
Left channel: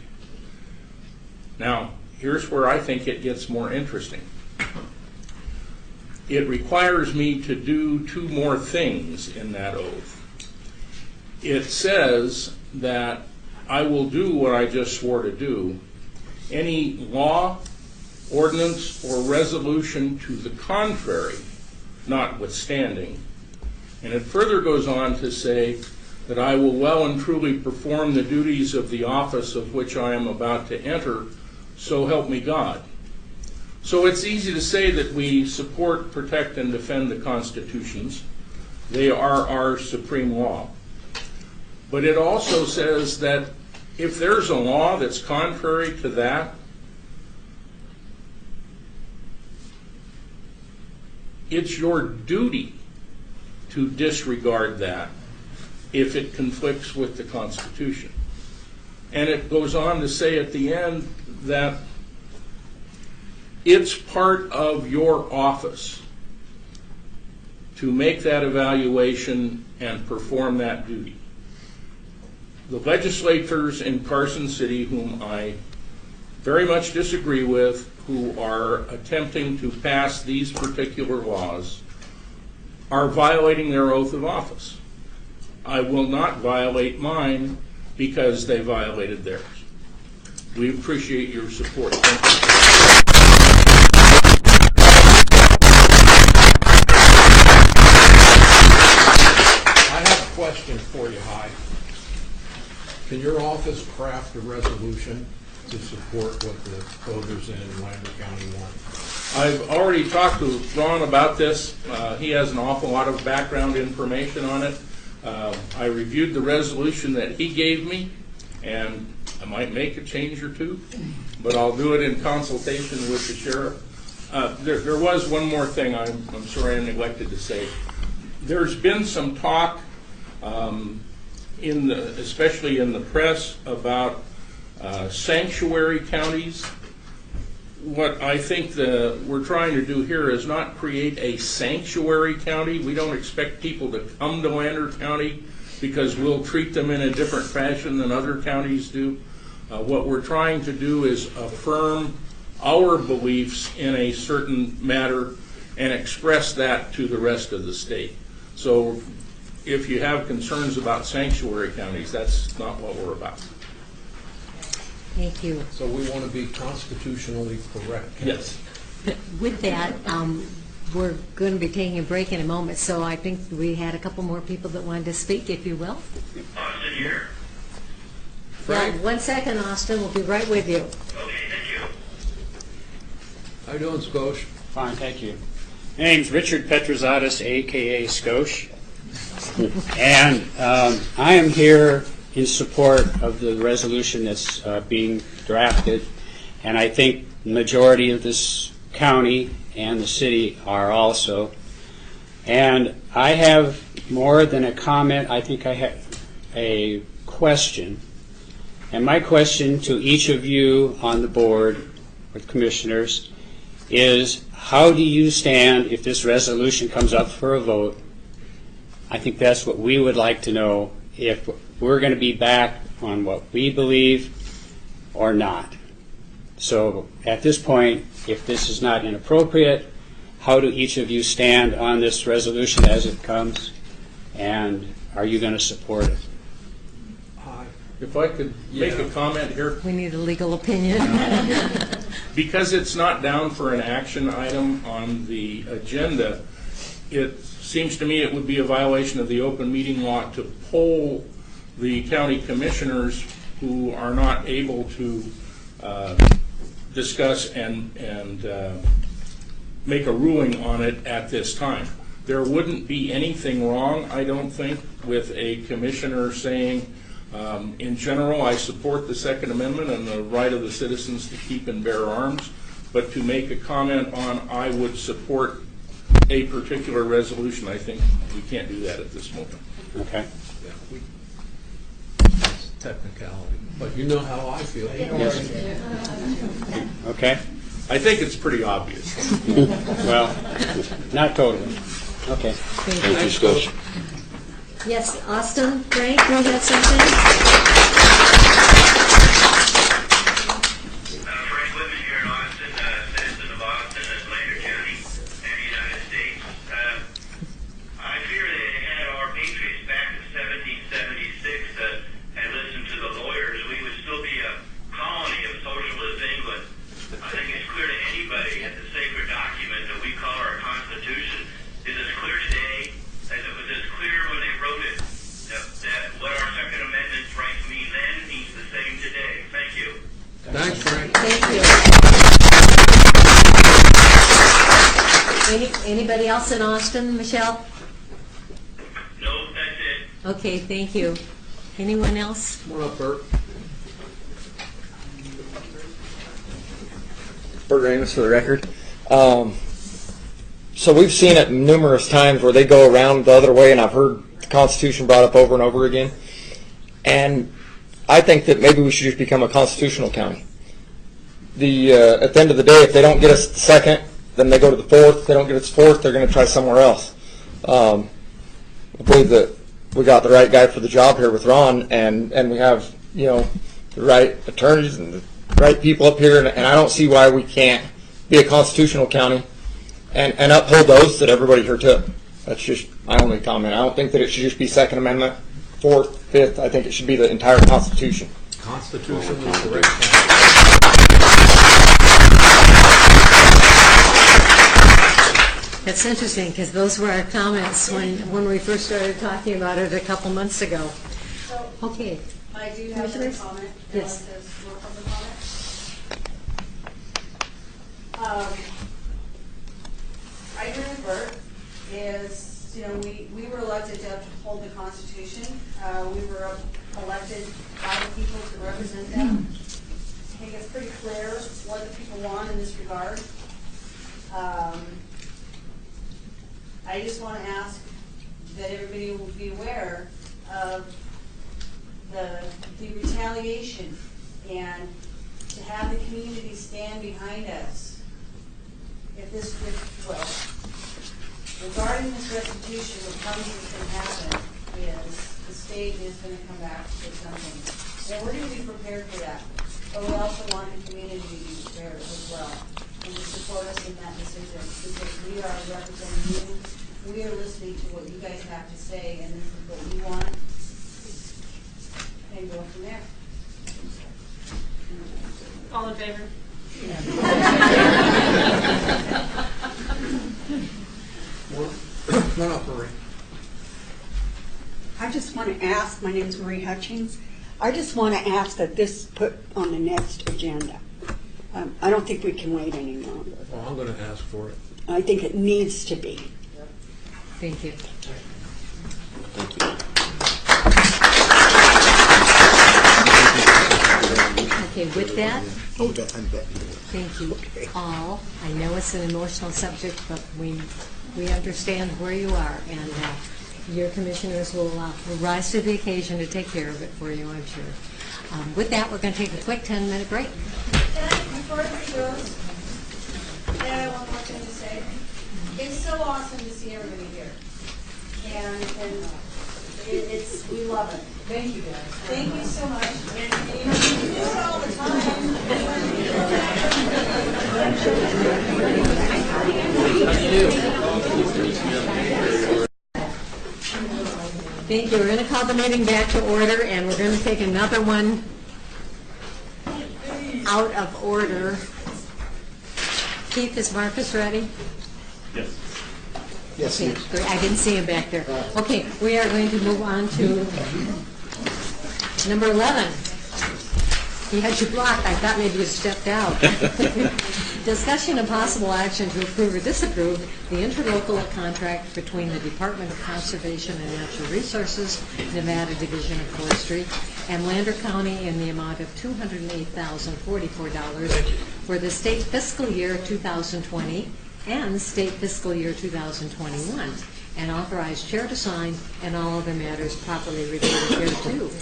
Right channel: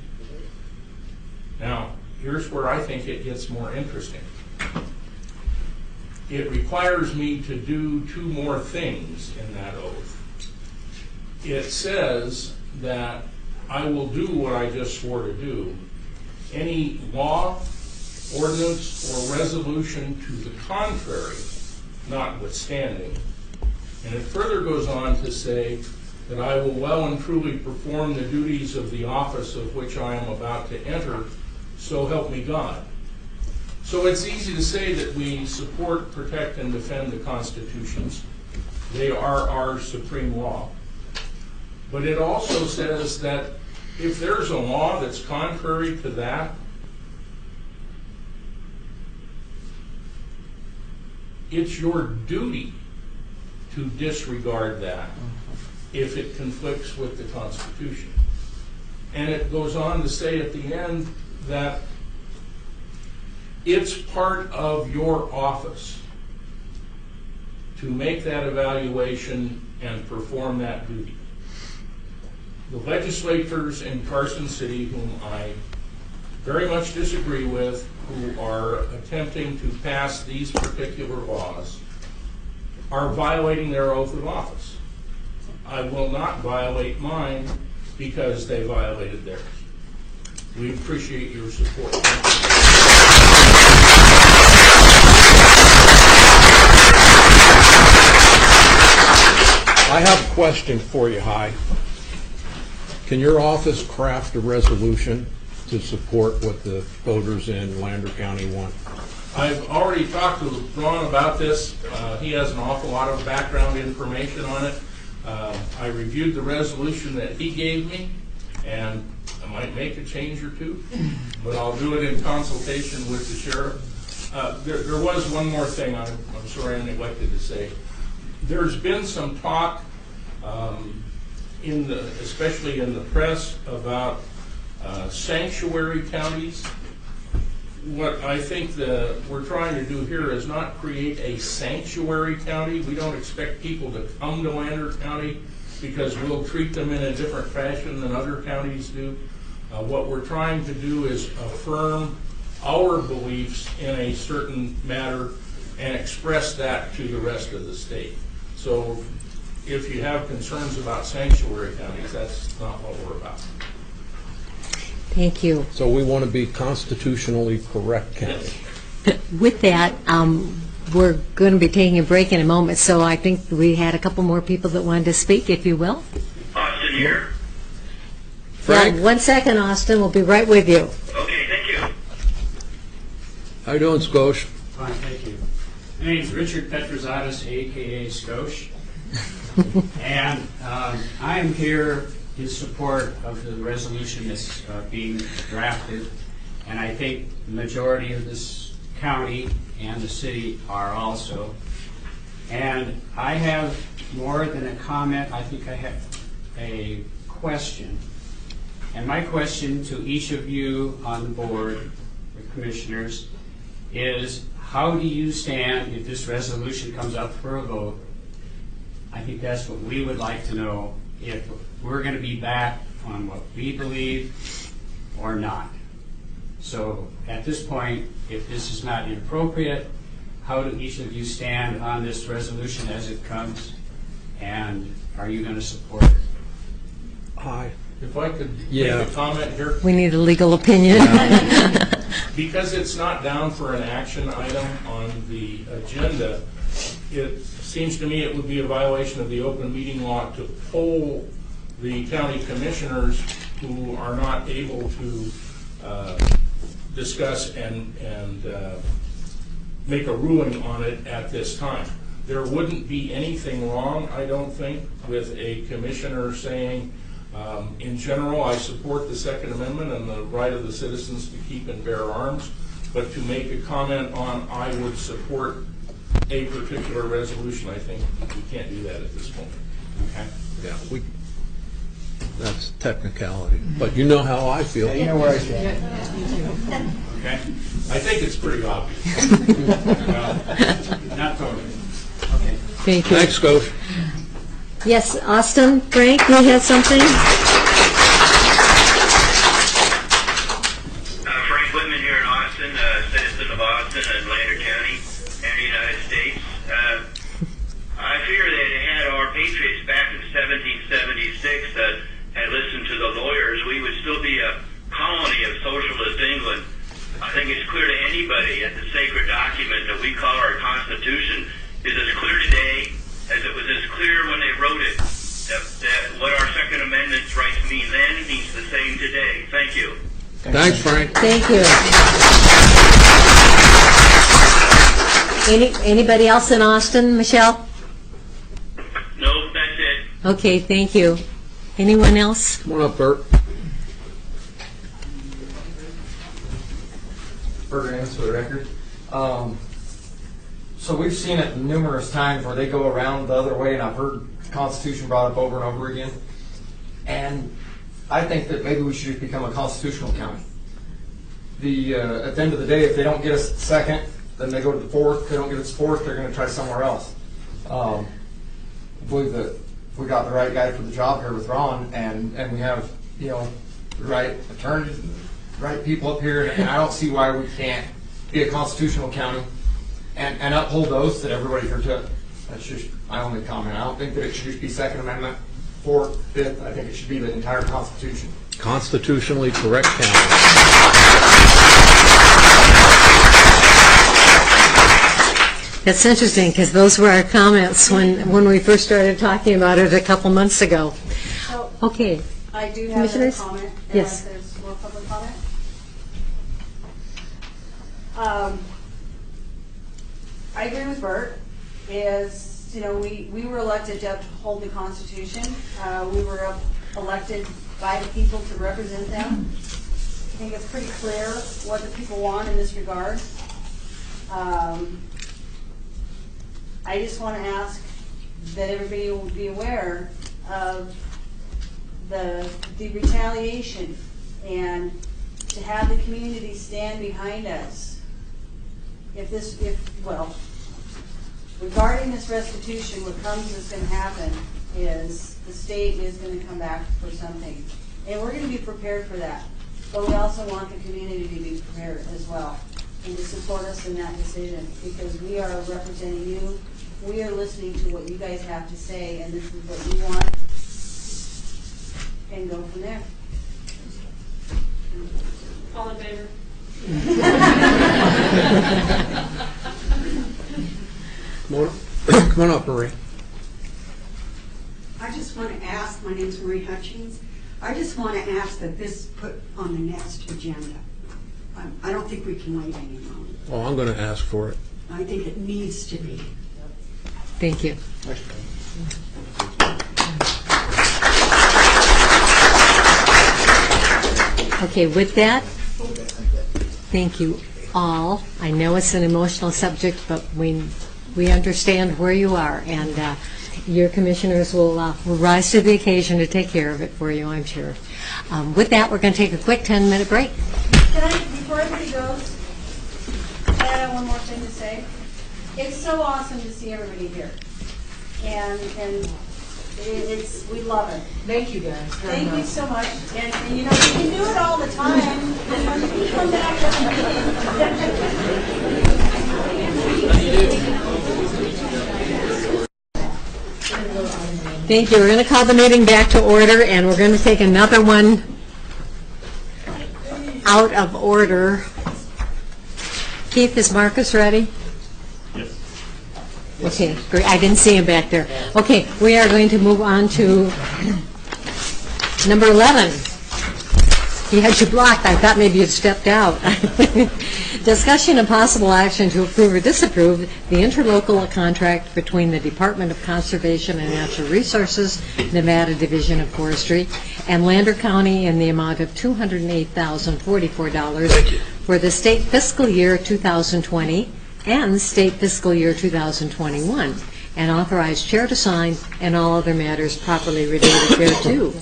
Now, here's where I think it gets more interesting. It requires me to do two more things in that oath. It says that I will do what I just swore to do. Any law, ordinance, or resolution to the contrary notwithstanding. And it further goes on to say that I will well and truly perform the duties of the office of which I am about to enter, so help me God. So it's easy to say that we support, protect, and defend the constitutions. They are our supreme law. But it also says that if there's a law that's contrary to that, it's your duty to disregard that if it conflicts with the Constitution. And it goes on to say at the end that it's part of your office to make that evaluation and perform that duty. The legislators in Carson City, whom I very much disagree with, who are attempting to pass these particular laws, are violating their oath of office. I will not violate mine because they violated theirs. We appreciate your support. Thank you. I have a question for you, Hi. Can your office craft a resolution to support what the voters in Lander County want? I've already talked to Ron about this. He has an awful lot of background information on it. I reviewed the resolution that he gave me, and might make a change or two, but I'll do it in consultation with the sheriff. There was one more thing I'm sorry I neglected to say. There's been some talk, especially in the press, about sanctuary counties. What I think we're trying to do here is not create a sanctuary county. We don't expect people to come to Lander County because we'll treat them in a different fashion than other counties do. What we're trying to do is affirm our beliefs in a certain matter and express that to the rest of the state. So if you have concerns about sanctuary counties, that's not what we're about. Thank you. So we want to be constitutionally correct county. Yes. With that, we're going to be taking a break in a moment, so I think we had a couple more people that wanted to speak, if you will. Austin here. Frank? Yeah, 1 second, Austin. We'll be right with you. Okay, thank you. How you doing, Scosh? Fine, thank you. My name's Richard Petrozatis, a.k.a. Skosh. And I am here in support of the resolution that's being drafted. And I think the majority of this county and the city are also. And I have more than a comment. I think I have a question. And my question to each of you on the board of commissioners is, how do you stand if this resolution comes up for a vote? I think that's what we would like to know, if we're going to be back on what we believe or not. So at this point, if this is not inappropriate, how do each of you stand on this resolution as it comes? And are you going to support it? Aye. If I could make a comment here. We need a legal opinion. Because it's not down for an action item on the agenda, it seems to me it would be a violation of the open meeting law to poll the county commissioners who are not able to discuss and make a ruling on it at this time. There wouldn't be anything wrong, I don't think, with a commissioner saying, in general, I support the Second Amendment and the right of the citizens to keep and bear arms, but to make a comment on, I would support a particular resolution, I think we can't do that at this moment. Okay. Yeah, that's technicality. But you know how I feel. Yeah, you know where I stand. Okay. I think it's pretty obvious. Well, not totally. Okay. Thank you. Thanks, Scosh. Yes, Austin, Frank, you had something? Frank Whitman here in Austin, citizen of Austin and Lander County and the United States. I fear that had our patriots back in 1776 that had listened to the lawyers, we would still be a colony of socialist England. I think it's clear to anybody that the sacred document that we call our Constitution is as clear today as it was as clear when they wrote it. That what our Second Amendment's rights mean then means the same today. Thank you. Thanks, Frank. Thank you. Anybody else in Austin, Michelle? No, that's it. Okay, thank you. Anyone else? Come on up, Bert. Bert Amos for the record. So we've seen it numerous times where they go around the other way, and I've heard the Constitution brought up over and over again. And I think that maybe we should just become a constitutional county. At the end of the day, if they don't get us the second, then they go to the fourth. If they don't get us fourth, they're going to try somewhere else. I believe that we got the right guy for the job here with Ron, and we have, the right attorneys and the right people up here, and I don't see why we can't be a constitutional county and uphold those that everybody here took. That's just my only comment. I don't think that it should just be Second Amendment, Fourth, Fifth. I think it should be the entire Constitution. Constitutionally correct county. That's interesting, because those were our comments when we first started talking about it a couple months ago. So, Okay. I do have a Commissioners? comment. Yes. There's more public comment. I agree with Bert. We were elected to uphold the Constitution. We were elected by the people to represent them. I think it's pretty clear what the people want in this regard. I just want to ask that everybody will be aware of the retaliation and to have the community stand behind us. Regarding this restitution, what comes is going to happen is the state is going to come back for something. And we're going to be prepared for that. But we also want the community to be prepared as well and to support us in that decision, because we are representing you. We are listening to what you guys have to say, and this is what you want, and go from there. All in favor? Come on up, Marie. I just want to ask, my name is Marie Hutchings, I just want to ask that this put on the next agenda. I don't think we can wait any longer. Well, I'm going to ask for it. I think it needs to be. Thank you. Okay, with that, thank you all. I know it's an emotional subject, but we understand where you are, and your commissioners will rise to the occasion to take care of it for you, I'm sure. With that, we're going to take a quick 10-minute break. Can I, before everybody goes, I have one more thing to say. It's so awesome to see everybody here. And we love it. Thank you, guys. Thank you so much. And you know, you can do it all the time. And when you come back Thank you. We're going to call the meeting back to order, and we're going to take another one out of order. Keith, is Marcus ready? Yes. Okay, great. I didn't see him back there. Okay, we are going to move on to number 11. He had you blocked. I thought maybe you stepped out. Discussion and possible action to approve or disapprove the interlocal contract between the Department of Conservation and Natural Resources, Nevada Division of Forestry, and Lander County in the amount of $208,044 for the state fiscal year 2020 and state fiscal year 2021, and authorize chair to sign and all other matters properly related thereto.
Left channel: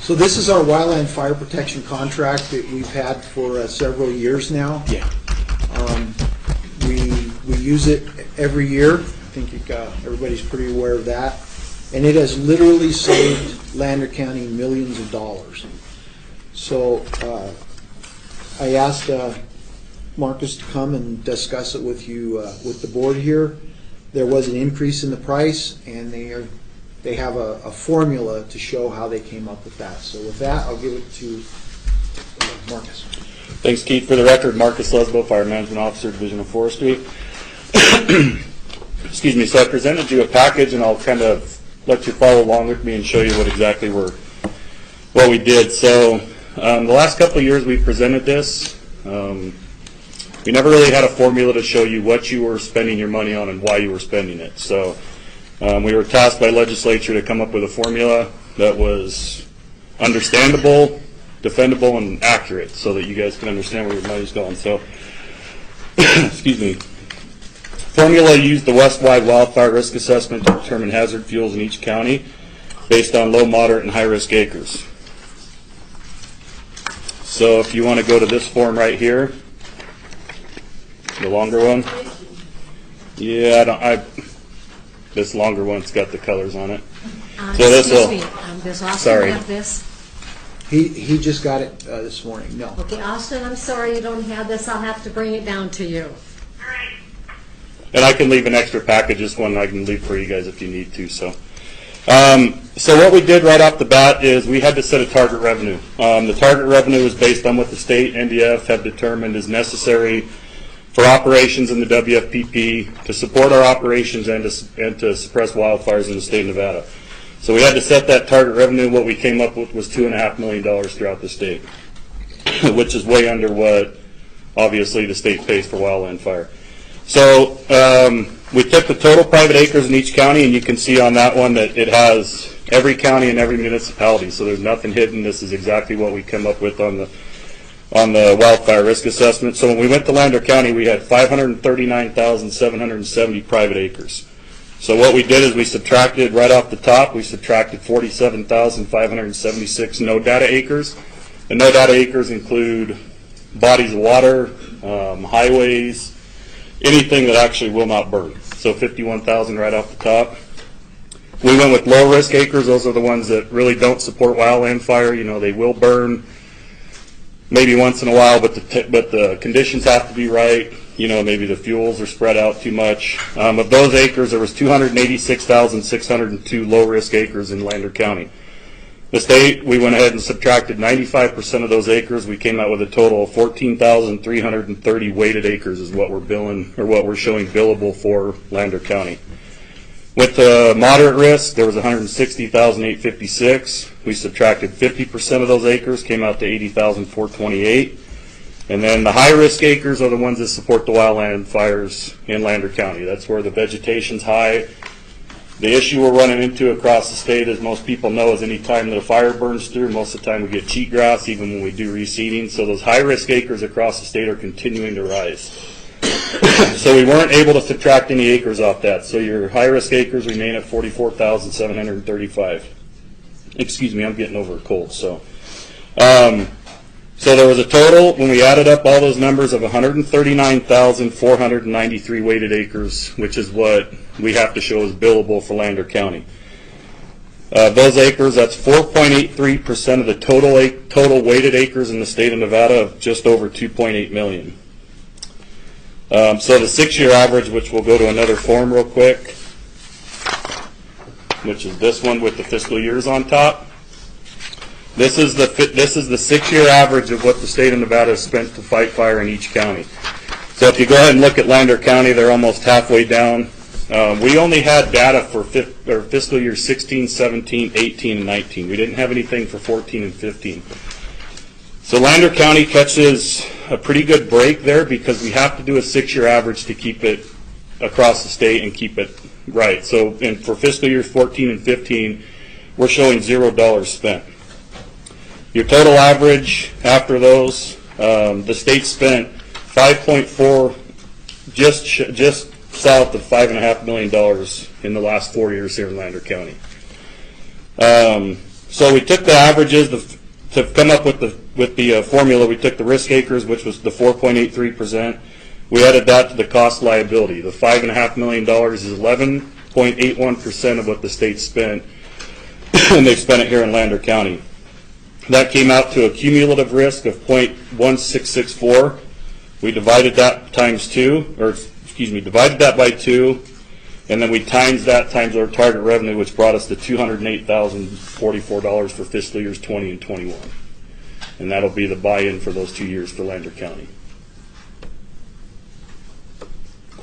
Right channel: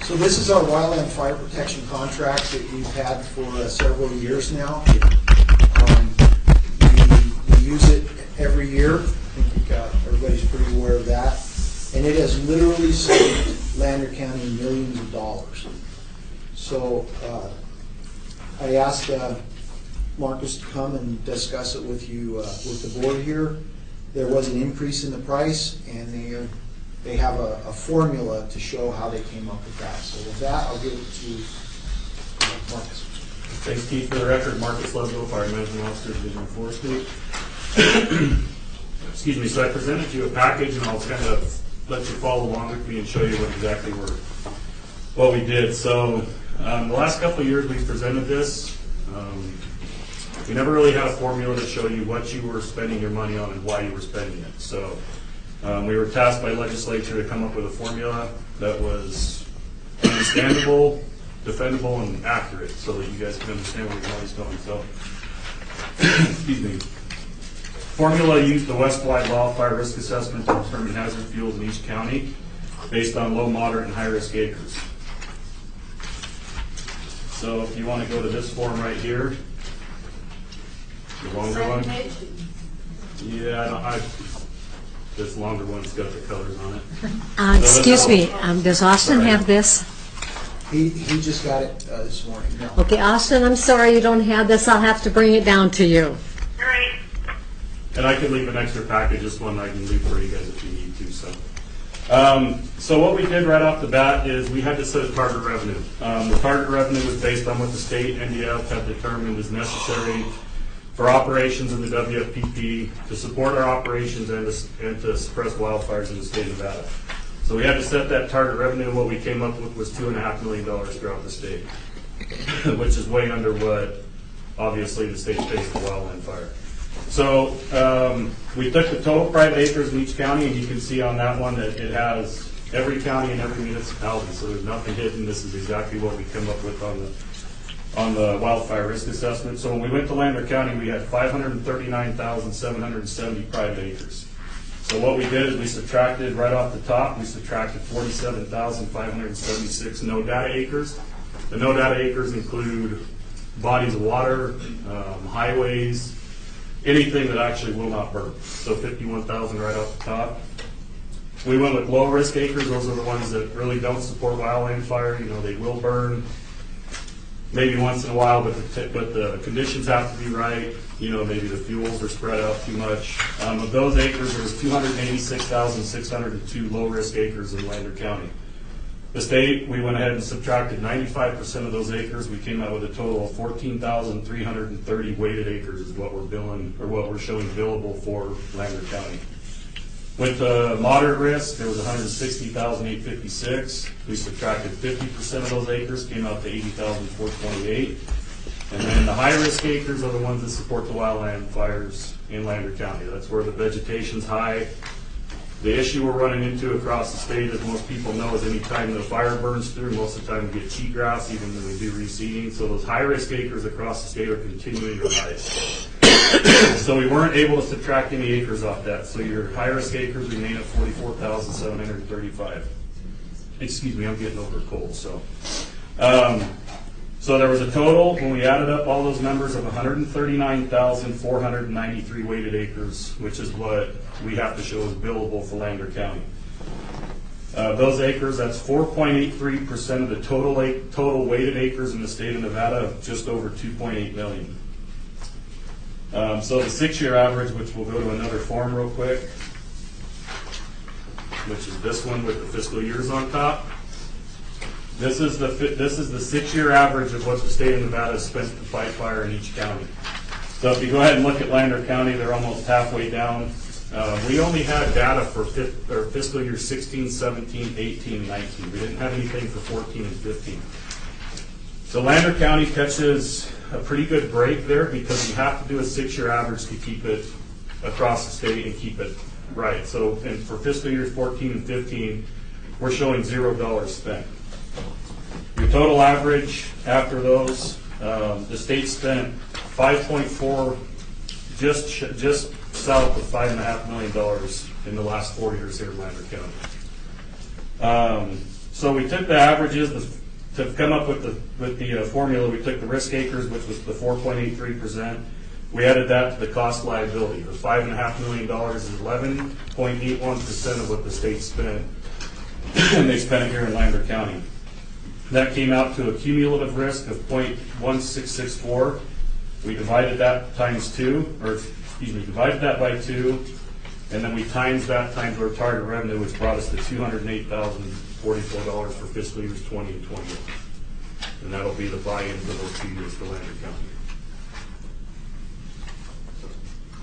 So this is our wildland fire protection contract that we've had for several years now. We use it every year. I think everybody's pretty aware of that. And it has literally saved Lander County millions of dollars. So I asked Marcus to come and discuss it with you, with the board here. There was an increase in the price, and they have a formula to show how they came up with that. So with that, I'll give it to Marcus. Thanks, Keith. For the record, Marcus Lesbo, Fire Management Officer, Division of Forestry. Excuse me. So I presented you a package, and I'll kind of let you follow along with me and show you what we did. So the last couple of years we presented this. We never really had a formula to show you what you were spending your money on and why you were spending it. So we were tasked by legislature to come up with a formula that was understandable, defendable, and accurate so that you guys can understand where your money's going. So, excuse me. Formula used the West-wide wildfire risk assessment to determine hazard fuels in each county based on low, moderate, and high-risk acres. So if you want to go to this form right here, the longer one. Yeah, this longer one's got the colors on it. Excuse me, does Austin have this? He just got it this morning. No. Okay, Austin, I'm sorry you don't have this. I'll have to bring it down to you. And I can leave an extra package. This one I can leave for you guys if you need to. So what we did right off the bat is we had to set a target revenue. The target revenue was based on what the state NDF have determined is necessary for operations in the WFPP to support our operations and to suppress wildfires in the state of Nevada. So we had to set that target revenue. What we came up with was $2.5 million throughout the state, which is way under what obviously the state pays for wildland fire. So we took the total private acres in each county, and you can see on that one that it has every county and every municipality, so there's nothing hidden. This is exactly what we come up with on the wildfire risk assessment. So when we went to Lander County, we had 539,770 private acres. So what we did is we subtracted right off the top, we subtracted 47,576 no data acres. The no data acres include bodies of water, highways, anything that actually will not burn. So 51,000 right off the top. We went with low risk acres. Those are the ones that really don't support wildland fire. You know, they will burn maybe once in a while, but the conditions have to be right. You know, maybe the fuels are spread out too much. Of those acres, there was 286,602 low risk acres in Lander County. The state, we went ahead and subtracted 95% of those acres. We came out with a total of 14,330 weighted acres is what we're billing, or what we're showing billable for Lander County. With the moderate risk, there was 160,856. We subtracted 50% of those acres, came out to 80,428. And then the high risk acres are the ones that support the wildland fires in Lander County. That's where the vegetation's high. The issue we're running into across the state, as most people know, is any time the fire burns through, most of the time we get cheatgrass, even when we do reseeding. So those high-risk acres across the state are continuing to rise. So we weren't able to subtract any acres off that. So your high-risk acres remain at 44,735. Excuse me, I'm getting over a cold. So there was a total, when we added up all those numbers, of 139,493 weighted acres, which is what we have to show as billable for Lander County. Those acres, that's 4.83% of the total weighted acres in the state of Nevada, of just over 2.8 million. So the 6-year average, which we'll go to another form real quick, which is this one with the fiscal years on top. This is the 6-year average of what the state of Nevada has spent to fight fire in each county. So if you go ahead and look at Lander County, they're almost halfway down. We only had data for fiscal year 16, 17, 18, and 19. We didn't have anything for 14 and 15. So Lander County catches a pretty good break there because we have to do a 6-year average to keep it across the state and keep it right. So for fiscal years 14 and 15, we're showing $0 spent. Your total average after those, the state spent 5.4, just south of $5.5 million in the last 4 years here in Lander County. So we took the averages to come up with the formula. We took the risk acres, which was the 4.83%. We added that to the cost liability. The $5.5 million is 11.81% of what the state spent, and they spent it here in Lander County. That came out to a cumulative risk of 0.1664. We divided that divided that by 2, and then we times that times our target revenue, which brought us to $208,044 for fiscal years 20 and 21. And that'll be the buy-in for those 2 years for Lander County.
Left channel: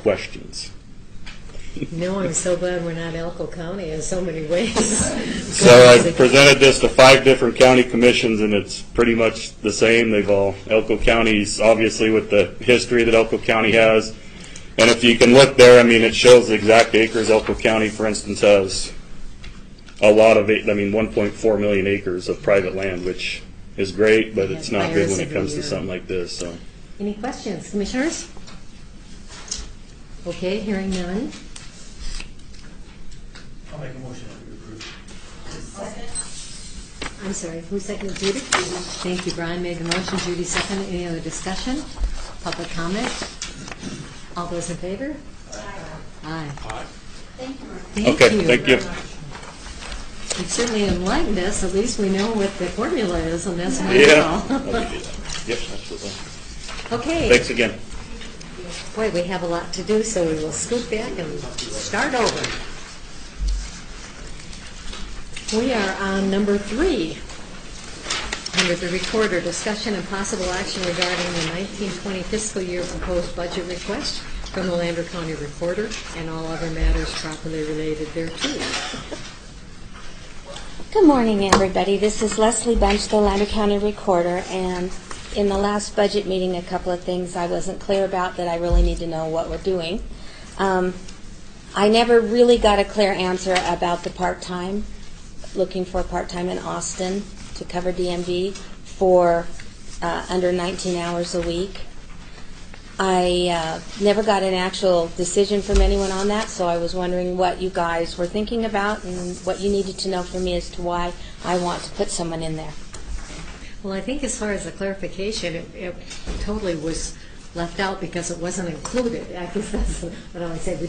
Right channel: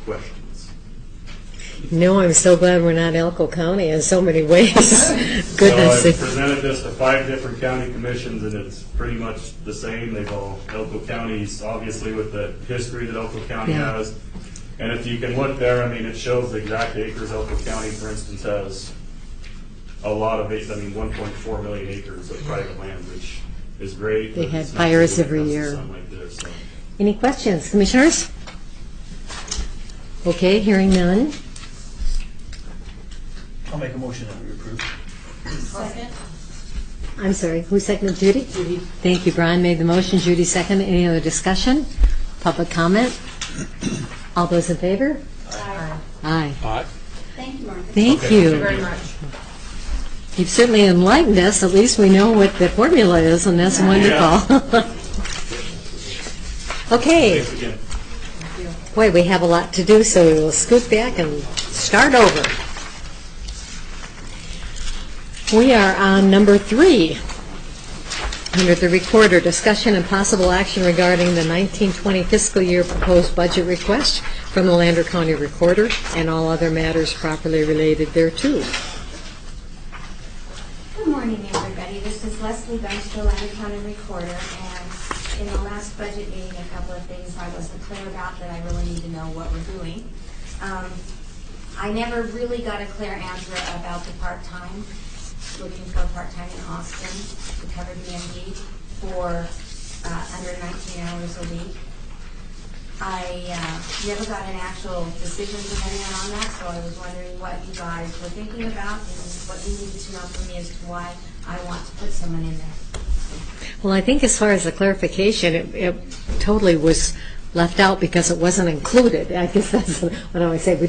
Questions? No, I'm so glad we're not Elko County in so many ways. So I presented this to 5 different county commissions, and it's pretty much the same. Elko County's obviously with the history that Elko County has. And if you can look there, I mean, it shows the exact acres. Elko County, for instance, has a lot of, 1.4 million acres of private land, which is great, but it's not good when it comes to something like this. So. Any questions, commissioners? Okay, hearing none. I'll make a motion that we approve. Second. I'm sorry, who seconded? Judy? Thank you. Brian made the motion, Judy seconded. Any other discussion? Public comment? All those in favor? Aye. Aye. Aye. Thank you, Martha. Thank you very much. You've certainly enlightened us. At least we know what the formula is, and that's wonderful. Okay. Thanks again. Boy, we have a lot to do, so we will scoot back and start over. We are on number 3. Under the recorder, discussion and possible action regarding the 1920 fiscal year proposed budget request from the Lander County Recorder and all other matters properly related thereto. Good morning, everybody. This is Leslie Bunch, the Lander County Recorder, and in the last budget meeting, a couple of things I wasn't clear about that I really need to know what we're doing. I never really got a clear answer about the part-time looking for part-time in Austin to cover DMV for under 19 hours a week. I never got an actual decision from anyone on that, so I was wondering what you guys were thinking about and what you needed to know from me as to why I want to put someone in there. Well, I think as far as the clarification, it totally was left out because it wasn't included. I guess that's what I always say. We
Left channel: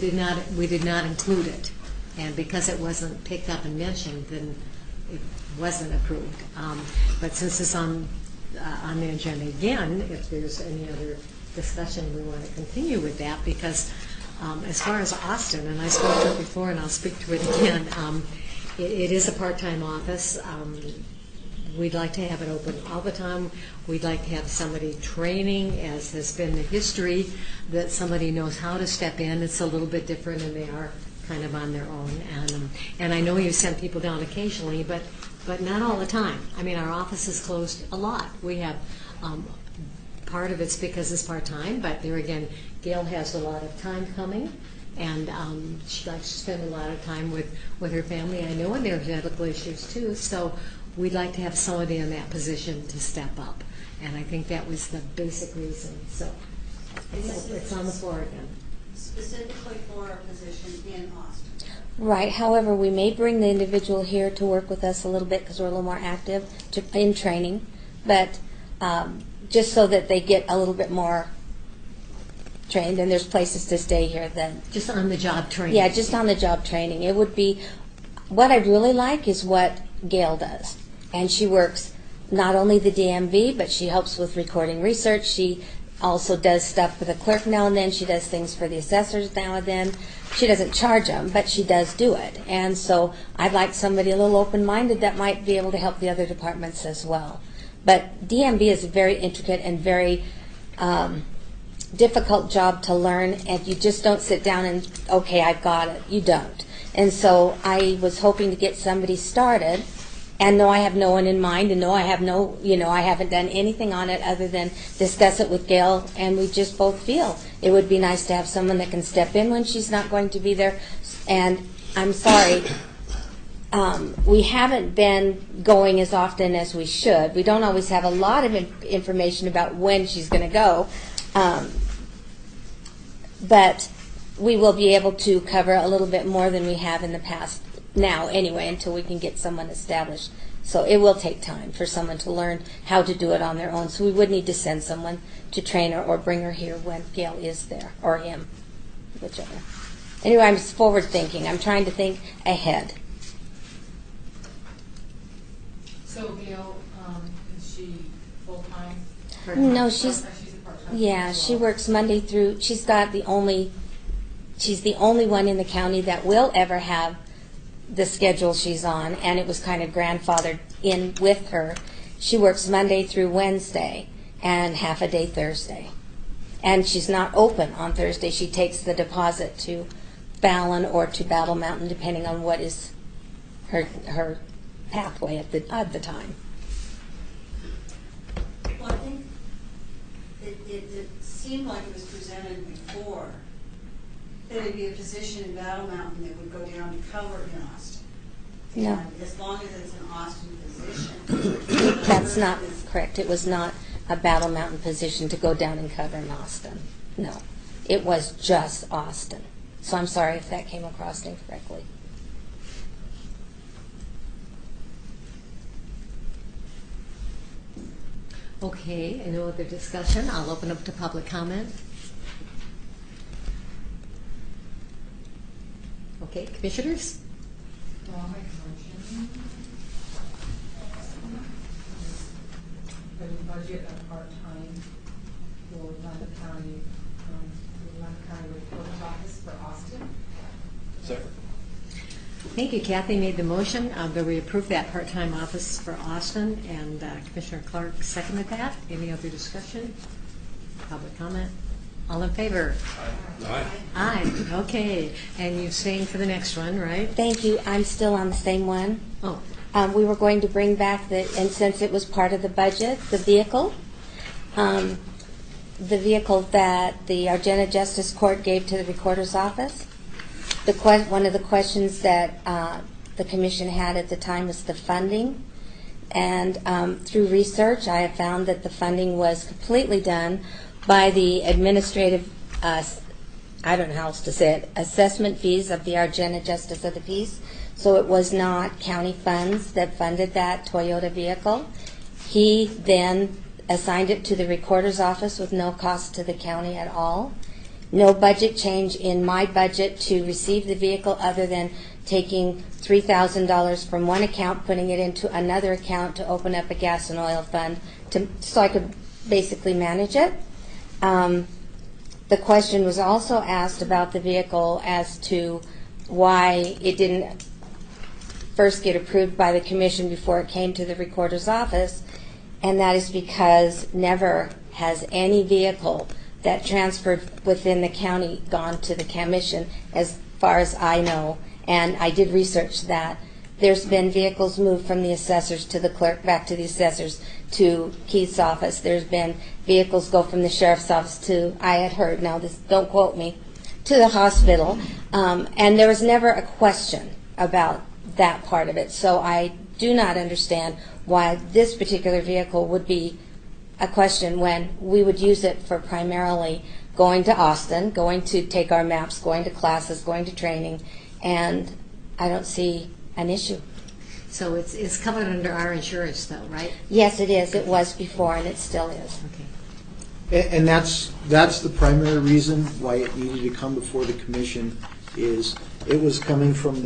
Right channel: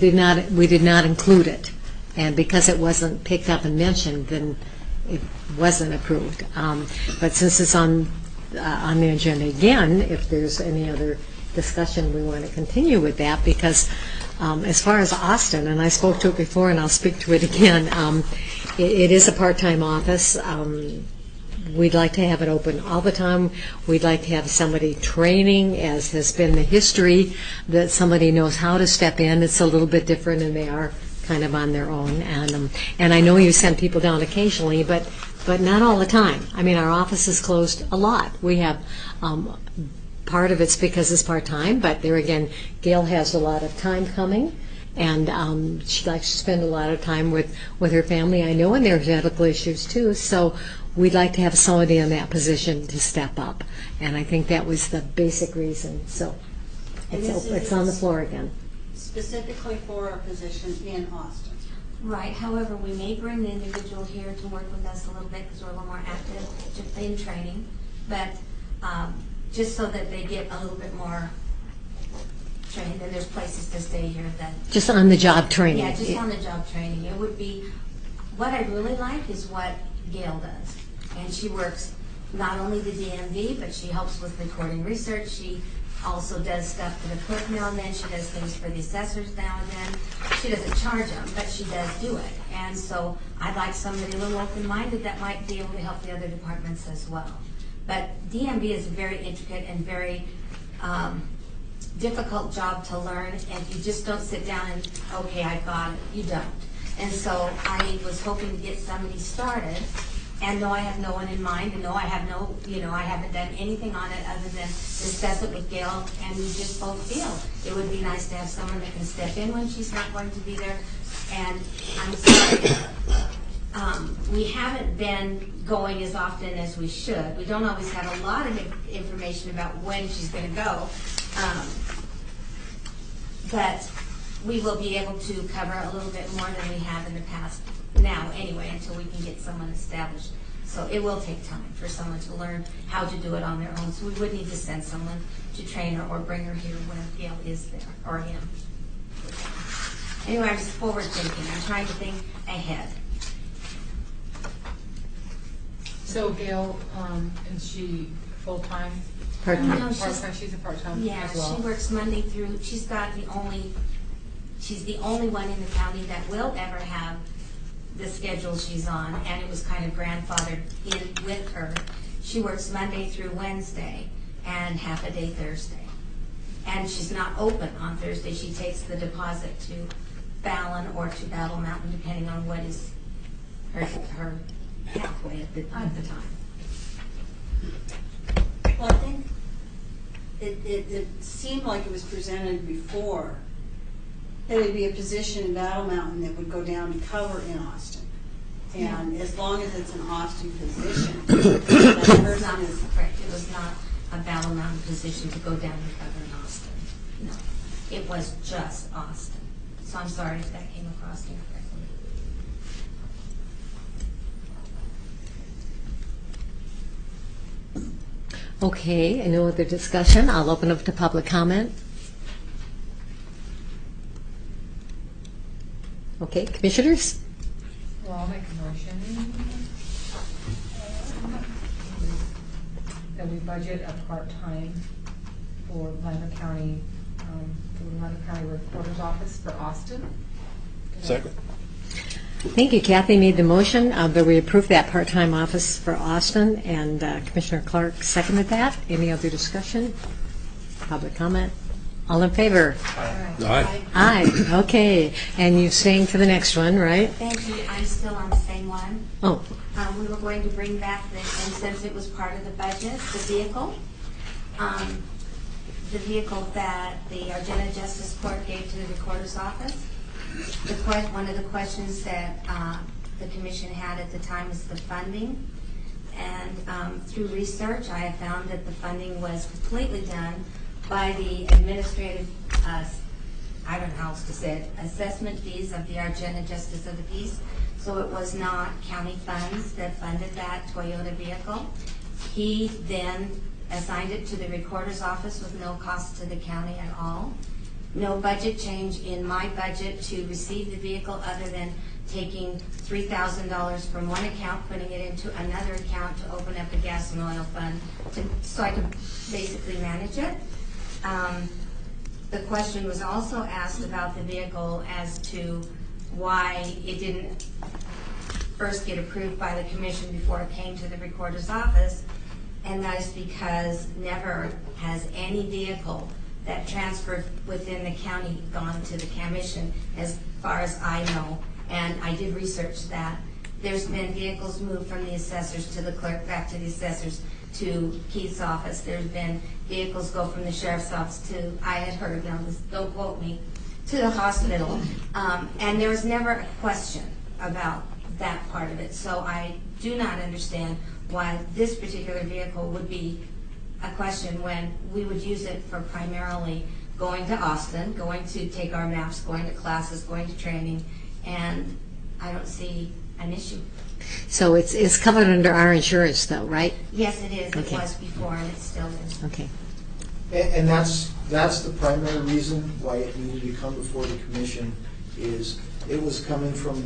did not include it, and because it wasn't picked up and mentioned, then it wasn't approved. But since it's on the agenda again, if there's any other discussion, we want to continue with that, because as far as Austin, and I spoke to it before and I'll speak to it again, it is a part-time office. We'd like to have it open all the time. We'd like to have somebody training, as has been the history, that somebody knows how to step in. It's a little bit different, and they are kind of on their own. And I know you send people down occasionally, but not all the time. I mean, our office is closed a lot. We have part of it's because it's part-time, but there again, Gail has a lot of time coming, and she likes to spend a lot of time with her family. I know, and there's medical issues too, so we'd like to have somebody in that position to step up, and I think that was the basic reason. So it's on the floor again. Specifically for a position in Austin. Right. However, we may bring the individual here to work with us a little bit because we're a little more active in training, but just so that they get a little bit more trained, and there's places to stay here then. Just on the job training. Yeah, just on the job training. It would be, what I really like is what Gail does. And she works not only the DMV, but she helps with recording research. She also does stuff for the clerk now and then. She does things for the assessors now and then. She doesn't charge them, but she does do it. And so I'd like somebody a little open-minded that might be able to help the other departments as well. But DMV is a very intricate and very difficult job to learn, and you just don't sit down and, okay, I've got it. You don't. And so I was hoping to get somebody started, and no, I have no one in mind, and no, I have no, I haven't done anything on it other than discuss it with Gail, and we just both feel it would be nice to have someone that can step in when she's not going to be there. And I'm sorry, we haven't been going as often as we should. We don't always have a lot of information about when she's going to go, but we will be able to cover a little bit more than we have in the past now anyway, until we can get someone established. So it will take time for someone to learn how to do it on their own. So we would need to send someone to train her or bring her here when Gail is there, or him, whichever. Anyway, I'm forward thinking. I'm trying to think ahead. So Gail, is she full-time? Part-time. No, she's a part-time. Yeah, as well. she works Monday through. She's the only one in the county that will ever have the schedule she's on, and it was kind of grandfathered in with her. She works Monday through Wednesday and half a day Thursday, and she's not open on Thursday. She takes the deposit to Fallon or to Battle Mountain, depending on what is her pathway at the time. Well, I think it seemed like it was presented before that it would be a position in Battle Mountain that would go down to cover in Austin. And as long as it's an Austin position. That's not correct. It was not a Battle Mountain position to go down and cover in Austin. No, it was just Austin. So I'm sorry if that came across incorrectly. Okay, no other discussion. I'll open up to public comment. Okay, commissioners? Well, I'll make a motion that we budget a part-time for Lander County, for the Lander County Recorder's Office for Austin. Second. Thank you. Kathy made the motion that we approve that part-time office for Austin, and Commissioner Clark seconded that. Any other discussion? Public comment? All in favor? Aye. Aye. Okay. And you're staying for the next one, right? Thank you. I'm still on the same one. Oh. We were going to bring back and since it was part of the budget, the vehicle that the Argenta Justice Court gave to the Recorder's Office. One of the questions that the commission had at the time was the funding. And through research, I have found that the funding was completely done by the administrative, I don't know how else to say it, assessment fees of the Argenta Justice of the Peace. So it was not county funds that funded that Toyota vehicle. He then assigned it to the recorder's office with no cost to the county at all. No budget change in my budget to receive the vehicle other than taking $3,000 from one account, putting it into another account to open up a gas and oil fund so I could basically manage it. The question was also asked about the vehicle as to why it didn't first get approved by the commission before it came to the recorder's office, and that is because never has any vehicle that transferred within the county gone to the commission as far as I know. And I did research that. There's been vehicles moved from the assessors to the clerk, back to the assessors, to Keith's office. There's been vehicles go from the sheriff's office to, I had heard, now this, don't quote me, to the hospital. And there was never a question about that part of it. So I do not understand why this particular vehicle would be a question when we would use it for primarily going to Austin, going to take our maps, going to classes, going to training, and I don't see an issue. So it's covered under our insurance though, right? Yes, it is. It Okay. was before, and it still is. Okay. And that's the primary reason why it needed to come before the commission, is it was coming from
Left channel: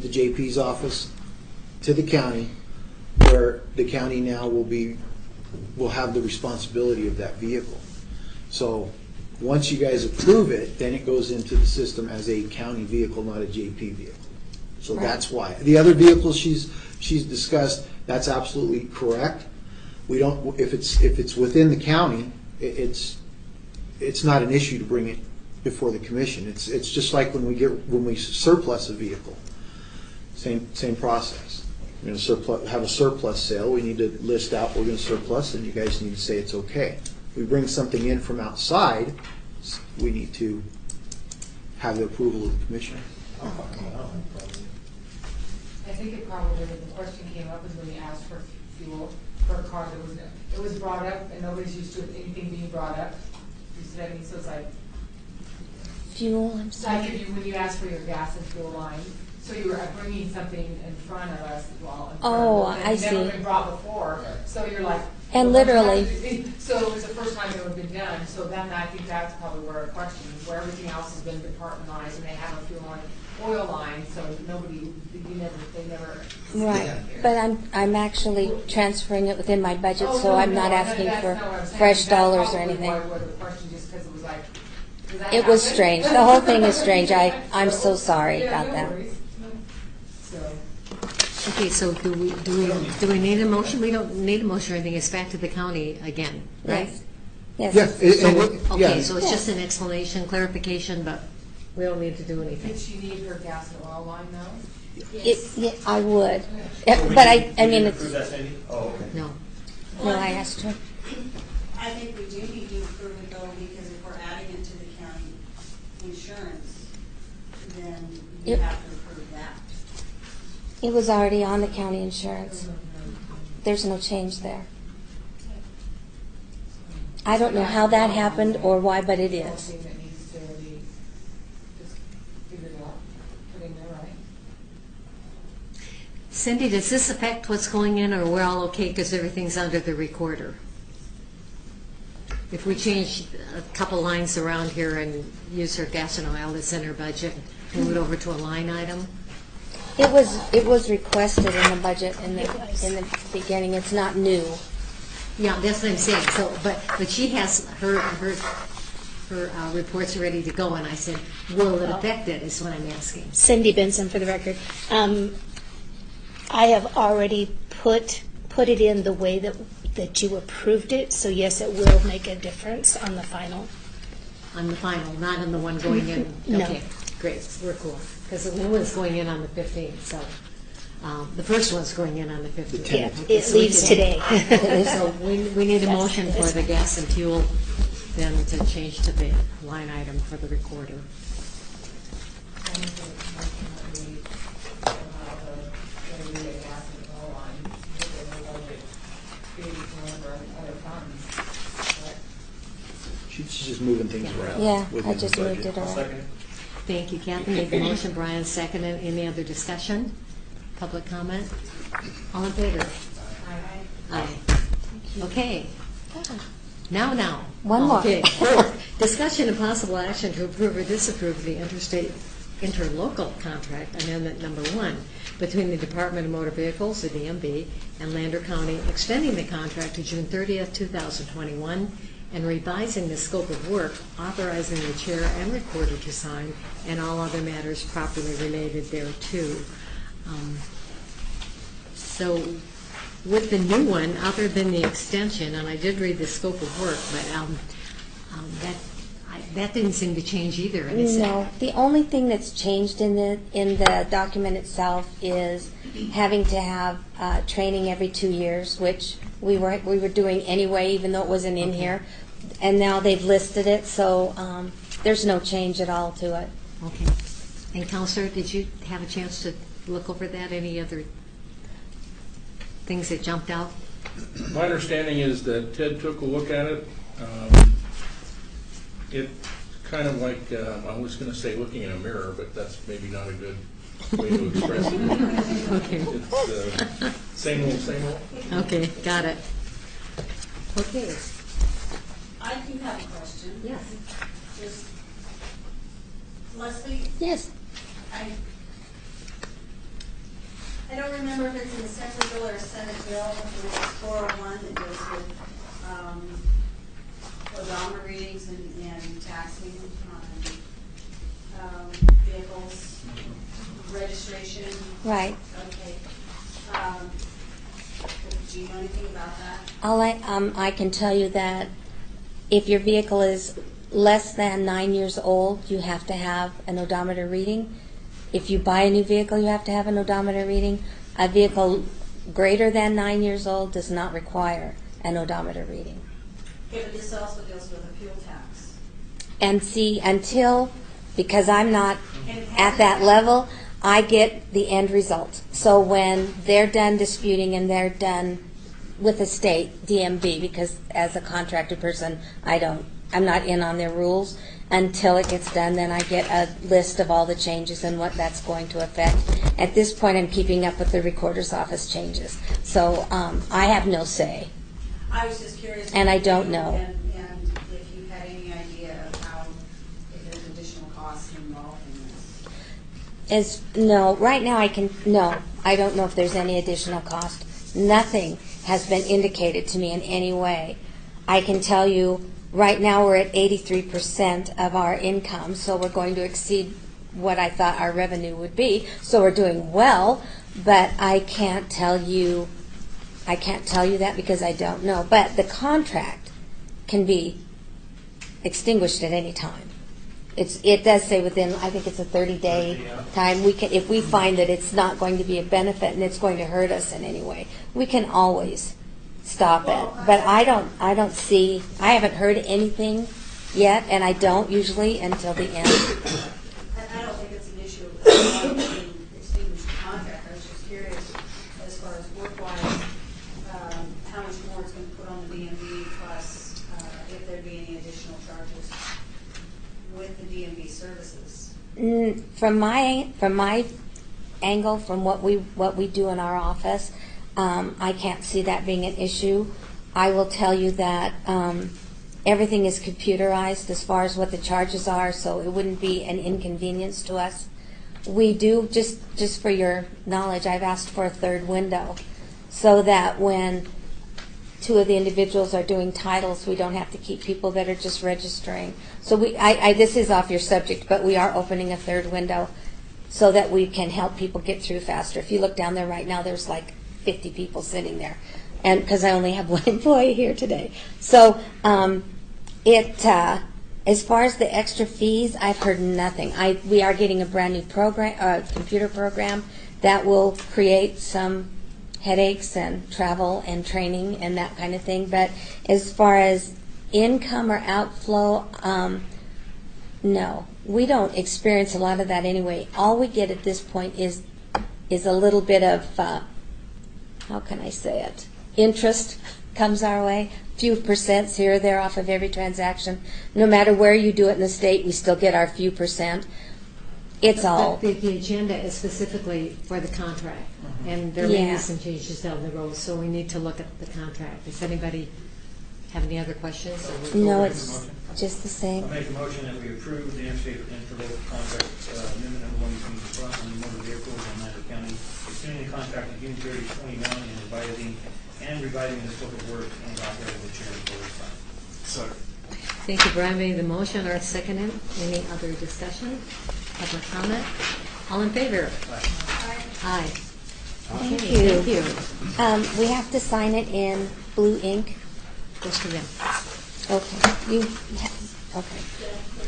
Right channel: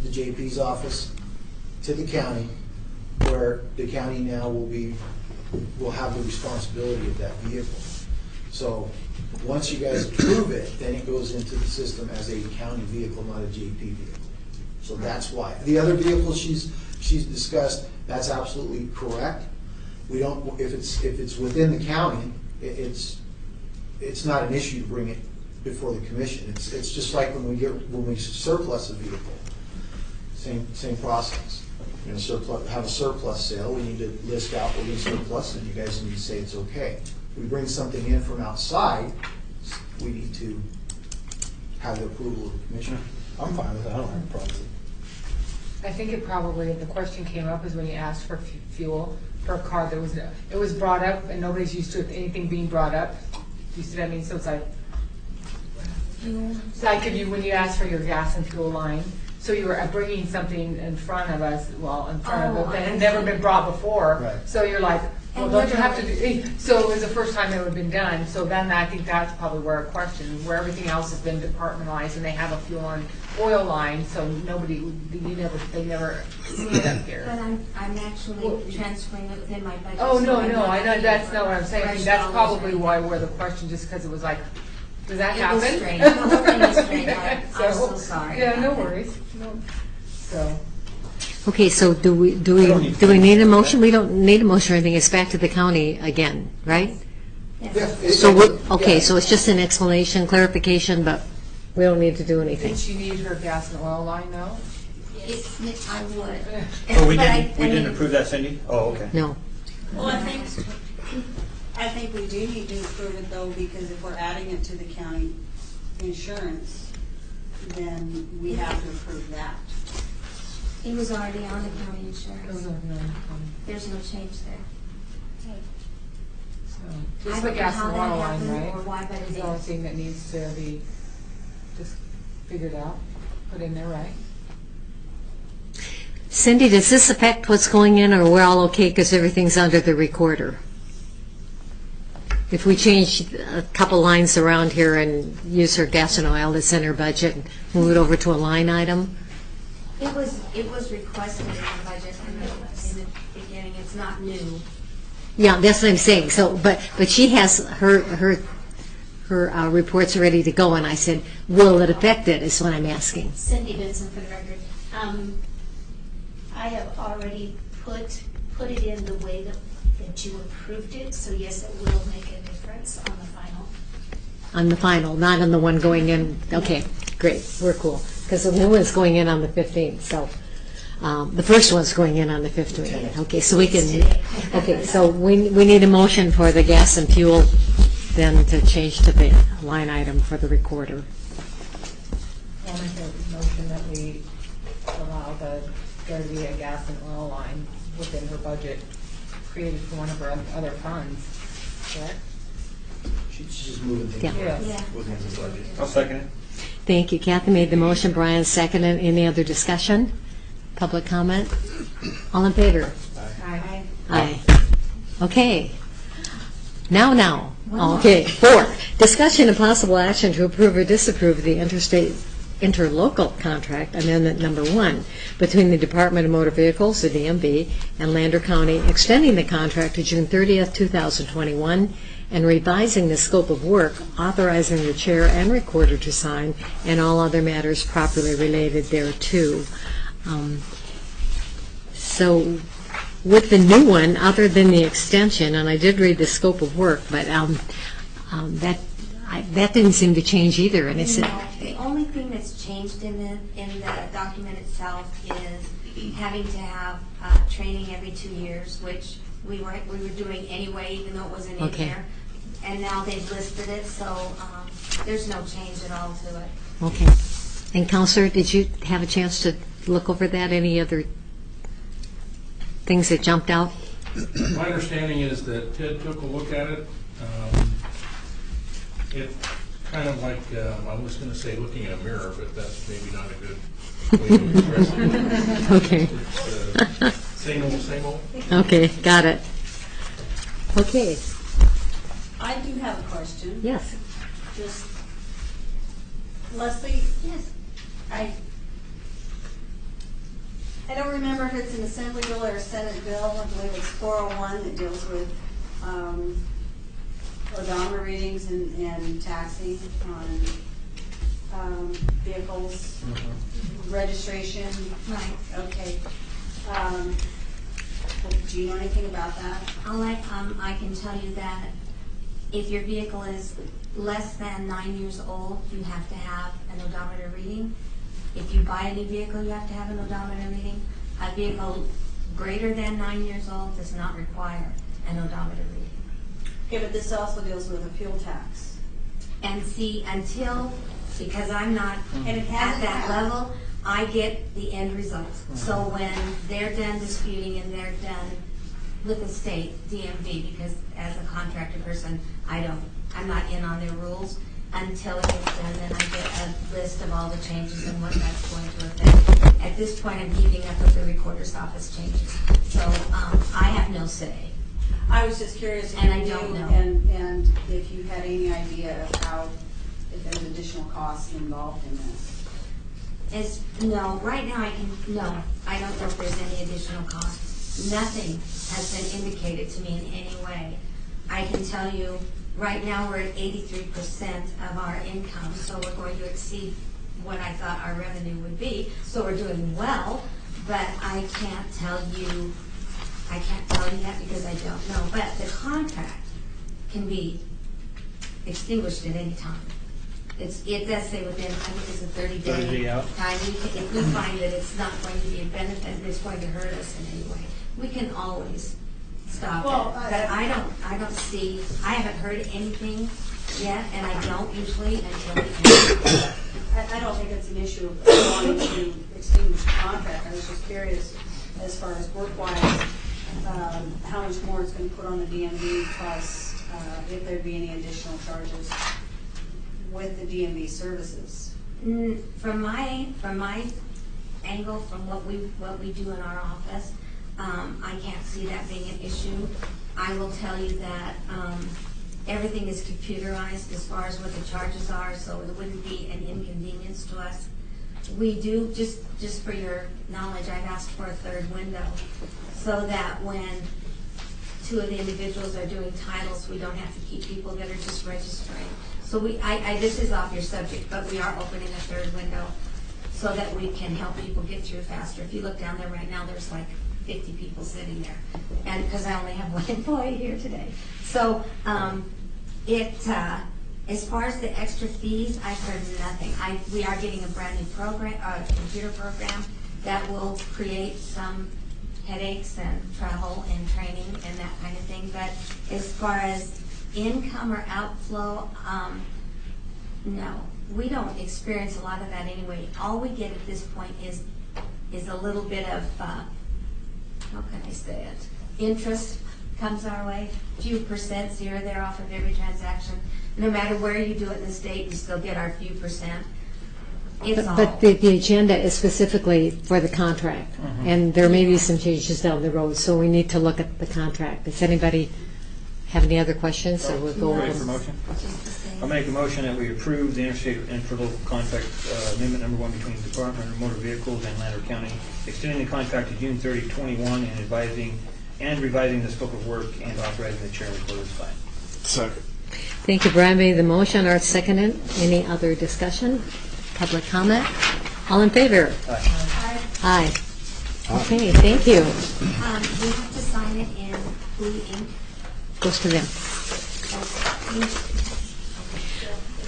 the JP's office to the county, where the county now will have the responsibility of that vehicle. So once you guys approve it, then it goes into the system as a county vehicle, not a JP vehicle. So that's why. The other vehicles she's discussed, that's absolutely correct. We don't, if it's within the county, it's not an issue to bring it before the commission. It's just like when we surplus a vehicle. Same process. We're going to have a surplus sale. We need to list out we're going to surplus, and you guys need to say it's okay. We bring something in from outside, we need to have the approval of the commissioner. I'm fine with that, I don't have a problem with it. I think it probably, the question came up is when you asked for fuel for a car that it was brought up and nobody's used to anything being brought up. You see what I mean? So it's like, Fuel, I'm sorry. like when you asked for your gas and fuel line, so you were bringing something in front of us, in front of it, that had never been brought before. Right. So you're like, And well, don't you have to literally- so it was the first time it would have been done. So then I think that's probably where a question, where everything else has been departmentalized, and they have a fuel and oil line, so they never did up here. But I'm actually transferring it within my budget, Oh, so no, I'm no, not I know, asking that's for not what I'm saying. fresh That's dollars or probably anything. why where the question, just because it was like, does that It happen? was strange. The whole thing is strange. I'm so sorry Yeah, about no that. worries. No. So, Okay, so do we need a motion? We don't need a motion or anything. It's back to the county again, right? Yes. So it's just an explanation, clarification, but we don't need to do anything. did she need her gas and oil line now? Yeah, I would. So we But didn't mean, approve that, Cindy? Oh, okay. No. Well, I I asked her. I think we do need to approve it though, because if we're adding it to the county insurance, then we Yep. have to approve that. It was already on the county insurance. So, There's no change there. so- I don't know Gas how and that oil line, happened right? or why, but it It's the only is. thing that needs to be just figured out, put in there, right? Cindy, does this affect what's going in, or we're all okay because everything's under the recorder? If we change a couple lines around here and use her gas and oil that's in her budget, and move it over to a line item? It was requested in the budget in the beginning. It's not new. Yeah, that's what I'm saying. So, but she has her reports ready to go, and I said, will it affect it, is what I'm asking. Cindy Benson for the record. I have already put it in the way that you approved it, so yes, it will make a difference on the final. On the final, not on the one going in? No. Okay, great, we're cool. Because the new one's going in on the 15th, so, the first one's going in on the 15th. Okay, It so we leaves can. today. Okay, so we need a motion for the gas and fuel then to change to the line item for the recorder. make a motion that we allow the Garcia gas and oil line within her budget created for one of her other funds, correct? She's just moving things Yeah. around Yeah, within I the just moved budget. it I'll second it. Thank you. Kathy made the motion, Brian seconded. Any other discussion? Public comment? All in favor? Aye. Aye. Okay. Now. One more. Okay, 4, discussion and possible action to approve or disapprove the interlocal contract amendment number 1 between the Department of Motor Vehicles, the DMV, and Lander County, extending the contract to June 30th, 2021, and revising the scope of work, authorizing the chair and recorder to sign, and all other matters properly related thereto. So with the new one, other than the extension, and I did read the scope of work, but that didn't seem to change either. And it's No, the only thing that's changed in the document itself is having to have training every 2 years, which we were doing anyway, even though it wasn't in Okay. here. And now they've listed it, so there's no change at all to it. okay. And Counselor, did you have a chance to look over that? Any other things that jumped out? My understanding is that Ted took a look at it. It kind of like, I was going to say looking in a mirror, but that's maybe not a good way to express it. Okay. It's same old, same old. Okay, got it. Okay, I do have a question. yes. Just, Leslie, Yes. I don't remember if it's an Assembly bill or a Senate bill, I believe it's 401 that deals with odometer readings and taxing on vehicles, registration. Right. Okay. Do you know anything about that? I can tell you that if your vehicle is less than 9 years old, you have to have an odometer reading. If you buy a new vehicle, you have to have an odometer reading. A vehicle greater than 9 years old does not require an odometer reading. Okay, but this also deals with a fuel tax. And see, because I'm not And it at hasn't that happened. level, I get the end result. So when they're done disputing and they're done with the state, DMV, because as a contracted person, I'm not in on their rules. Until it gets done, then I get a list of all the changes and what that's going to affect. At this point, I'm keeping up with the recorder's office changes. So I have no say. I was just curious. And I if don't you- know. And if you had any idea of how, if there's additional costs involved in this. Right now I don't know if there's any additional cost. Nothing has been indicated to me in any way. I can tell you, right now we're at 83% of our income, so we're going to exceed what I thought our revenue would be. So we're doing well, but I can't tell you that because I don't know. But the contract can be extinguished at any time. It does say within, I think it's a 30 30-day out. time. If we find that it's not going to be a benefit and it's going to hurt us in any way, we can always stop Well, it. But I haven't heard anything yet, and I don't usually until the end. I don't think it's an issue of wanting to extinguish the contract. I was just curious, as far as work-wise, how much more it's going to put on the DMV, plus if there'd be any additional charges with the DMV services. From my angle, from what we do in our office, I can't see that being an issue. I will tell you that everything is computerized as far as what the charges are, so it wouldn't be an inconvenience to us. We do, just for your knowledge, I've asked for a third window, so that when two of the individuals are doing titles, we don't have to keep people that are just registering. So this is off your subject, but we are opening a third window so that we can help people get through faster. If you look down there right now, there's like 50 people sitting there, and because I only have one employee here today. So as far as the extra fees, I've heard nothing. We are getting a brand new program, computer program that will create some headaches and travel and training and that kind of thing. But as far as income or outflow, no. we don't experience a lot of that anyway. All we get at this point is a little bit of, how can I say it? Interest comes our way, few percents here or there off of every transaction. No matter where you do it in the state, we still get our few percent. It's all. But the agenda is specifically for the contract, and there may be some changes down the road, so we need to look at the contract. Does anybody have any other questions? Or we'll go No, over it's them? motion? just the same. I'll make a motion that we approve the interstate interlocal contract amendment number 1 between the Department of Motor Vehicles and Lander County, extending the contract to June 30, 21, and advising and revising the scope of work and authorizing the chair to sign. Second. Thank you. Brian made the motion. Art seconded. Any other discussion? Public comment? All in favor? Aye. Okay, thank you. We have to sign it in blue ink. Goes to them. Oh, you, okay.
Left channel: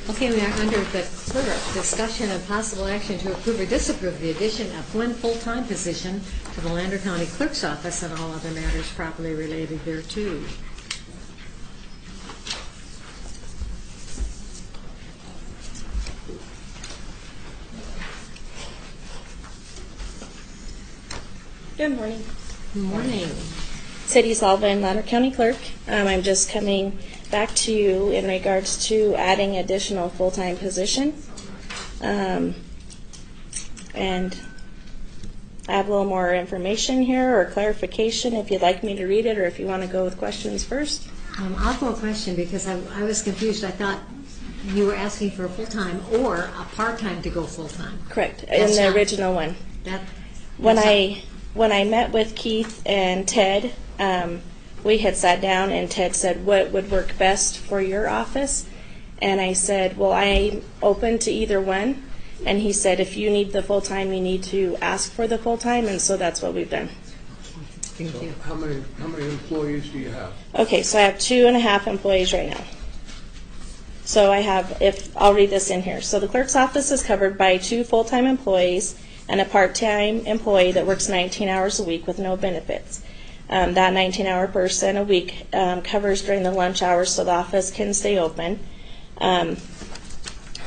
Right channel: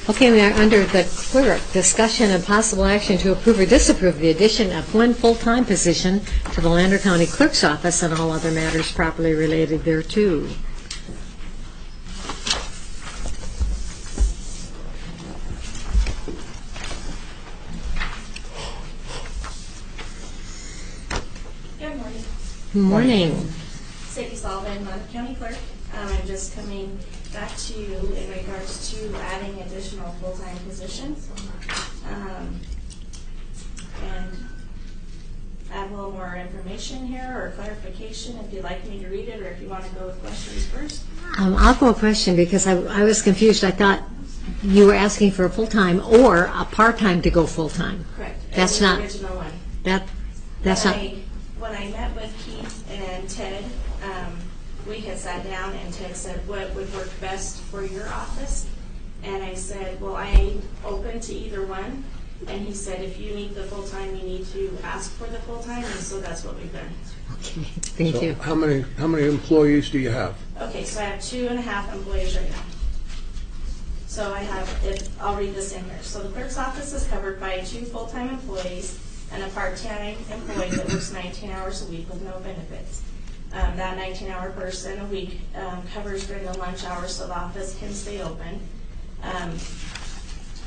Okay, we are under the clerk. Discussion and possible action to approve or disapprove the addition of 1 full-time position to the Lander County Clerk's office and all other matters properly related thereto. Good morning. Good morning. Sadie Sullivan, Lander County Clerk. I'm just coming back to you in regards to adding additional full-time position. And add a little more information here or clarification if you'd like me to read it or if you want to go with questions first. I'll go a question because I was confused. I thought you were asking for a full-time or a part-time to go full-time. Correct. That's in the not, original one. That's When I met with Keith and Ted, we had sat down and Ted said, what would work best for your office? And I said, well, I'm open to either one. And he said, if you need the full-time, you need to ask for the full-time, and so that's what we've done. Okay, thank you. How many employees do you have? Okay, so I have 2.5 employees right now. So I have, I'll read this in here. So the clerk's office is covered by 2 full-time employees and a part-time employee that works 19 hours a week with no benefits. That 19-hour person a week covers during the lunch hours so the office can stay open.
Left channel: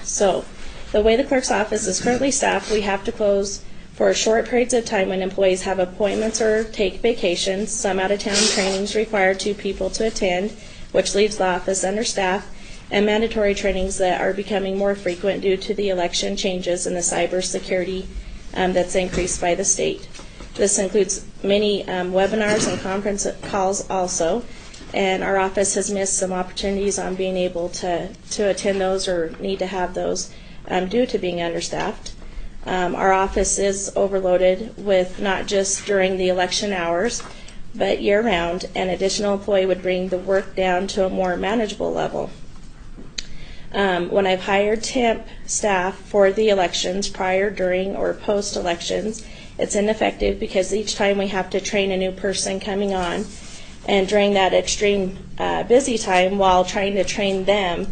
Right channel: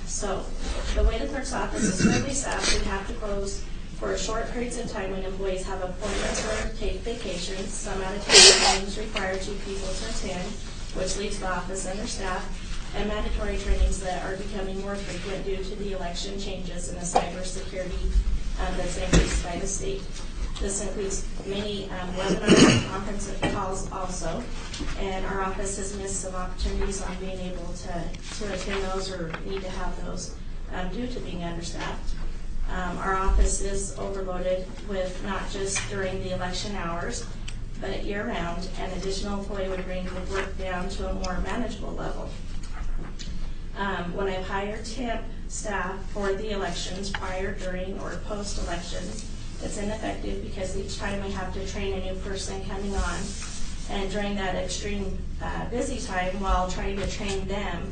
So the way the clerk's office is currently staffed, we have to close for short periods of time when employees have appointments or take vacations. Some out-of-town trainings require 2 people to attend, which leaves the office understaffed, and mandatory trainings that are becoming more frequent due to the election changes and the cybersecurity that's increased by the state. This includes many webinars and conference calls also, and our office has missed some opportunities on being able to attend those or need to have those due to being understaffed. Our office is overloaded with not just during the election hours, but year-round. An additional employee would bring the work down to a more manageable level. When I've hired temp staff for the elections, prior, during, or post-elections, it's ineffective because each time we have to train a new person coming on, and during that extreme busy time while trying to train them,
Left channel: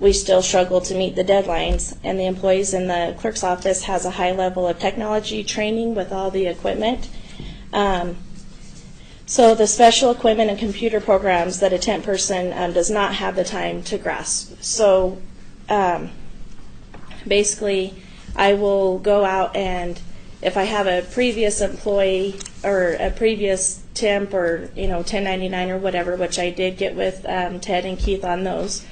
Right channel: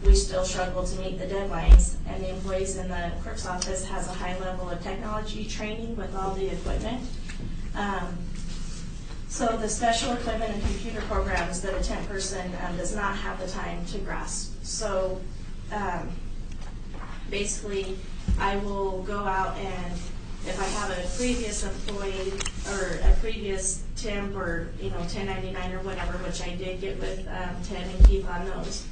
we still struggle to meet the deadlines, and the employees in the clerk's office has a high level of technology training with all the equipment. So the special equipment and computer programs that a temp person does not have the time to grasp. So basically, I will go out and if I have a previous employee or a previous temp or 1099 or whatever, which I did get with Ted and Keith on those,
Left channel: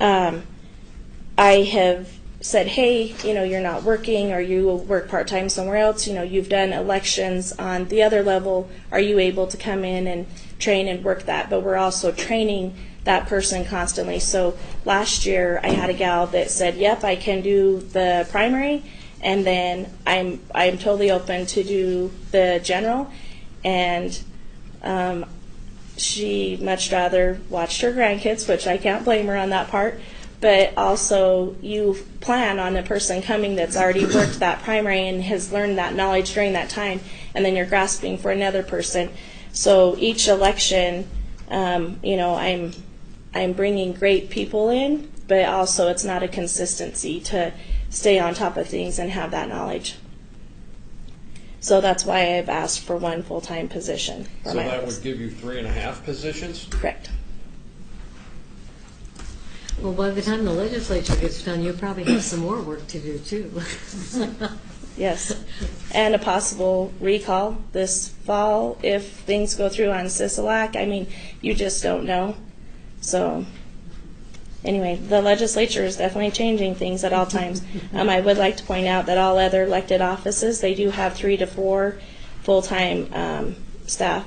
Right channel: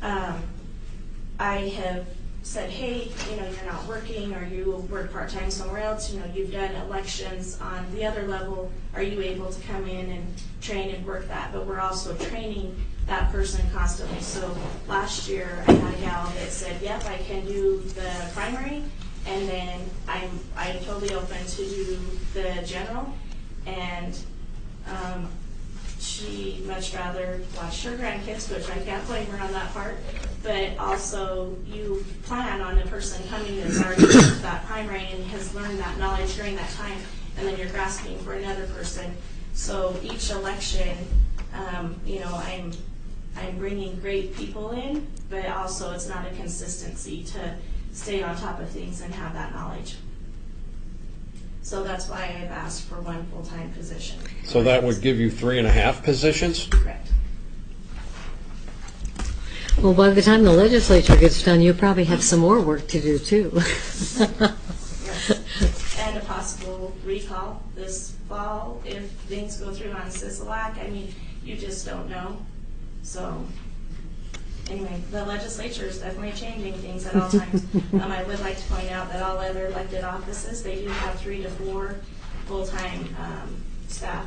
I have said, hey, you're not working or you work part-time somewhere else, you've done elections on the other level, are you able to come in and train and work that? But we're also training that person constantly. So last year I had a gal that said, yep, I can do the primary, and then I'm totally open to do the general, and she much rather watched her grandkids, which I can't blame her on that part. But also, you plan on the person coming that's already worked that primary and has learned that knowledge during that time, and then you're grasping for another person. So each election, I'm bringing great people in, but also it's not a consistency to stay on top of things and have that knowledge. So that's why I've asked for 1 full-time position. So that would give you 3.5 positions? Correct. Well, by the time the legislature gets done, you'll probably have some more work to do, too. Yes, and a possible recall this fall if things go through on Sisolak. I mean, you just don't know. So, anyway, the legislature is definitely changing things at all times. I would like to point out that all other elected offices, they do have 3 to 4 full-time staff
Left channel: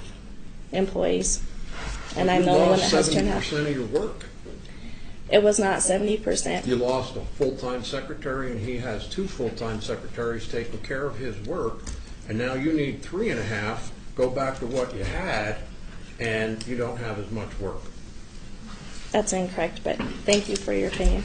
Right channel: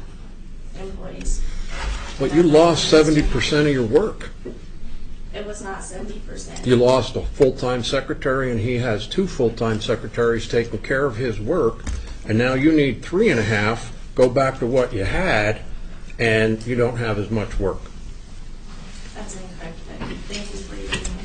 employees. And But I you know lost that has turned out. 70% of your work. It was not 70%. You lost a full-time secretary, and he has 2 full-time secretaries taking care of his work, and now you need 3.5, go back to what you had, and you don't have as much work. That's incorrect, but thank you for your opinion.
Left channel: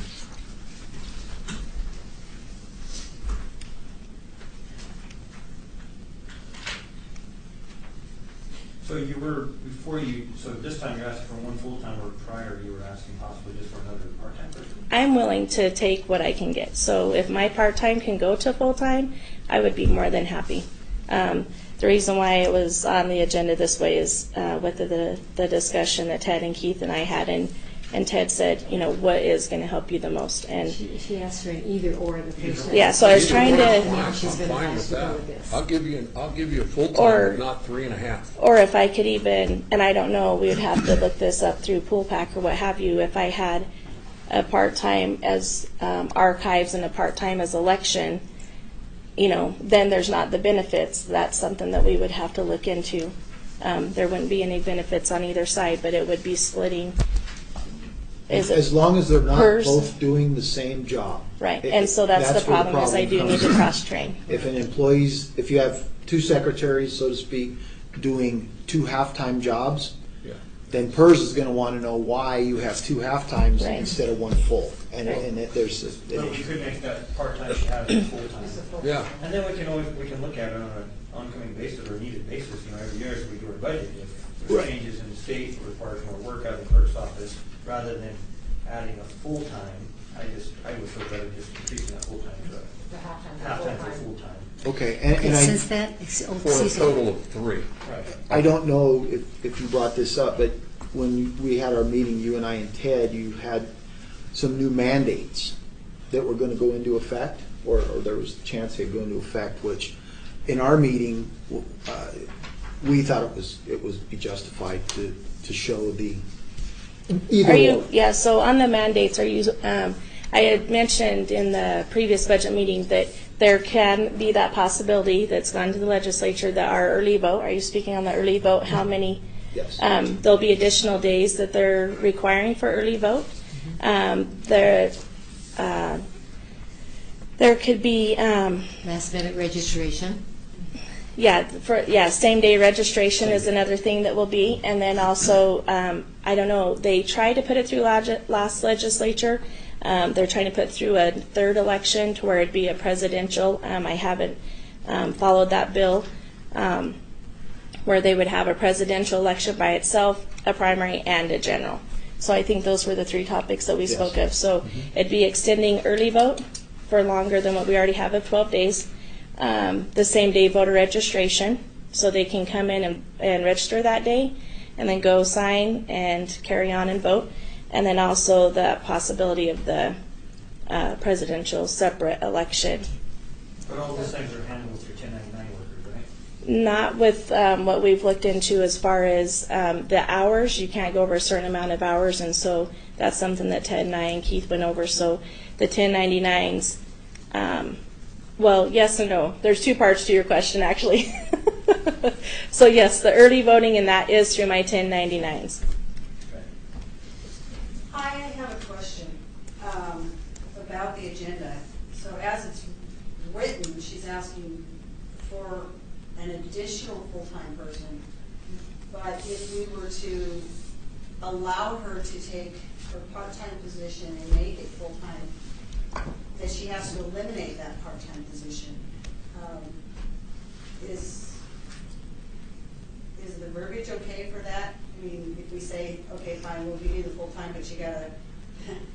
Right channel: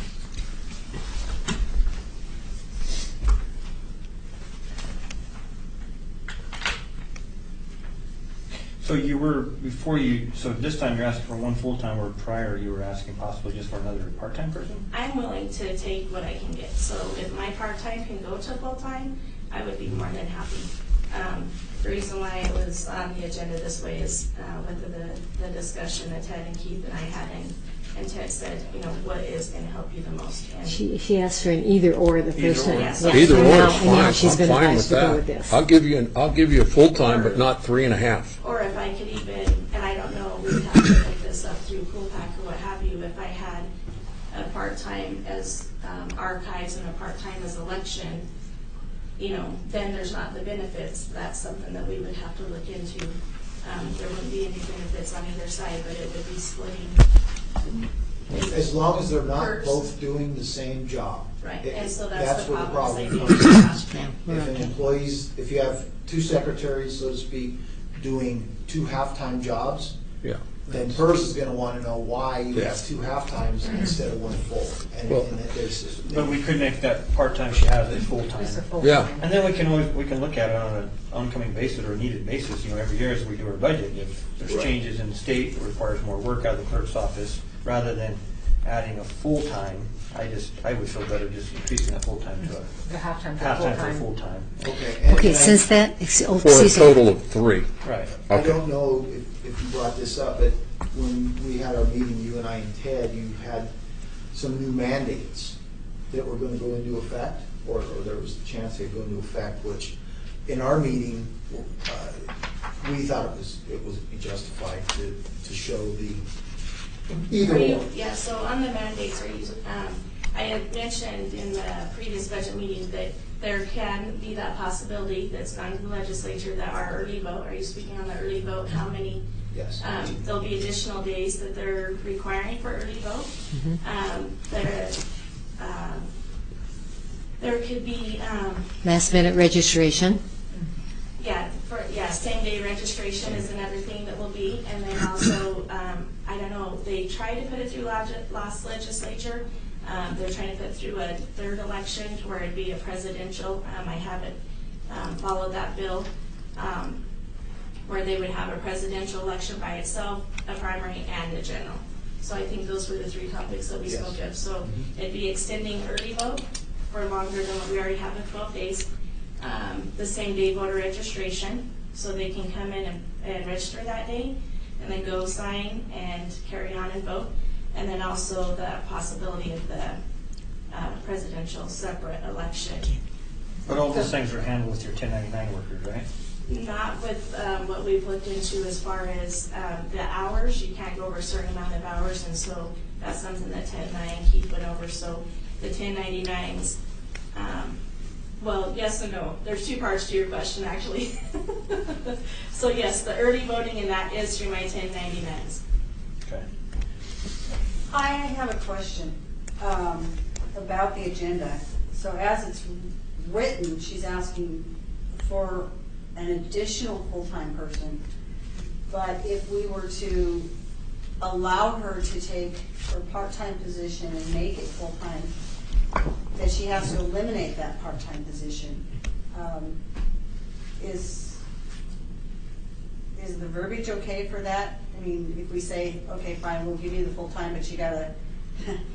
So you were, before you, so this time you're asking for 1 full-time, where prior you were asking possibly just for another part-time person? I'm willing to take what I can get. So if my part-time can go to full-time, I would be more than happy. The reason why it was on the agenda this way is with the discussion that Ted and Keith and I had, and Ted said, you know, what is going to help you the most? And She asked for an either-or the first time. Yeah, so I was Either trying one to- is And now fine. she's I'm been fine with advised to go with that. this. I'll give you a full-time, Or- but not 3.5. Or if I could even, and I don't know, we would have to look this up through Pool Pack or what have you, if I had a part-time as archives and a part-time as election, you know, then there's not the benefits. That's something that we would have to look into. There wouldn't be any benefits on either side, but it would be splitting. As long as they're not Hers. both doing the same job. Right, It- and so that's the where problem is I do comes need to in. cross-train. If an employee's, if you have 2 secretaries, so to speak, doing 2 half-time jobs, Yeah. then PERS is gonna wanna know why you have 2 half-times Right. instead of 1 full. And that there's. But we could make that part-time she has a full-time. Just a full. Yeah. And then we can look at it on an oncoming basis or needed basis, you know, every year as we do our budget. If there's Right. changes in the state, it requires more work out of the clerk's office, rather than adding a full-time, I would feel better just increasing that full-time to The halftime a to half-time to full-time. full-time. Okay. Okay, since that, For a excuse me. total of 3. Right. I don't know if you brought this up, but when we had our meeting, you and I and Ted, you had some new mandates that were gonna go into effect, or there was a chance they'd go into effect, which in our meeting, we thought it was be justified to show the either Are or. you, yeah, so on the mandates, are you, I had mentioned in the previous budget meeting that there can be that possibility that's gone to the legislature that our early vote, are you speaking on the early vote, how many? Yes. There'll be additional days that they're requiring for early vote. There could be, Last-minute registration. same day registration is another thing that will be, and then also, I don't know, they tried to put it through last legislature. They're trying to put through a 3rd election to where it'd be a presidential. I haven't followed that bill, where they would have a presidential election by itself, a primary, and a general. So I think those were the 3 topics that we Yes. spoke of. So it'd be extending early vote for longer than what we already have of 12 days. The same day voter registration, so they can come in and register that day, and then go sign and carry on and vote. And then also the possibility of the presidential separate election. But all those things are handled with your 1099 workers, right? Not with what we've looked into as far as the hours. You can't go over a certain amount of hours, and so that's something that Ted and I and Keith went over. So the 1099s, well, yes and no. There's 2 parts to your question, actually. So yes, the early voting, and that is through my 1099s. Okay. I have a question about the agenda. So as it's written, she's asking for an additional full-time person. But if we were to allow her to take her part-time position and make it full-time, that she has to eliminate that part-time position. Is the verbiage okay for that? I mean, if we say, okay, fine, we'll give you the full-time, but you gotta,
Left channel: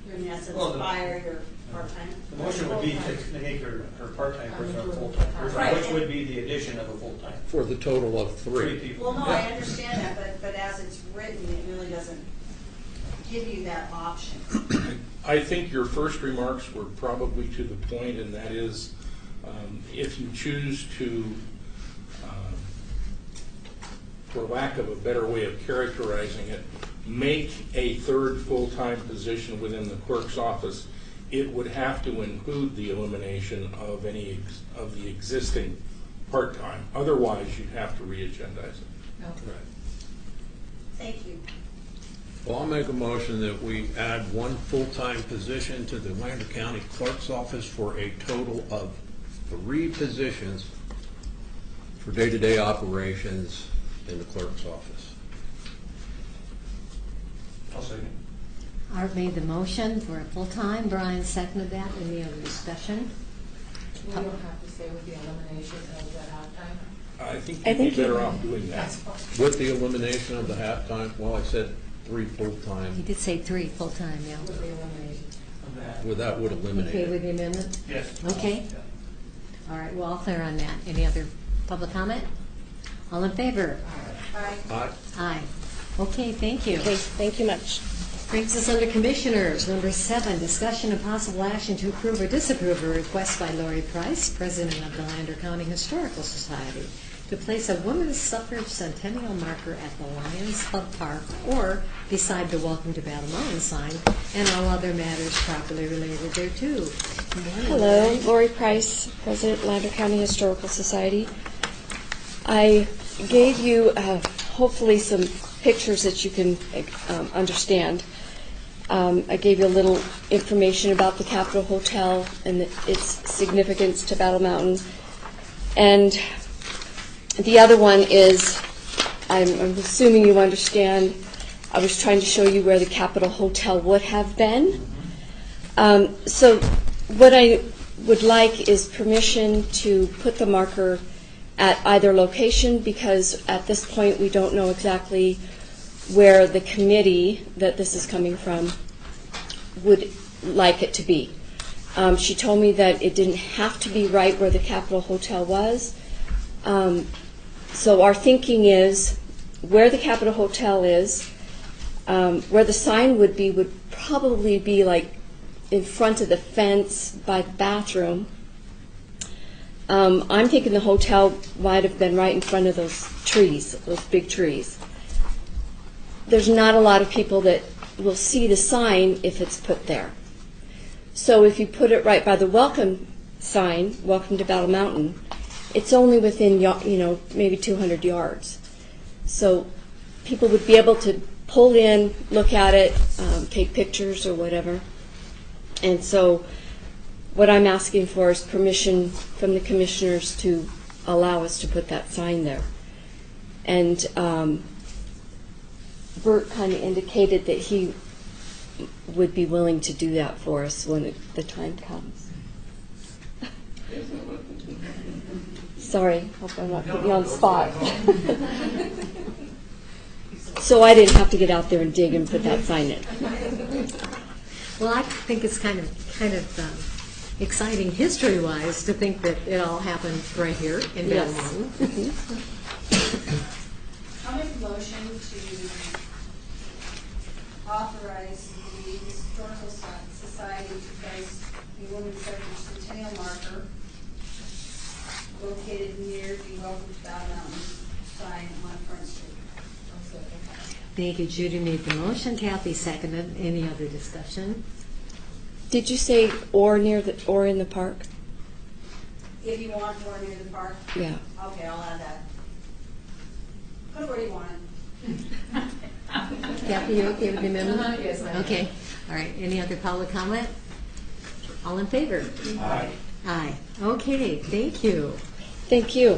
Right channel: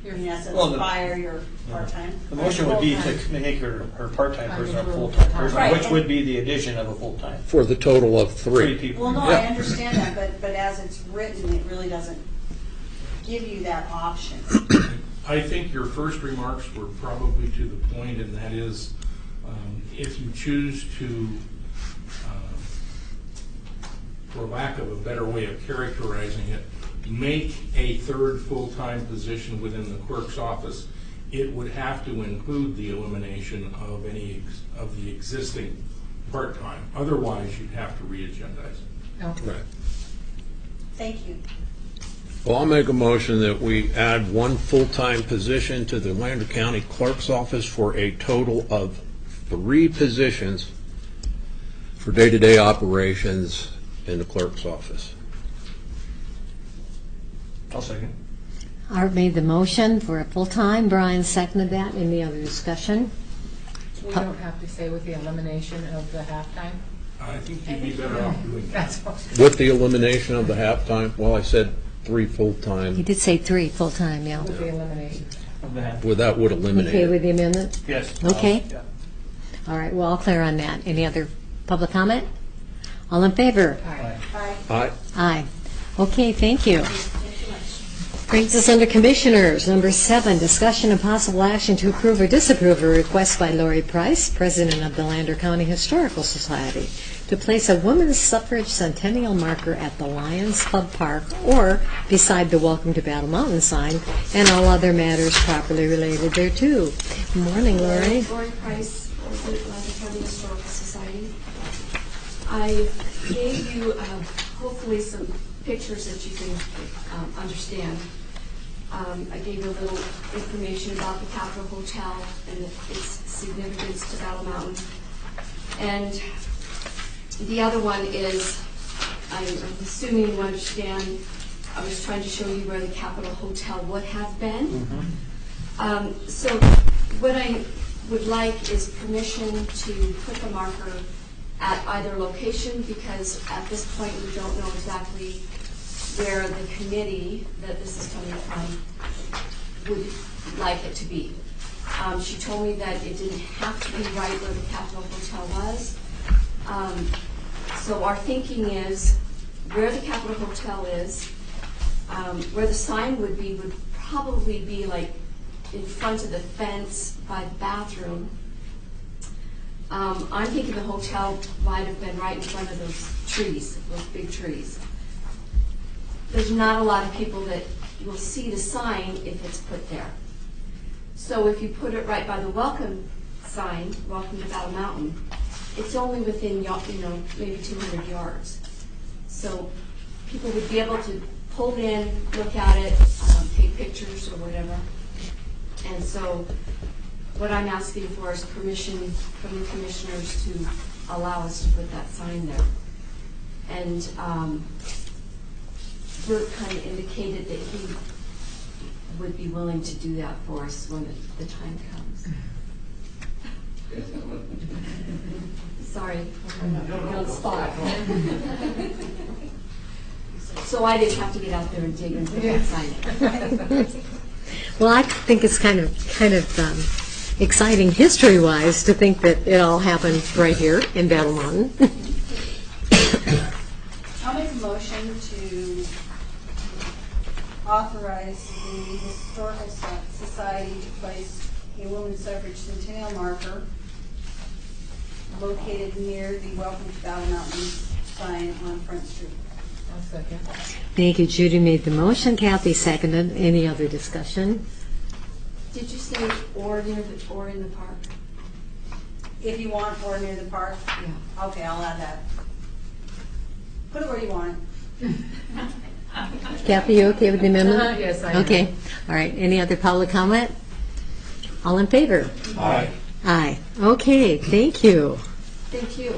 in essence, Well, fire your part-time? The motion would be to make her part-time person a full-time person, Right. which would be the addition of a full-time. For the total of 3. 3 people. Well, no, Yeah. I understand that, but as it's written, it really doesn't give you that option. I think your first remarks were probably to the point, and that is, if you choose to, for lack of a better way of characterizing it, make a third full-time position within the clerk's office, it would have to include the elimination of any of the existing part-time. Otherwise, you'd have to re-agendize it. Right. Thank you. Well, I'll make a motion that we add one full-time position to the Lander County Clerk's Office for a total of 3 positions for day-to-day operations in the clerk's office. I'll second. Art made the motion for a full-time. Brian seconded that. Any other discussion? We don't have to say with the elimination of the halftime. I think you'd be better off doing that. That's what. With the elimination of the halftime, well, I said 3 He full-time. did say 3 full-time, yeah. With the elimination. Well, that would eliminate Okay it. with the amendment? Yes. Okay. Yeah. All right, well, all clear on that. Any other public comment? All in favor? Aye. Aye. Aye. Okay, thank you. Thank you much. Brings us under Commissioners. Number 7, discussion and possible action to approve or disapprove a request by Lori Price, President of the Lander County Historical Society, to place a women's suffrage centennial marker at the Lions Club Park or beside the Welcome to Battle Mountain sign and all other matters properly related thereto. Good morning, Hello, Lori. Lori Price, President, Lander County Historical Society. I gave you hopefully some pictures that you can understand. I gave you a little information about the Capitol Hotel and its significance to Battle Mountain. And the other one is, I'm assuming you understand, I was trying to show you where the Capitol Hotel would have been. So what I would like is permission to put the marker at either location, because at this point we don't know exactly where the committee that this is coming from would like it to be. She told me that it didn't have to be right where the Capitol Hotel was. So our thinking is where the Capitol Hotel is, where the sign would probably be like in front of the fence by the bathroom. I'm thinking the hotel might have been right in front of those trees, those big trees. There's not a lot of people that will see the sign if it's put there. So if you put it right by the welcome sign, Welcome to Battle Mountain, it's only within, maybe 200 yards. So people would be able to pull in, look at it, take pictures or whatever. And so what I'm asking for is permission from the commissioners to allow us to put that sign there. And Bert kind of indicated that he would be willing to do that for us when the time comes. Sorry, hope I'm not putting you on the spot. So I didn't have to get out there and dig and put that sign in. Well, I think it's kind of exciting history-wise to think that it all happened right here in Battle Mountain. I'll make a motion to authorize the Historical Society to place a women's suffrage centennial marker located near the Welcome to Battle Mountain sign on Front Street. I'll second. Thank you. Judy made the motion. Kathy seconded. Any other discussion? Did you say or in the park? If you want, or near the park? Yeah. Okay, I'll add that. Put it where you want it. Kathy, you okay with the amendment? Yes, I am. Okay. All right. Any other public comment? All in favor? Aye. Aye. Okay. Thank you. Thank you.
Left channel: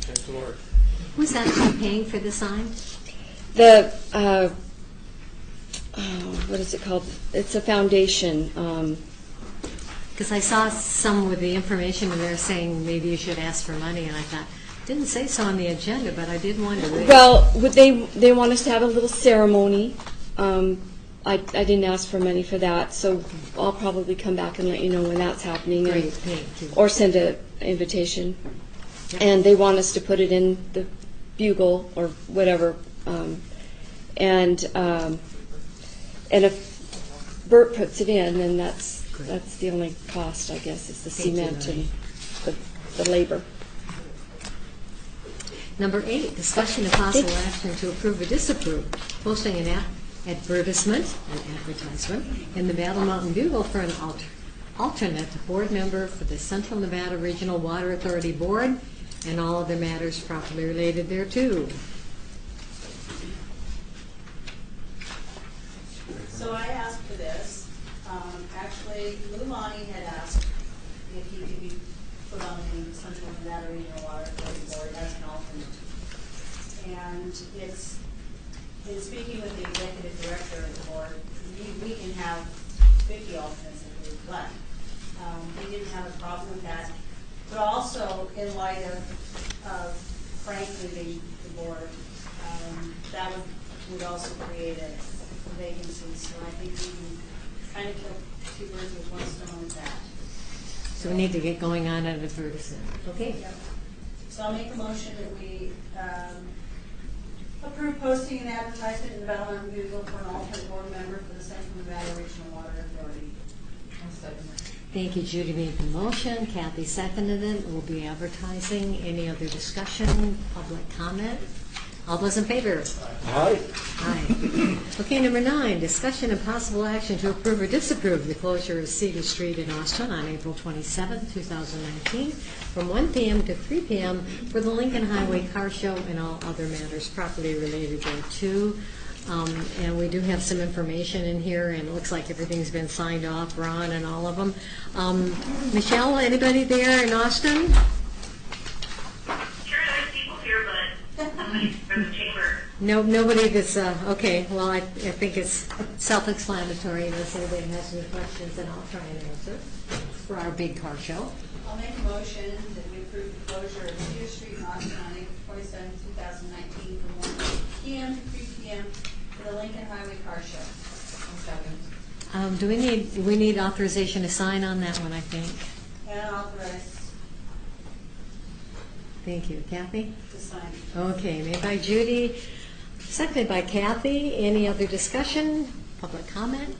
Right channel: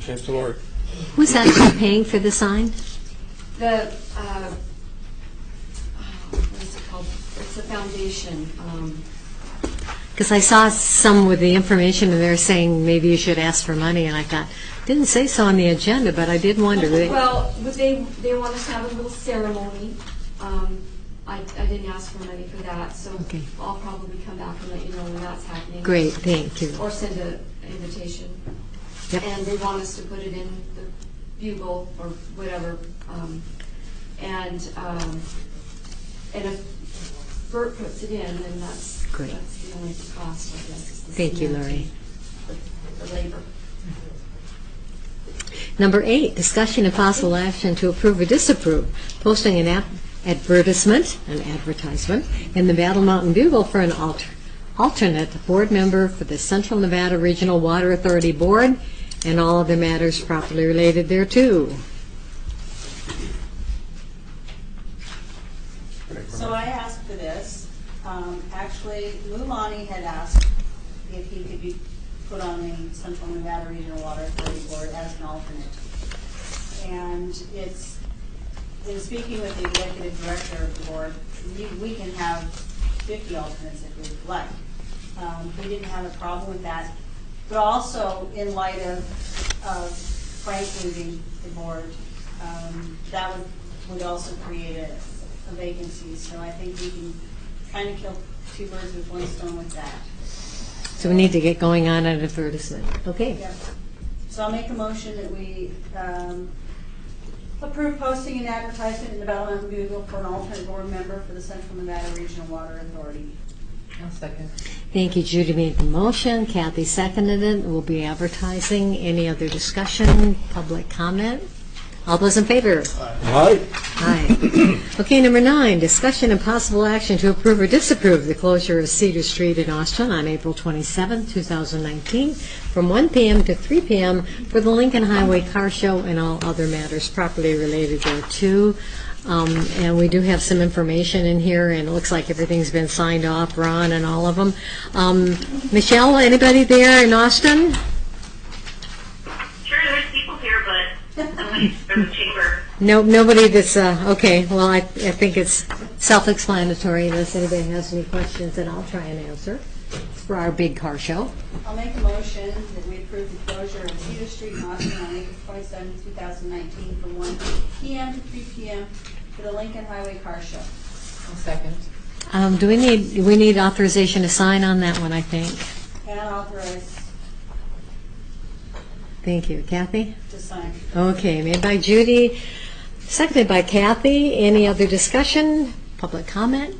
Thanks, Lori. Who's actually paying for the sign? The, what is it called? It's a foundation. Because I saw some with the information and they're saying maybe you should ask for money, and I thought, didn't say so on the agenda, but I did wonder. Well, they want us to have a little ceremony. I didn't ask for money for that, so I'll probably come back and let you know when that's happening. Great, thank you. Or send an invitation. Yep. And they want us to put it in the Bugle or whatever. And if Bert puts it in, and that's Great. the only cost, I guess, is the Thank you, cement Lori. and the labor. Number 8, discussion and possible action to approve or disapprove posting an advertisement in the Battle Mountain Bugle for an alternate board member for the Central Nevada Regional Water Authority Board and all other matters properly related thereto. So I asked for this. Actually, Lou Lonnie had asked if he could be put on the Central Nevada Regional Water Authority Board as an alternate. And it's, in speaking with the executive director of the board, we can have 50 alternates if we'd like. He didn't have a problem with that. But also, in light of Frank leaving the board, that would also create a vacancy. So I think we can kind of kill two birds with one stone with that. So we need to get going on an advertisement. Okay. Yep. So I'll make a motion that we approve posting an advertisement in the Battle Mountain Bugle for an alternate board member for the Central Nevada Regional Water Authority. I'll second. Thank you. Judy made the motion. Kathy seconded it. We'll be advertising. Any other discussion? Public comment? All those in favor? Aye. Aye. Okay, number 9, discussion and possible action to approve or disapprove the closure of Cedar Street in Austin on April 27, 2019, from 1 p.m. to 3 p.m. for the Lincoln Highway Car Show and all other matters properly related thereto. And we do have some information in here, and it looks like everything's been signed off, Ron and all of them. Michelle, anybody there in Austin? Sure, there's people here, but there's a chamber. No, nobody that's, okay, well, I think it's self-explanatory. Unless anybody has any questions, then I'll try and answer. It's for our big car show. I'll make a motion that we approve the closure of Cedar Street in Austin on April 27, 2019 from 1 p.m. to 3 p.m. for the Lincoln Highway Car Show. I'll second. Do we need authorization to sign on that one, I think? And authorize Thank you. Kathy? to sign. Okay, made by Judy, seconded by Kathy. Any other discussion? Public comment?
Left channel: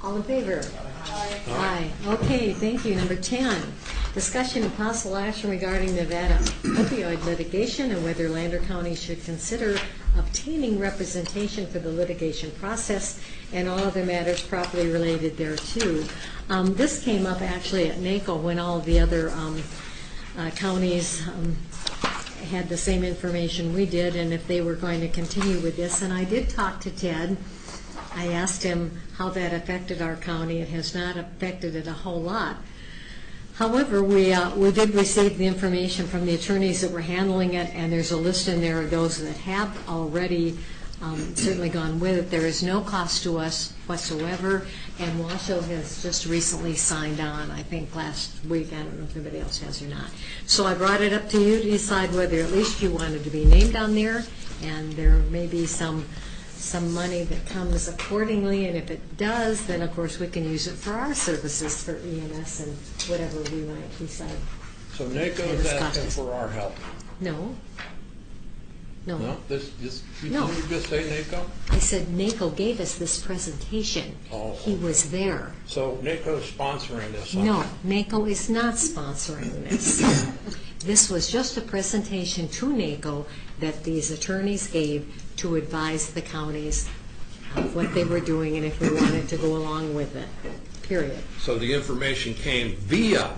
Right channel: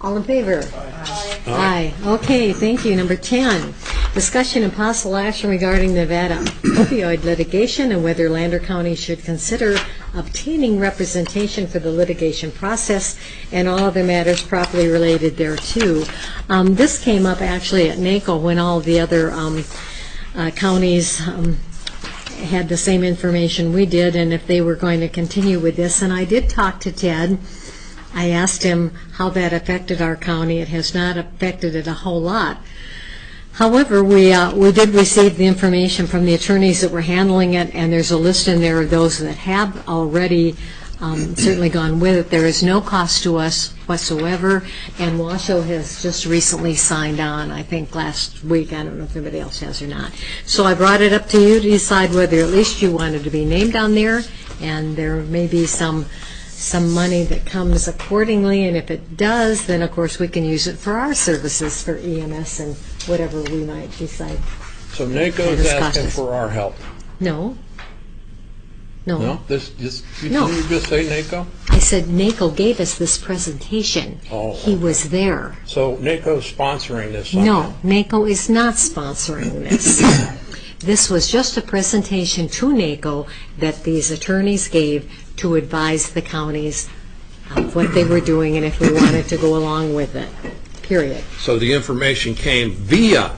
All in favor? Aye. Aye. Okay, thank you. Number 10, discussion and possible action regarding Nevada opioid litigation and whether Lander County should consider obtaining representation for the litigation process and all other matters properly related thereto. This came up actually at NACO when all the other counties had the same information we did, and if they were going to continue with this. And I did talk to Ted. I asked him how that affected our county. It has not affected it a whole lot. However, we did receive the information from the attorneys that were handling it, and there's a list in there of those that have already certainly gone with it. There is no cost to us whatsoever, and Washoe has just recently signed on, I think last week. I don't know if anybody else has or not. So I brought it up to you to decide whether at least you wanted to be named on there, and there may be some money that comes accordingly, and if it does, then of course we can use it for our services for EMS and whatever we might decide. So NACO is asking for our help? No. No. No? Didn't you just say NACO? I said NACO gave us this presentation. Oh, He was there. So NACO's sponsoring this somehow? No, NACO is not sponsoring this. This was just a presentation to NACO that these attorneys gave to advise the counties of what they were doing and if we wanted to go along with it, period. So the information came via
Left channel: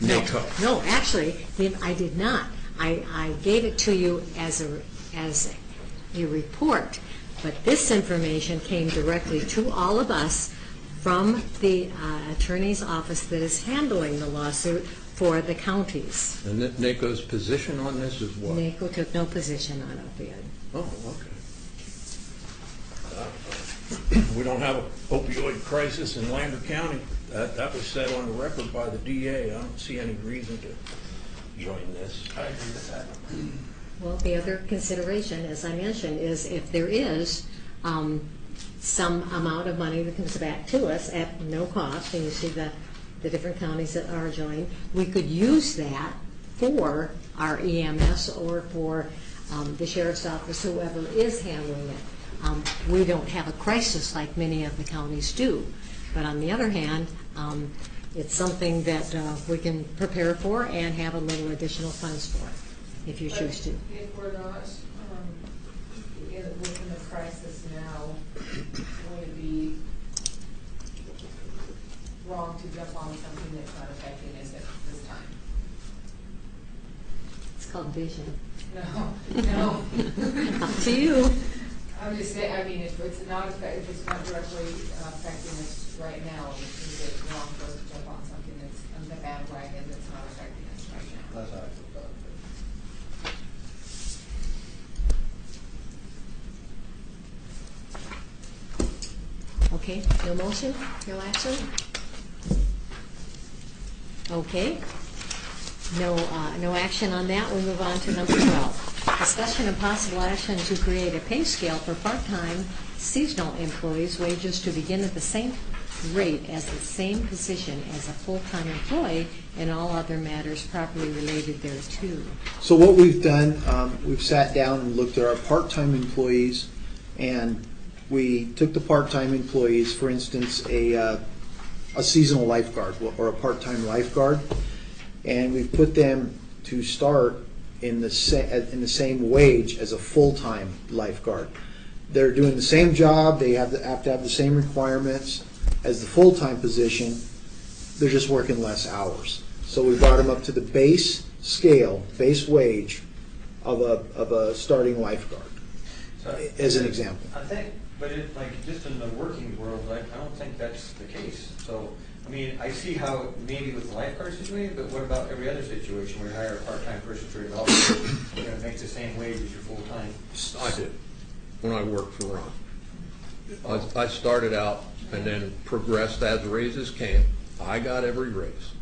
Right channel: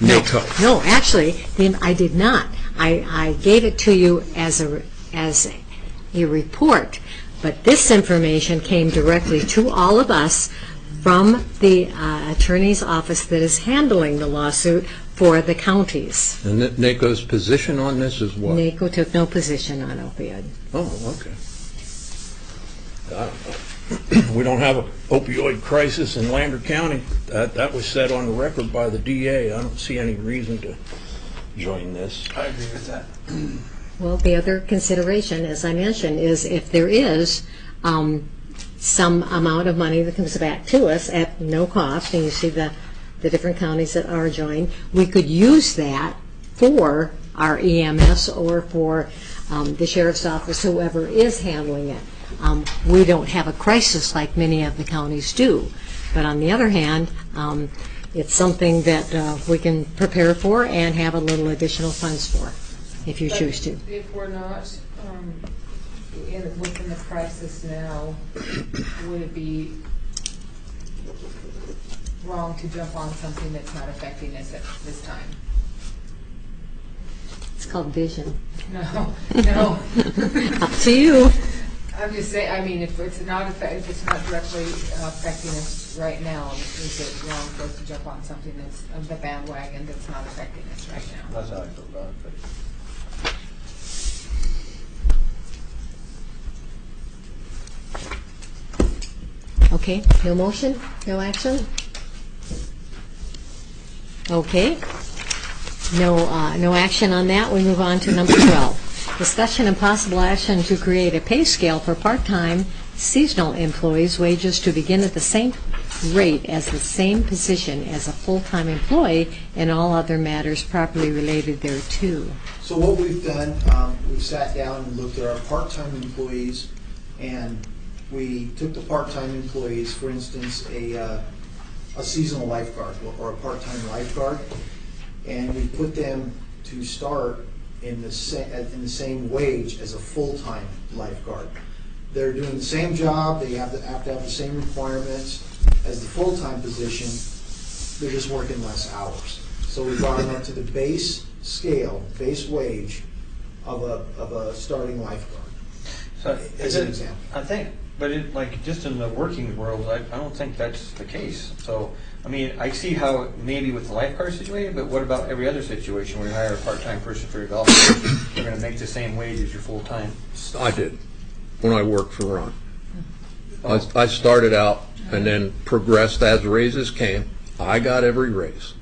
NACO? No, actually, I did not. I gave it to you as a report, but this information came directly to all of us from the attorney's office that is handling the lawsuit for the counties. And NACO's position on this is what? NACO took no position on opioid. Oh, okay. I don't know. We don't have an opioid crisis in Lander County. That was said on the record by the DA. I don't see any reason to join this. I agree with that. Well, the other consideration, as I mentioned, is if there is some amount of money that comes back to us at no cost, and you see the different counties that are joined, we could use that for our EMS or for the sheriff's office, whoever is handling it. We don't have a crisis like many of the counties do. But on the other hand, it's something that we can prepare for and have a little additional funds for, if you choose to. If we're not within the crisis now, would it be wrong to jump on something that's not affecting us at this time? It's called vision. No. Up to you. I'm just saying, I mean, if it's not directly affecting us right now, is it wrong for us to jump on something that's on the bandwagon that's not affecting us right now? That's how I feel about it. Okay, no motion, no action? Okay. No action on that. We move on to number 12. Discussion and possible action to create a pay scale for part-time seasonal employees' wages to begin at the same rate as the same position as a full-time employee and all other matters properly related thereto. So what we've done, we've sat down and looked at our part-time employees, and we took the part-time employees, for instance, a seasonal lifeguard or a part-time lifeguard, and we put them to start in the same wage as a full-time lifeguard. They're doing the same job. They have to have the same requirements as the full-time position. They're just working less hours. So we brought them up to the base scale, base wage of a starting lifeguard, as an example. I think, but just in the working world, I don't think that's the case. So, I mean, I see how maybe with the lifeguard situation, but what about every other situation where you hire a part-time person for your golf course? You're going to make the same wage as your full-time. I did, when I worked for Ron. I started out and then progressed as raises came. I got every raise.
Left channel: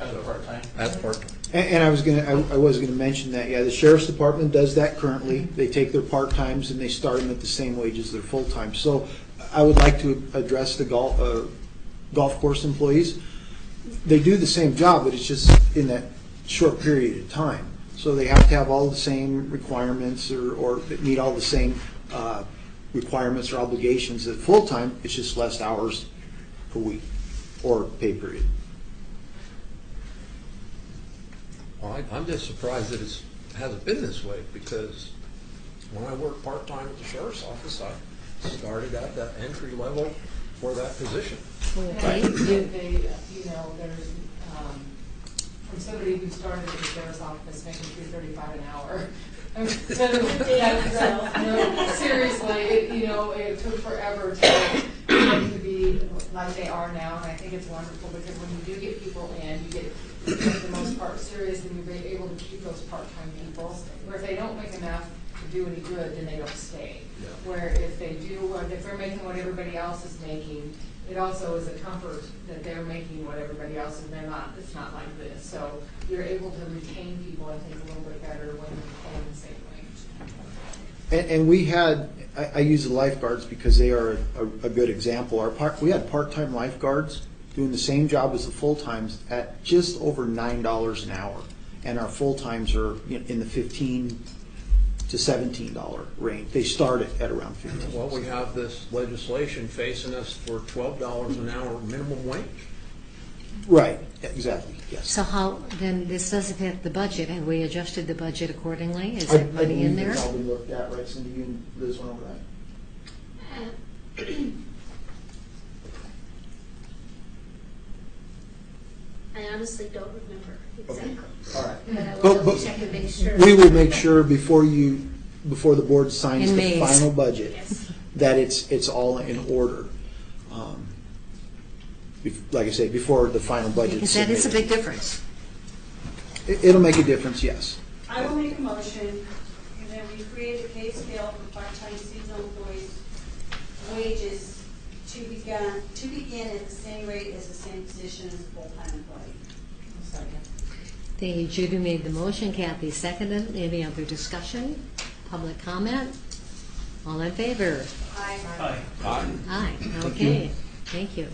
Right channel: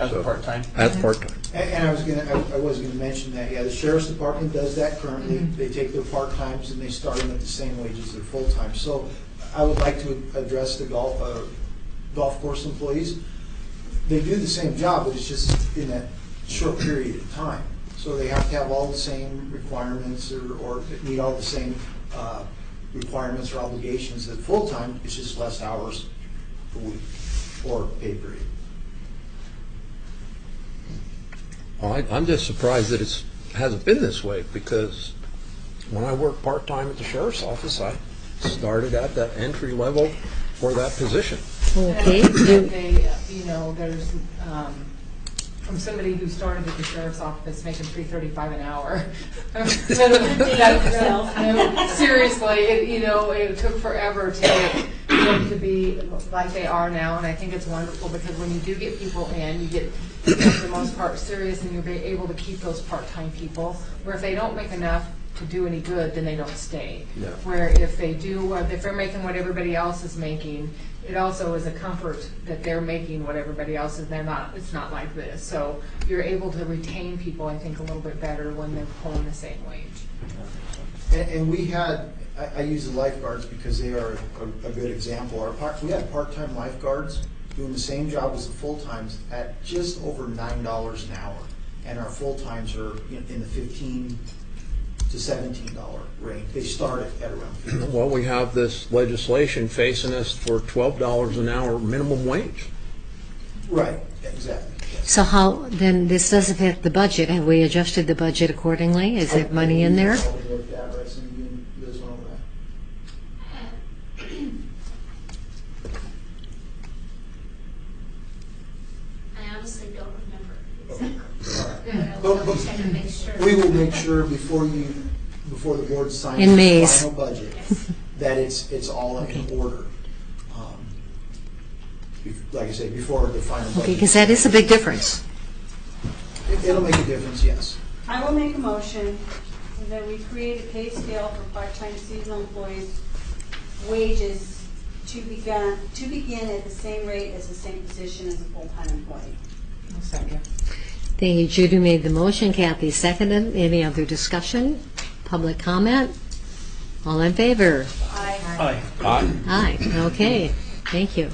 As a part-time? As part-time. And I was gonna mention that, yeah, the sheriff's department does that currently. They take their part-times and they start them at the same wage as their full-time. So I would like to address the golf course employees. They do the same job, but it's just in that short period of time. So they have to have all the same requirements or meet all the same requirements or obligations. At full-time, it's just less hours per week or pay period. Well, I'm just surprised that it hasn't been this way, because when I worked part-time at the sheriff's office, I started at the entry level for that position. Okay. There's from somebody who started at the sheriff's office making $3.35 an hour. Seriously, it took forever to be like they are now, and I think it's wonderful because when you do get people in, you get, for the most part, serious, and you're able to keep those part-time people. Where if they don't make enough to do any good, then they don't stay. Yeah. Where if they do, if they're making what everybody else is making, it also is a comfort that they're making what everybody else is. It's not like this. So you're able to retain people, I think, a little bit better when they're pulling the same wage. And we had, I use the lifeguards because they are a good example. We had part-time lifeguards doing the same job as the full-times at just over $9 an hour. And our full-times are in the $15 to $17 range. They start at around $15. Well, we have this legislation facing us for $12 an hour minimum wage. Right, exactly. Yes. So how, then this does affect the budget. Have we adjusted the budget accordingly? Is there money in there? Probably looked at, right, so you can, Liz went over that. I honestly don't remember exactly. But we will make sure before the board signs In the May's. final budget, that it's all in order. Like I say, before the final budget. Because that is a big difference. It'll make a difference, yes. I will make a motion that we create a pay scale for part-time seasonal employees' wages to begin at the same rate as the same position as a full-time employee. I'll second. Thank you. Judy made the motion. Kathy seconded. Any other discussion? Public comment? All in favor? Aye. Aye. Aye. Okay. Thank you.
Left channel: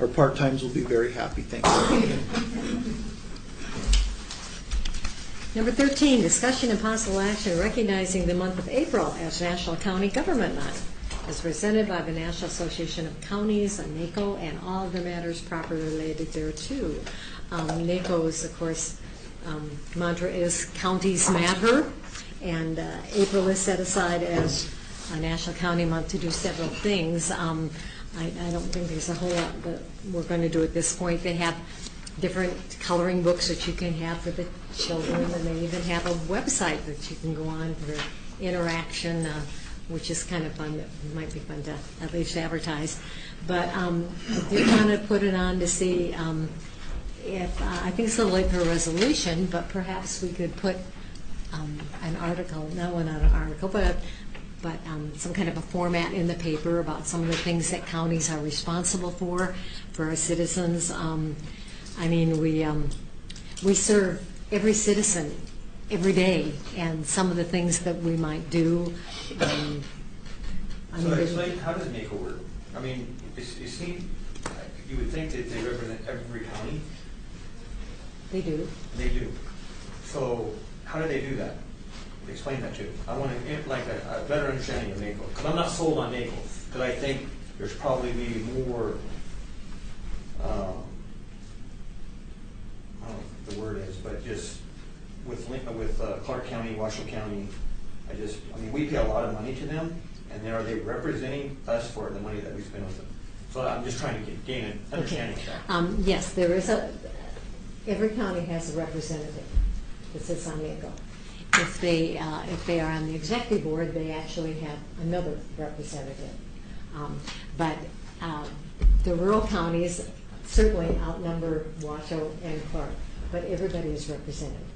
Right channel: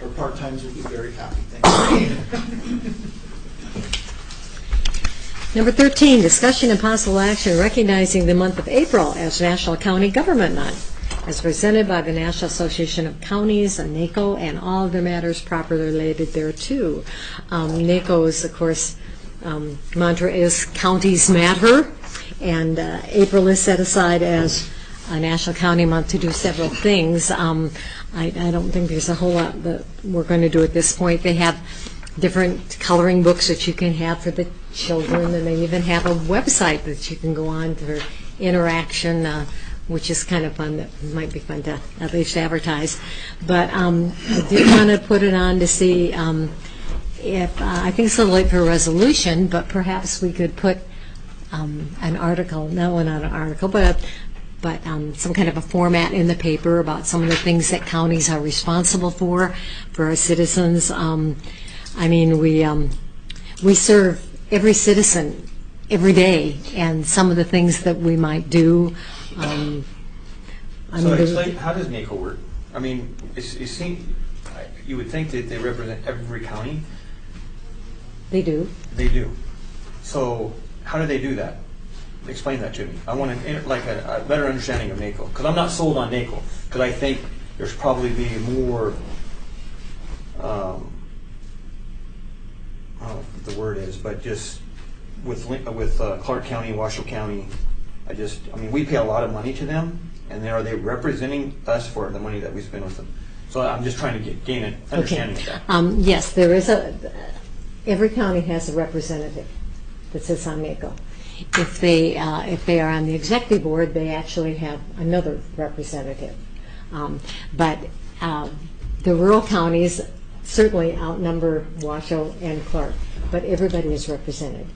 Our part-times will be very happy, thank you. Number 13, discussion and possible action recognizing the month of April as National County Government Month. as presented by the National Association of Counties, NACO, and all other matters properly related thereto. NACO's, of course, mantra is counties matter, and April is set aside as a National County Month to do several things. I don't think there's a whole lot that we're going to do at this point. They have different coloring books that you can have for the children, and they even have a website that you can go on for interaction, which is kind of fun. That might be fun to at least advertise. But I did want to put it on to see if, I think it's a little late for a resolution, but perhaps we could put an article, not an article, but some kind of a format in the paper about some of the things that counties are responsible for our citizens. I mean, we serve every citizen every day, and some of the things that we might do. So explain, how does NACO work? I mean, you would think that they represent every county. They do. They do. So how do they do that? Explain that to me. I want a better understanding of NACO, because I'm not sold on NACO, because I think there's probably be more, I don't know what the word is, but just with Clark County, Washoe County, I mean, we pay a lot of money to them, and are they representing us for the money that we spend with them? So I'm just trying to gain an understanding of that. Yes, there is every county has a representative that sits on NACO. If they are on the executive board, they actually have another representative. But the rural counties certainly outnumber Washoe and Clark, but everybody is represented.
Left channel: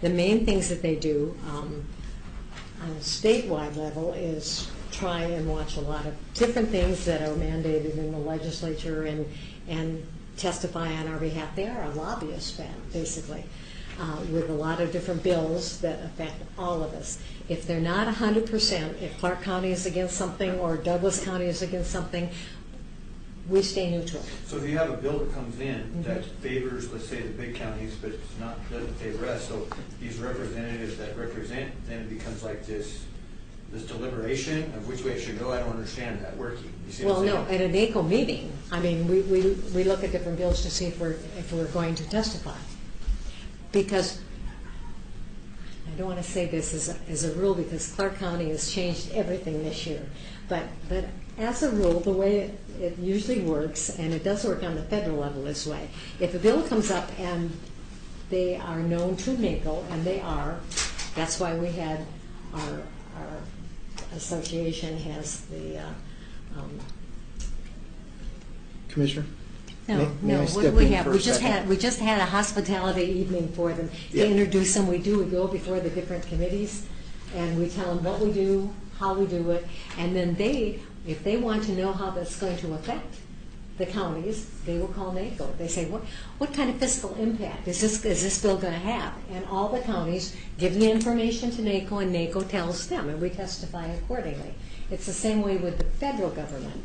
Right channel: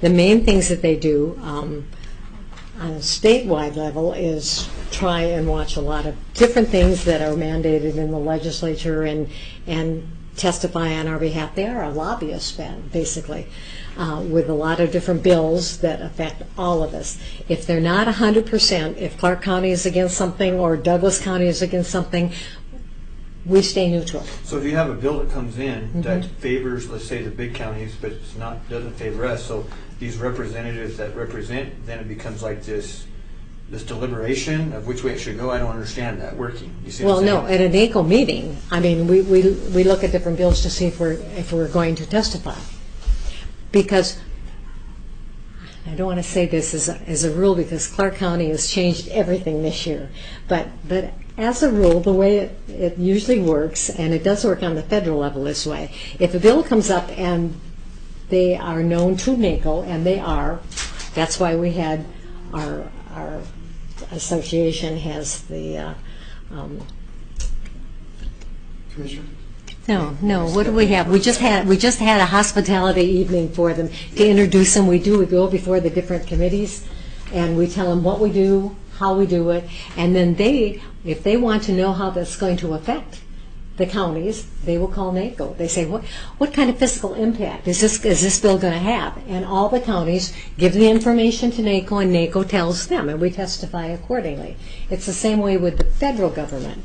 The main things that they do on a statewide level is try and watch a lot of different things that are mandated in the legislature and testify on our behalf. They are a lobbyist band, basically, with a lot of different bills that affect all of us. If they're not 100%, if Clark County is against something or Douglas County is against something, we stay neutral. So if you have a bill that comes in that favors, let's say, the big counties, but doesn't favor us, so these representatives that represent, then it becomes like this deliberation of which way it should go. I don't understand that working. You see what I'm saying? No, at a NACO meeting, I mean, we look at different bills to see if we're going to testify. Because I don't want to say this as a rule, because Clark County has changed everything this year, but as a rule, the way it usually works, and it does work on the federal level this way, if a bill comes up and they are known to NACO, and they are, that's why we had our association has the Commissioner? No. What do we have? We just had a hospitality evening for them to introduce them. We go before the different committees, and we tell them what we do, how we do it, and then if they want to know how that's going to affect the counties, they will call NACO. They say, what kind of fiscal impact is this bill going to have? And all the counties give the information to NACO, and NACO tells them, and we testify accordingly. It's the same way with the federal government.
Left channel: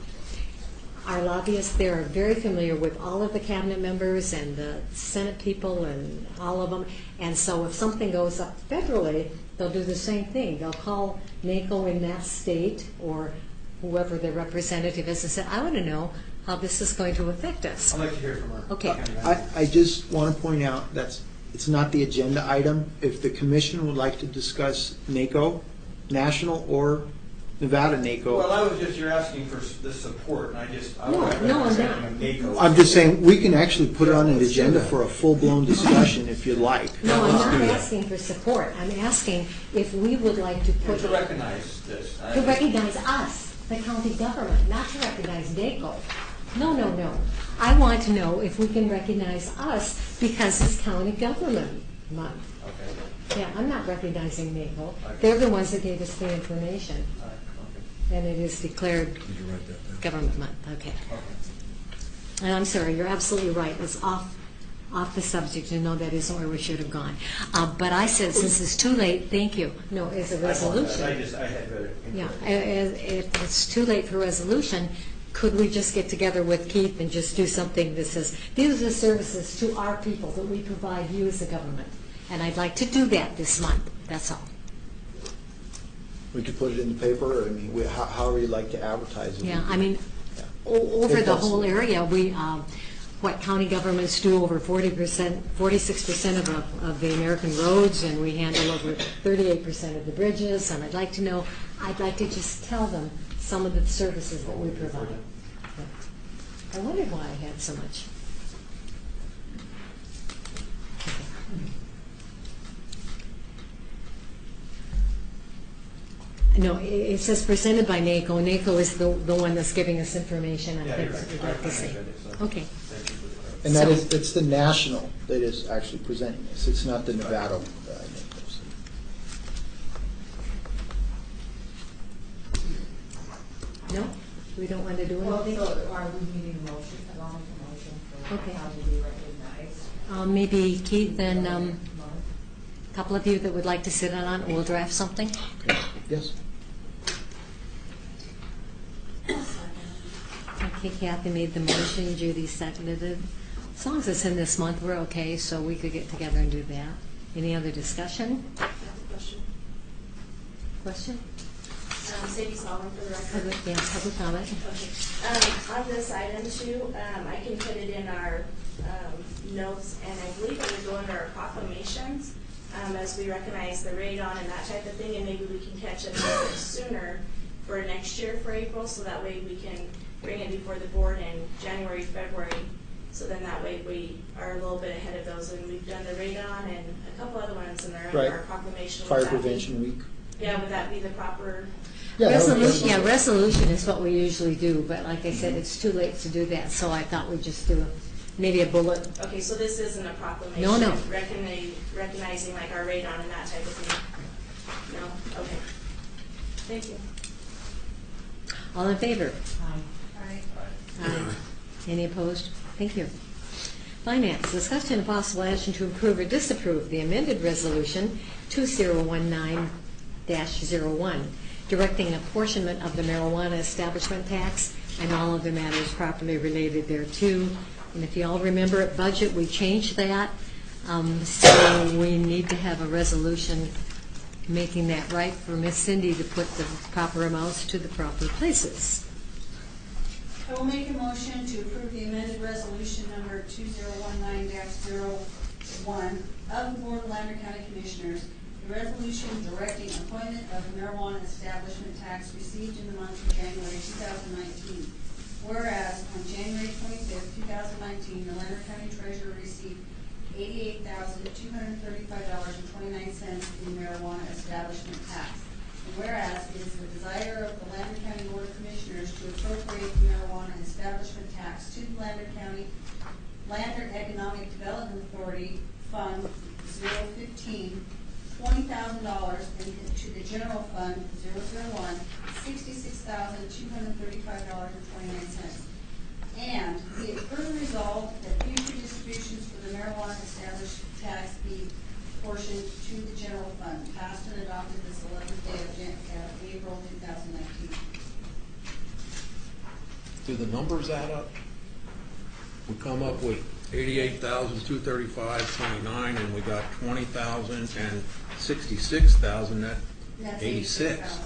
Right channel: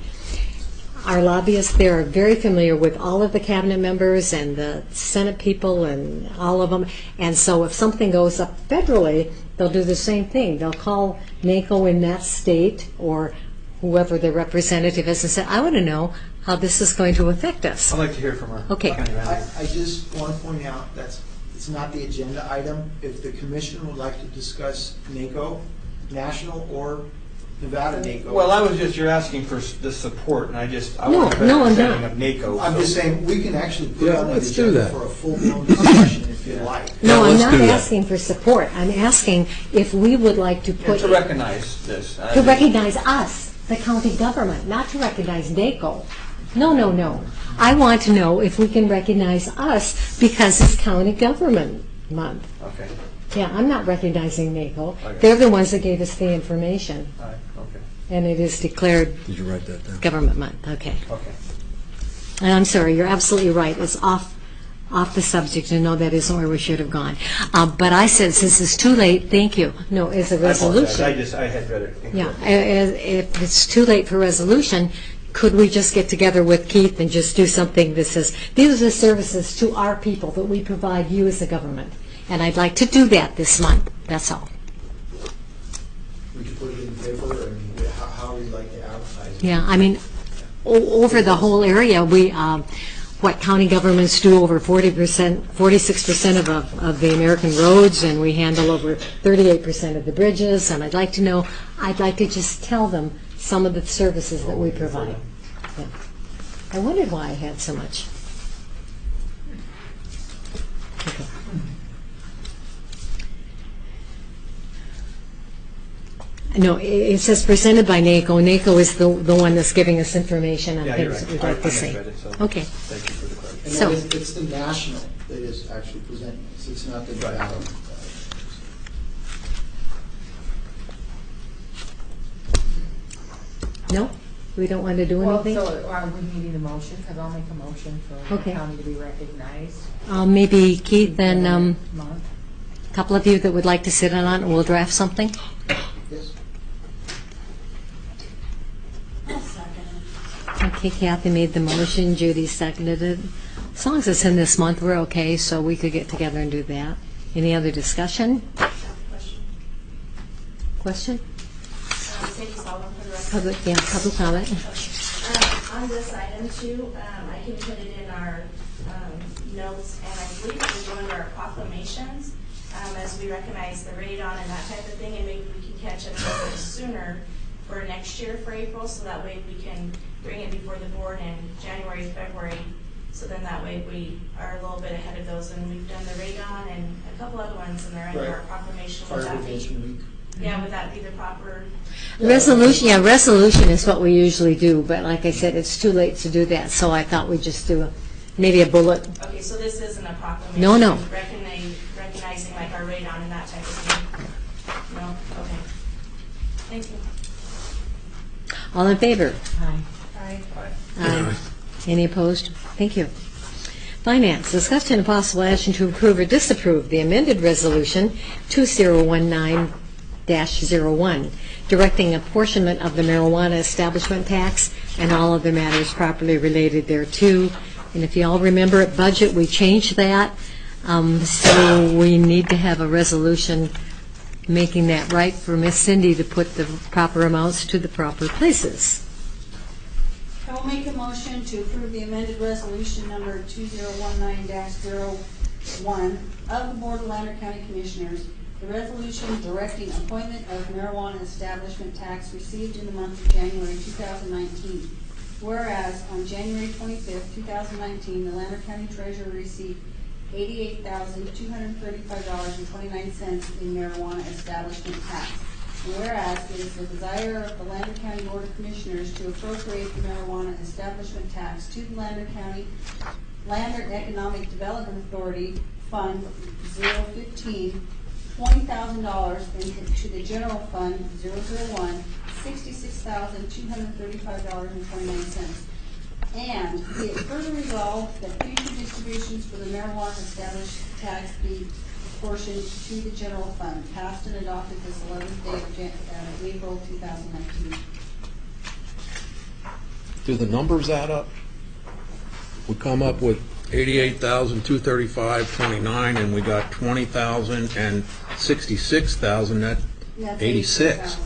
Our lobbyists there are very familiar with all of the cabinet members and the Senate people and all of them. And so if something goes up federally, they'll do the same thing. They'll call NACO in that state or whoever their representative is and say, I want to know how this is going to affect us. I'd like to hear from her. Okay. I just want to point out it's not the agenda item. If the commission would like to discuss NACO, national or Nevada NACO. Well, you're asking for the support, and I want to No, I'm understanding not. of NACO. I'm just saying we can actually put it on the agenda for a full-blown discussion if you'd like. No, I'm not asking for support. I'm asking if we would like to put... to recognize this. To recognize us, the county government, not to recognize NACO. No. I want to know if we can recognize us because it's county government month. Okay. Yeah, I'm not recognizing NACO. Okay. They're the ones that gave us the information. All right. Okay. And it is declared Did you write that down? government month. Okay. Okay. And I'm sorry, you're absolutely right. It's off the subject, and no, that isn't where we should have gone. But I said, since it's too late, thank you. No, it's a resolution. I had read it. Yeah, if it's too late for resolution, could we just get together with Keith and just do something that says, these are the services to our people that we provide you as a government. And I'd like to do that this month. That's all. We could put it in the paper, I mean, however you'd like to advertise it. Yeah, I mean, over the whole area, we, what county governments do over 40%, 46% of the American roads, and we handle over 38% of the bridges, and I'd like to just tell them some of the services that we provide. Yeah. I wondered why I had so much. Okay. No, it says presented by NACO. NACO is the one that's giving us information on Yeah, you're things that right. we'd like to I say. misread it, so Okay. Thank you for the clarification. And that is, it's the national that is actually presenting this. It's not the Nevada. No? We don't want to do anything? Well, so are we needing a motion? Because I'll make a motion for the Okay. county to be recognized. Maybe Keith and Month. a couple of you that would like to sit in on it, we'll draft something. Yes. Okay, Kathy made the motion, Judy seconded it. As long as it's in this month, we're okay, so we could get together and do that. Any other discussion? Question? Sadie Solomon for the record. Public comment. On this item too, I can put it in our notes, and I believe it will go under our proclamations as we recognize the radon and that type of thing, and maybe we can catch it a little bit sooner for next year for April, so that way we can bring it before the board in January, February. So then that way we are a little bit ahead of those, and we've done the radon and a couple other ones, and they're under our proclamation. Fire Prevention Week. Yeah, would that be the proper? Resolution is what we usually do, but like I said, it's too late to do that, so I thought we'd just do maybe a bullet. Okay, so this isn't a proclamation? No. Recognizing like our radon and that type of thing? No? Okay. Thank you. All in favor? Aye. Aye. Any opposed? Thank you. Finance, discussion and possible action to approve or disapprove the amended resolution 2019-01, directing apportionment of the marijuana establishment tax and all other matters properly related thereto. And if you all remember at budget, we changed that, so we need to have a resolution making that right for Miss Cindy to put the proper amounts to the proper places. I will make a motion to approve the amended resolution number 2019-01 of the Board of Lander County Commissioners, the resolution directing appointment of marijuana establishment tax received in the month of January 2019. Whereas on January 25th, 2019, the Lander County Treasurer received $88,235.29 in marijuana establishment tax. And whereas it is the desire of the Lander County Board of Commissioners to appropriate the marijuana establishment tax to the Lander County Lander Economic Development Authority Fund 015, $20,000, and to the General Fund 001, $66,235.29. And be it further resolved that future distributions for the marijuana establishment tax be apportioned to the general fund, passed and adopted this 11th day of April 2019. Do the numbers add up? We come up with 88,235.29, and we got 20,000 and 66,000. That's 86.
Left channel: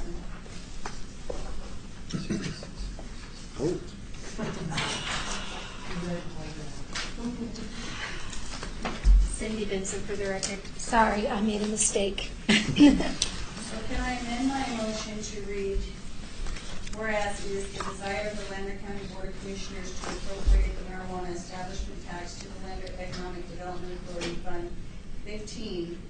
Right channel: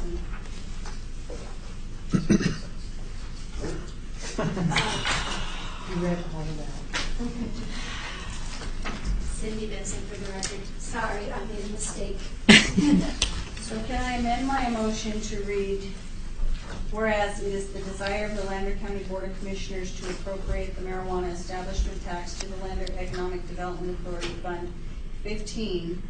Cindy Benson for the record. Sorry, I made a mistake. So can I amend my motion to read, whereas it is the desire of the Lander County Board of Commissioners to appropriate the marijuana establishment tax to the Lander Economic Development Authority Fund 015,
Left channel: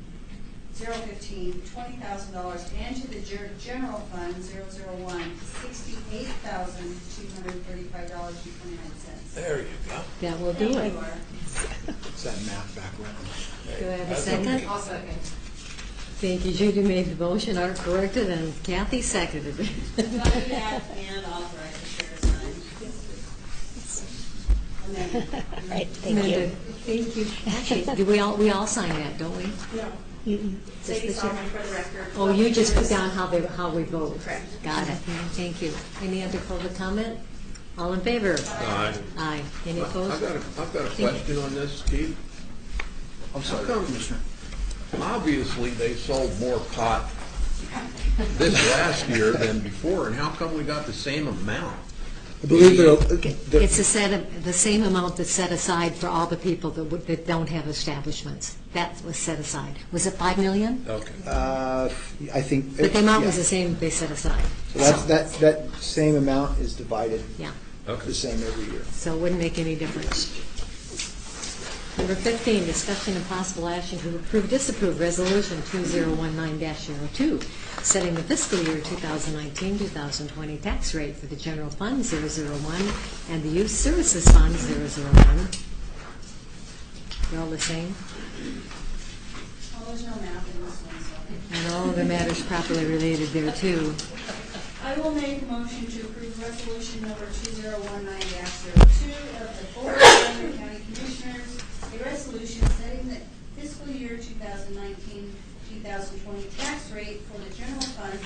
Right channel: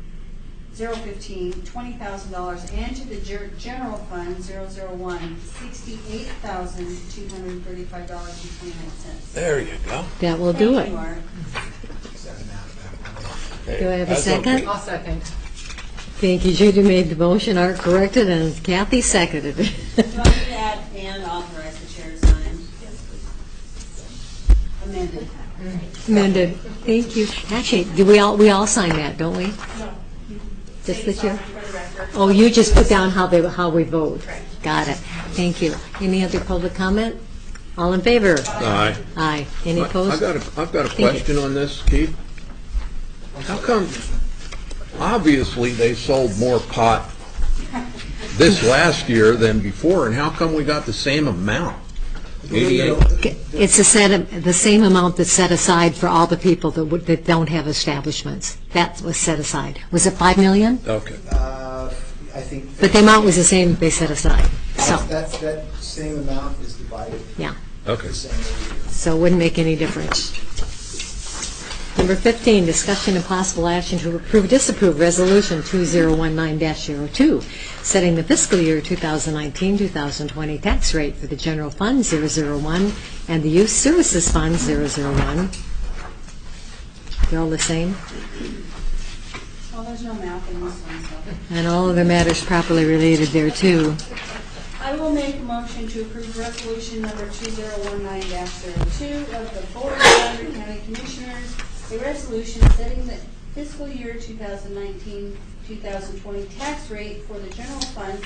$20,000, and to the General Fund 001, $68,235.29. There you go. That will do Thank it. you, Art. Is that math backwards? Do I have a second? I'll second. Thank you. Judy made the motion, Art corrected, and Kathy seconded it. Do I need to add and authorize the chair to sign? Amended. Amended. Thank you. Actually, do we all sign that, don't we? No. Just the chair? For the record. Oh, you just put down how we vote. Correct. Got it. Thank you. Any other public comment? All in favor? Aye. Aye. Any opposed? I've got a Thank you. question on this, Keith. How come, obviously, they sold more pot this last year than before, and how come we got the same amount? It's the same amount that's set aside for all the people that don't have establishments. That was set aside. Was it 5 million? Okay. I think. But the amount was the same they set aside. So, That same amount is divided yeah. Okay. the same every year. So it wouldn't make any difference. Number 15, discussion and possible action to approve or disapprove Resolution 2019-02, setting the fiscal year 2019-2020 tax rate for the General Fund 001 and the Youth Services Fund 001. They're all the same? Well, there's no math in this one, so. And all other matters properly related there, too. I will make a motion to approve resolution number 2019-02 of the Board of Lander County Commissioners, a resolution setting the fiscal year 2019-2020 tax rate for the General Fund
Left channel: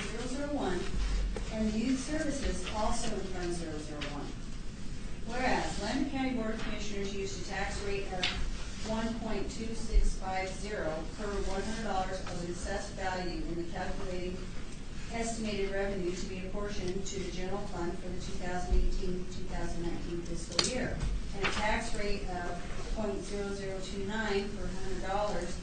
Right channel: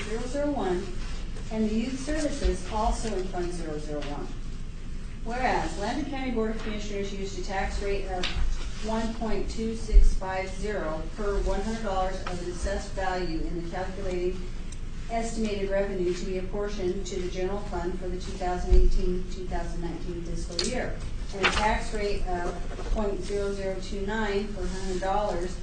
001 and the Youth Services also in Fund 001. Whereas Lander County Board of Commissioners used a tax rate of 1.2650 per $100 of an assessed value in the calculating estimated revenue to be apportioned to the general fund for the 2018-2019 fiscal year, and a tax rate of 0.0029 per $100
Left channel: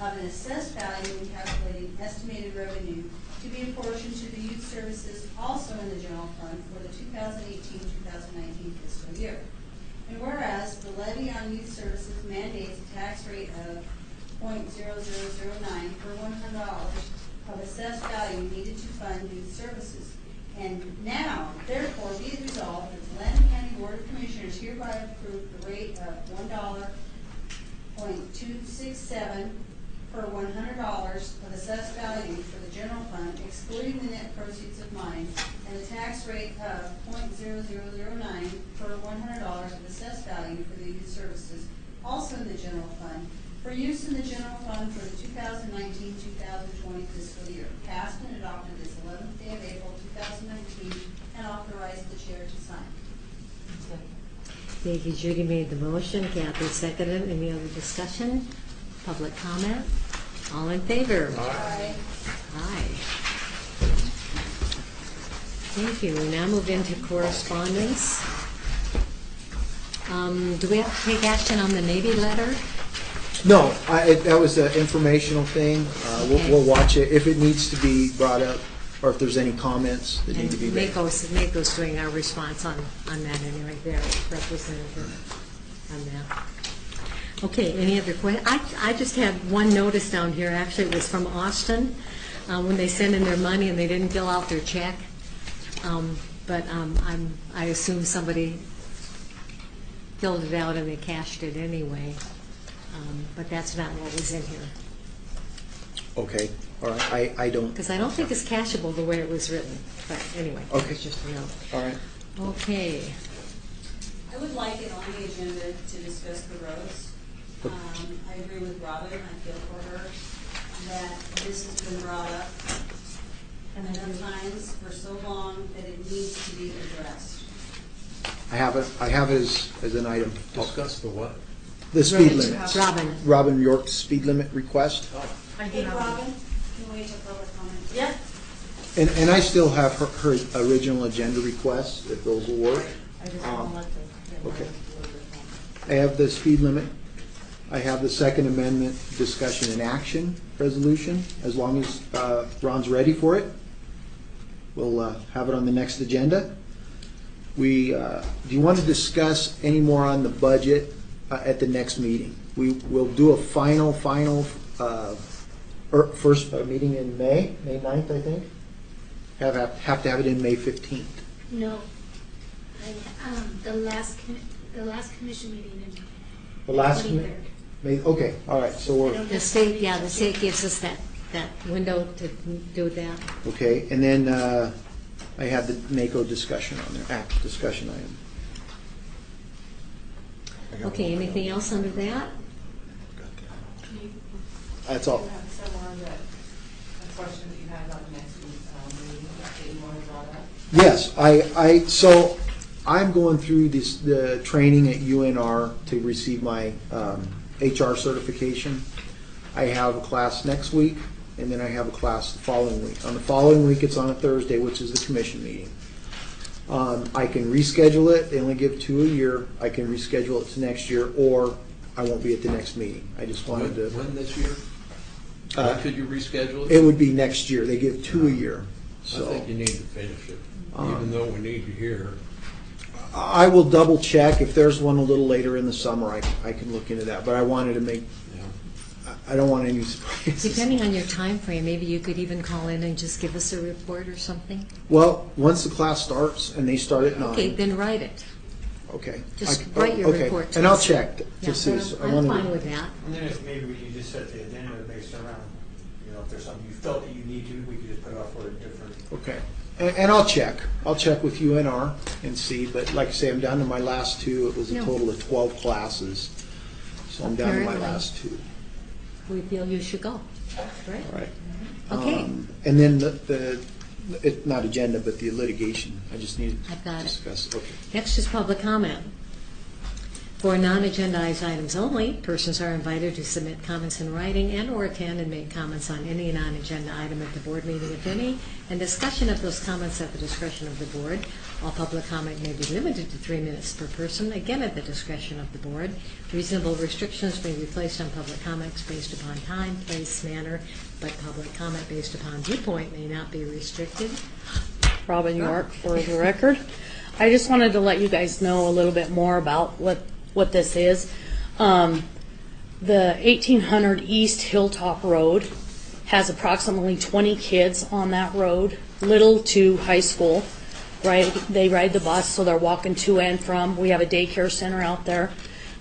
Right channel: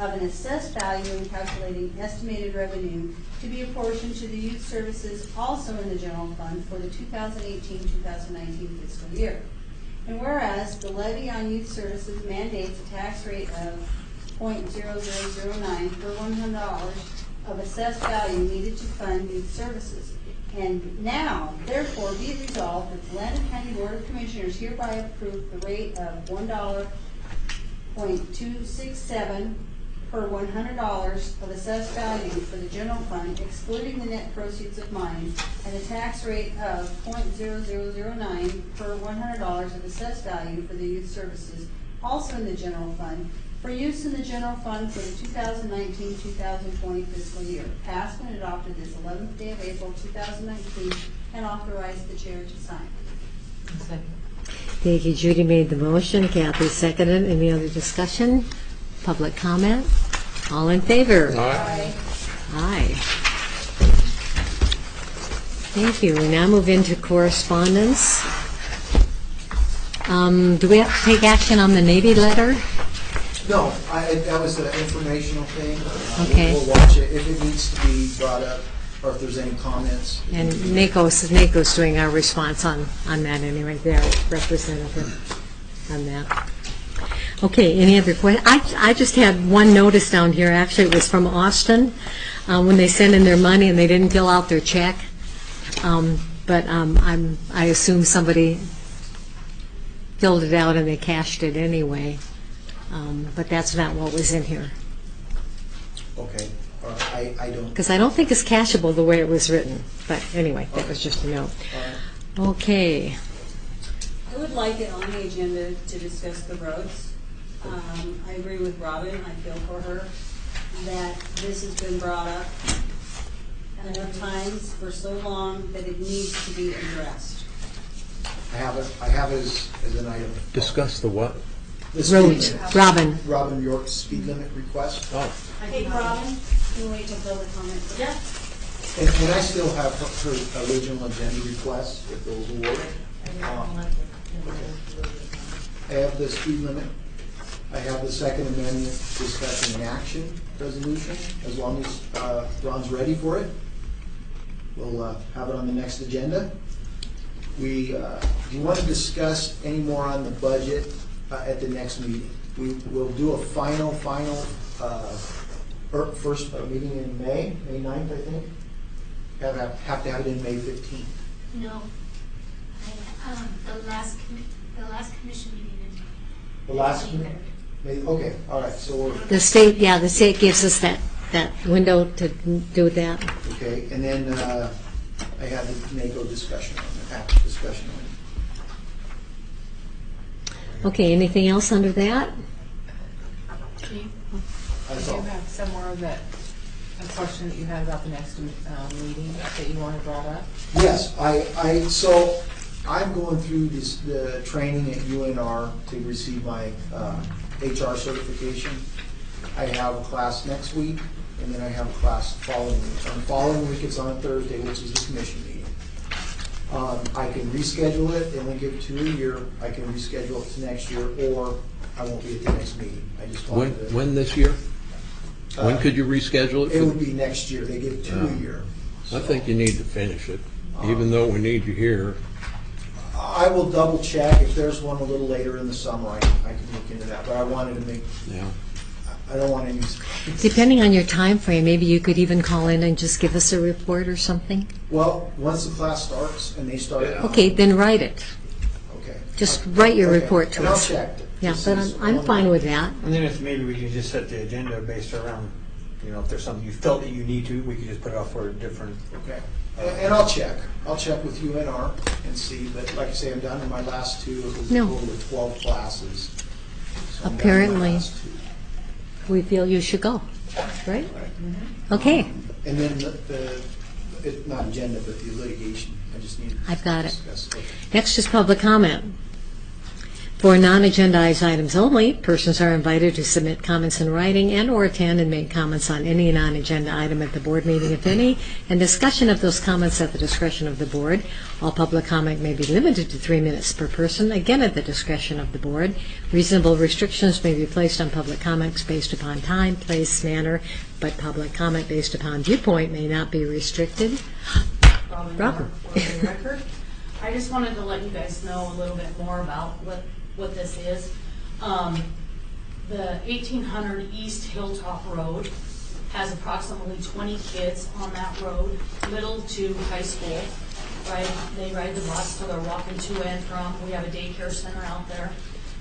of an assessed value in calculating estimated revenue to be apportioned to the youth services also in the general fund for the 2018-2019 fiscal year. And whereas the levy on youth services mandates a tax rate of 0.0009 per $100 of assessed value needed to fund youth services. And now, therefore, be it resolved that the Lander County Board of Commissioners hereby approve the rate of $1.267 per $100 of assessed value for the general fund, excluding the net proceeds of mine, and a tax rate of 0.0009 per $100 of assessed value for the youth services, also in the general fund, for use in the general fund for the 2019-2020 fiscal year, passed and adopted this 11th day of April 2019, and authorized the chair to sign. Thank you. Judy made the motion. Kathy seconded. Any other discussion? Public comment? All in favor? Aye. Aye. Thank you. We now move into correspondence. Do we have to take action on the Navy letter? No, that was an informational thing. Okay. We'll watch it. If it needs to be brought up, or if there's any comments. that And need to be made. NACO's doing our response on that anyway. They're representative on that. Okay, any other questions? I just had one notice down here. Actually, it was from Austin when they sent in their money and they didn't fill out their check. But I assume somebody filled it out and they cashed it anyway. But that's not what was in here. Okay, all right, I don't. Because I don't think it's cashable the way it was written. But anyway, that was just a note. All right. Okay. I would like it on the agenda to discuss the roads. I agree with Robin, I feel for her, that this has been brought up enough times for so long that it needs to be addressed. I have it as an item. Discuss the what? The speed limit. Robin York's speed limit request. Oh. Hey, Robin, you wait till public comment. Yeah. And I still have her original agenda requests, if those will work. Okay. I have the speed limit. I have the Second Amendment discussion and action resolution, as long as Ron's ready for it. We'll have it on the next agenda. Do you want to discuss any more on the budget at the next meeting? We'll do a final first meeting in May 9th, I think. Have to have it in May 15th. No. The last commission meeting in The last meeting? Okay, all right, so we're, The state gives us that window to do that. okay, and then I have the NACO discussion on there, discussion item. Okay, anything else under that? That's all. Do you have somewhere a question that you had about the next meeting that you wanted brought up? Yes, so I'm going through the training at UNR to receive my HR certification. I have a class next week, and then I have a class the following week. On the following week, it's on a Thursday, which is the commission meeting. I can reschedule it, they only give 2 a year. I can reschedule it to next year, or I won't be at the next meeting. I just wanted to. When this year? When could you reschedule it? It would be next year. They give 2 a year. I think you need to finish it, even though we need you here. I will double check. If there's one a little later in the summer, I can look into that. But I wanted to make, I don't want any surprises. Depending on your time frame, maybe you could even call in and just give us a report or something. Well, once the class starts and they start at 9. Okay, then write it. Okay. Just write your report to and I'll us. check. Yeah, but I'm fine with that. And then if maybe we can just set the agenda based around, if there's something you felt that you need to, we could just put it off for a different. Okay. And I'll check. I'll check with UNR and see. But like I say, I'm down to my last 2. It was a total of 12 classes. So I'm down to my Apparently, last 2. we feel you should go, right? Okay. And then it's not agenda, but the litigation. I just need to I've got it. discuss. Okay. Next is public comment. For non-agendized items only, persons are invited to submit comments in writing and/or attend and make comments on any non-agenda item at the board meeting, if any, and discussion of those comments at the discretion of the board. All public comment may be limited to 3 minutes per person, again at the discretion of the board. Reasonable restrictions may be placed on public comments based upon time, place, manner, but public comment based upon viewpoint may not be restricted. Robin York, for the record. I just wanted to let you guys know a little bit more about what this is. The 1800 East Hilltop Road has approximately 20 kids on that road, little to high school. Right, they ride the bus, so they're walking to and from. We have a daycare center out there.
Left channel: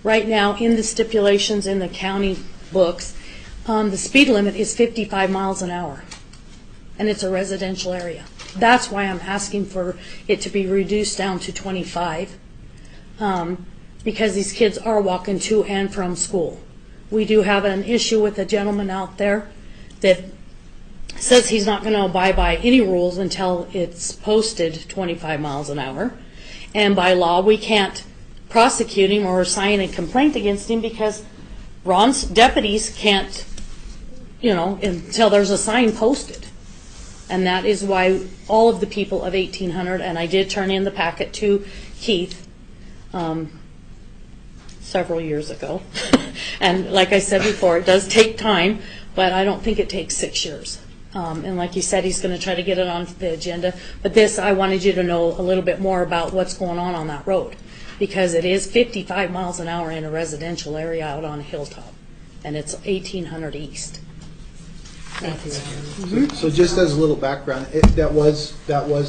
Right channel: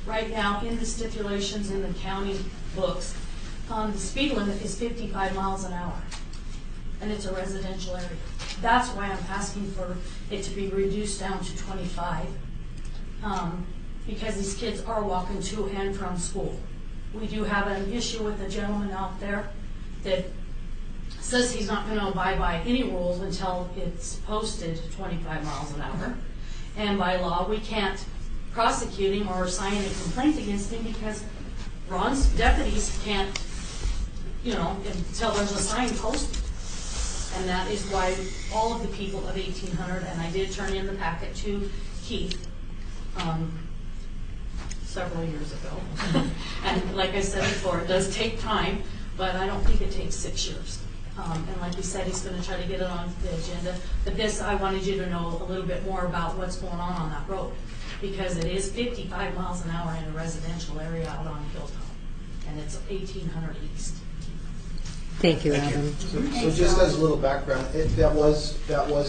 Right now, in the stipulations in the county books, the speed limit is 55 miles an hour, and it's a residential area. That's why I'm asking for it to be reduced down to 25, because these kids are walking to and from school. We do have an issue with a gentleman out there that says he's not going to abide by any rules until it's posted 25 miles an hour. And by law, we can't prosecute him or sign a complaint against him because Ron's deputies can't, until there's a sign posted. And that is why all of the people of 1800, and I did turn in the packet to Keith several years ago. And like I said before, it does take time, but I don't think it takes 6 years. And like you said, he's going to try to get it on the agenda. But this, I wanted you to know a little bit more about what's going on that road, because it is 55 miles an hour in a residential area out on a hilltop, and it's 1800 East. Thank you, Robin. So just as a little background, that was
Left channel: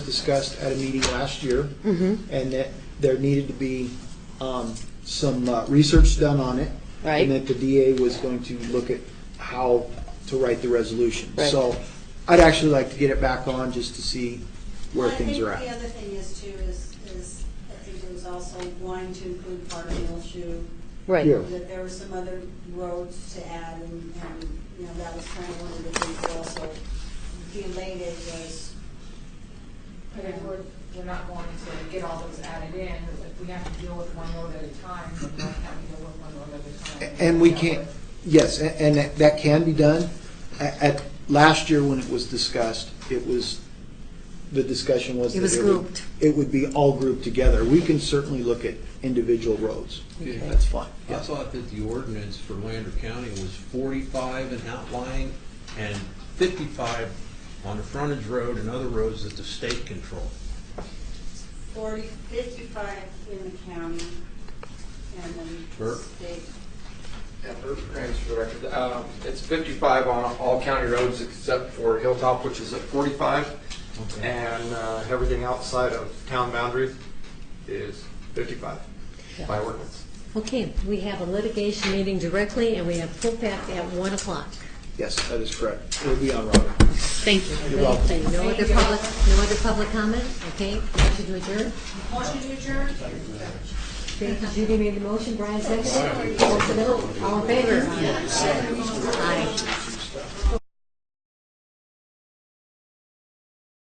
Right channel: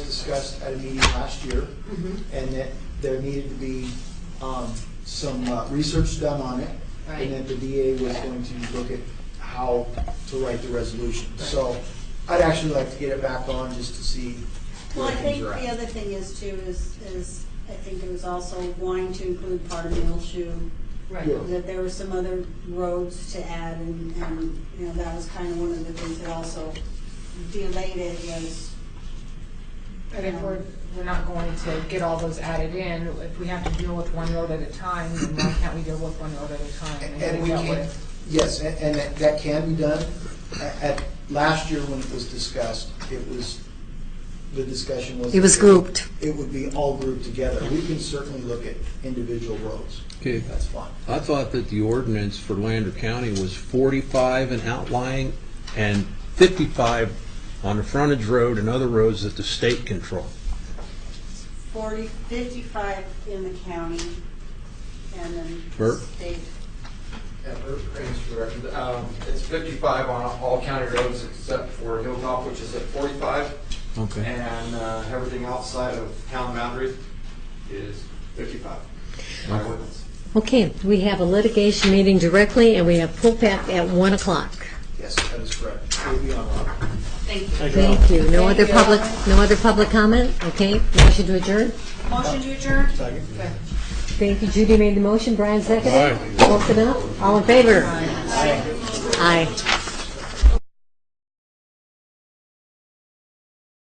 discussed at a meeting last year, and that there needed to be some research done on it, and that the DA was going to look at how to write the resolution. So I'd actually like to get it back on just to see where things are I think at. the other thing is too, is I think it was also wanting to include part of Millshoe. Right. Yeah. That there were some other roads to add, and that was kind of one of the things that also delayed it was. But if we're not going to get all those added in, if we have to deal with one road at a time, then why can't we deal with one road at a time? And we can't, yes, and that can be done. At last year when it was discussed, the discussion was. It was grouped. It would be all grouped together. We can certainly look at individual roads. Okay. That's fine. I thought that the ordinance for Lander County was 45 in outlying and 55 on the frontage road and other roads that the state control. 55 in the county, and then Bert? state. Yeah, Bert Raines for the record. It's 55 on all county roads except for Hilltop, which is at 45. Okay. And everything outside of town boundaries is 55 by ordinance. Okay, we have a litigation meeting directly, and we have pullback at 1 o'clock. Yes, that is correct. It will be on Robin. Thank you. Thank you. No other public comment? Okay, motion to adjourn? Motion to adjourn? Thank you. Judy made the motion, Brian seconded. Vote it up. All in favor? Aye.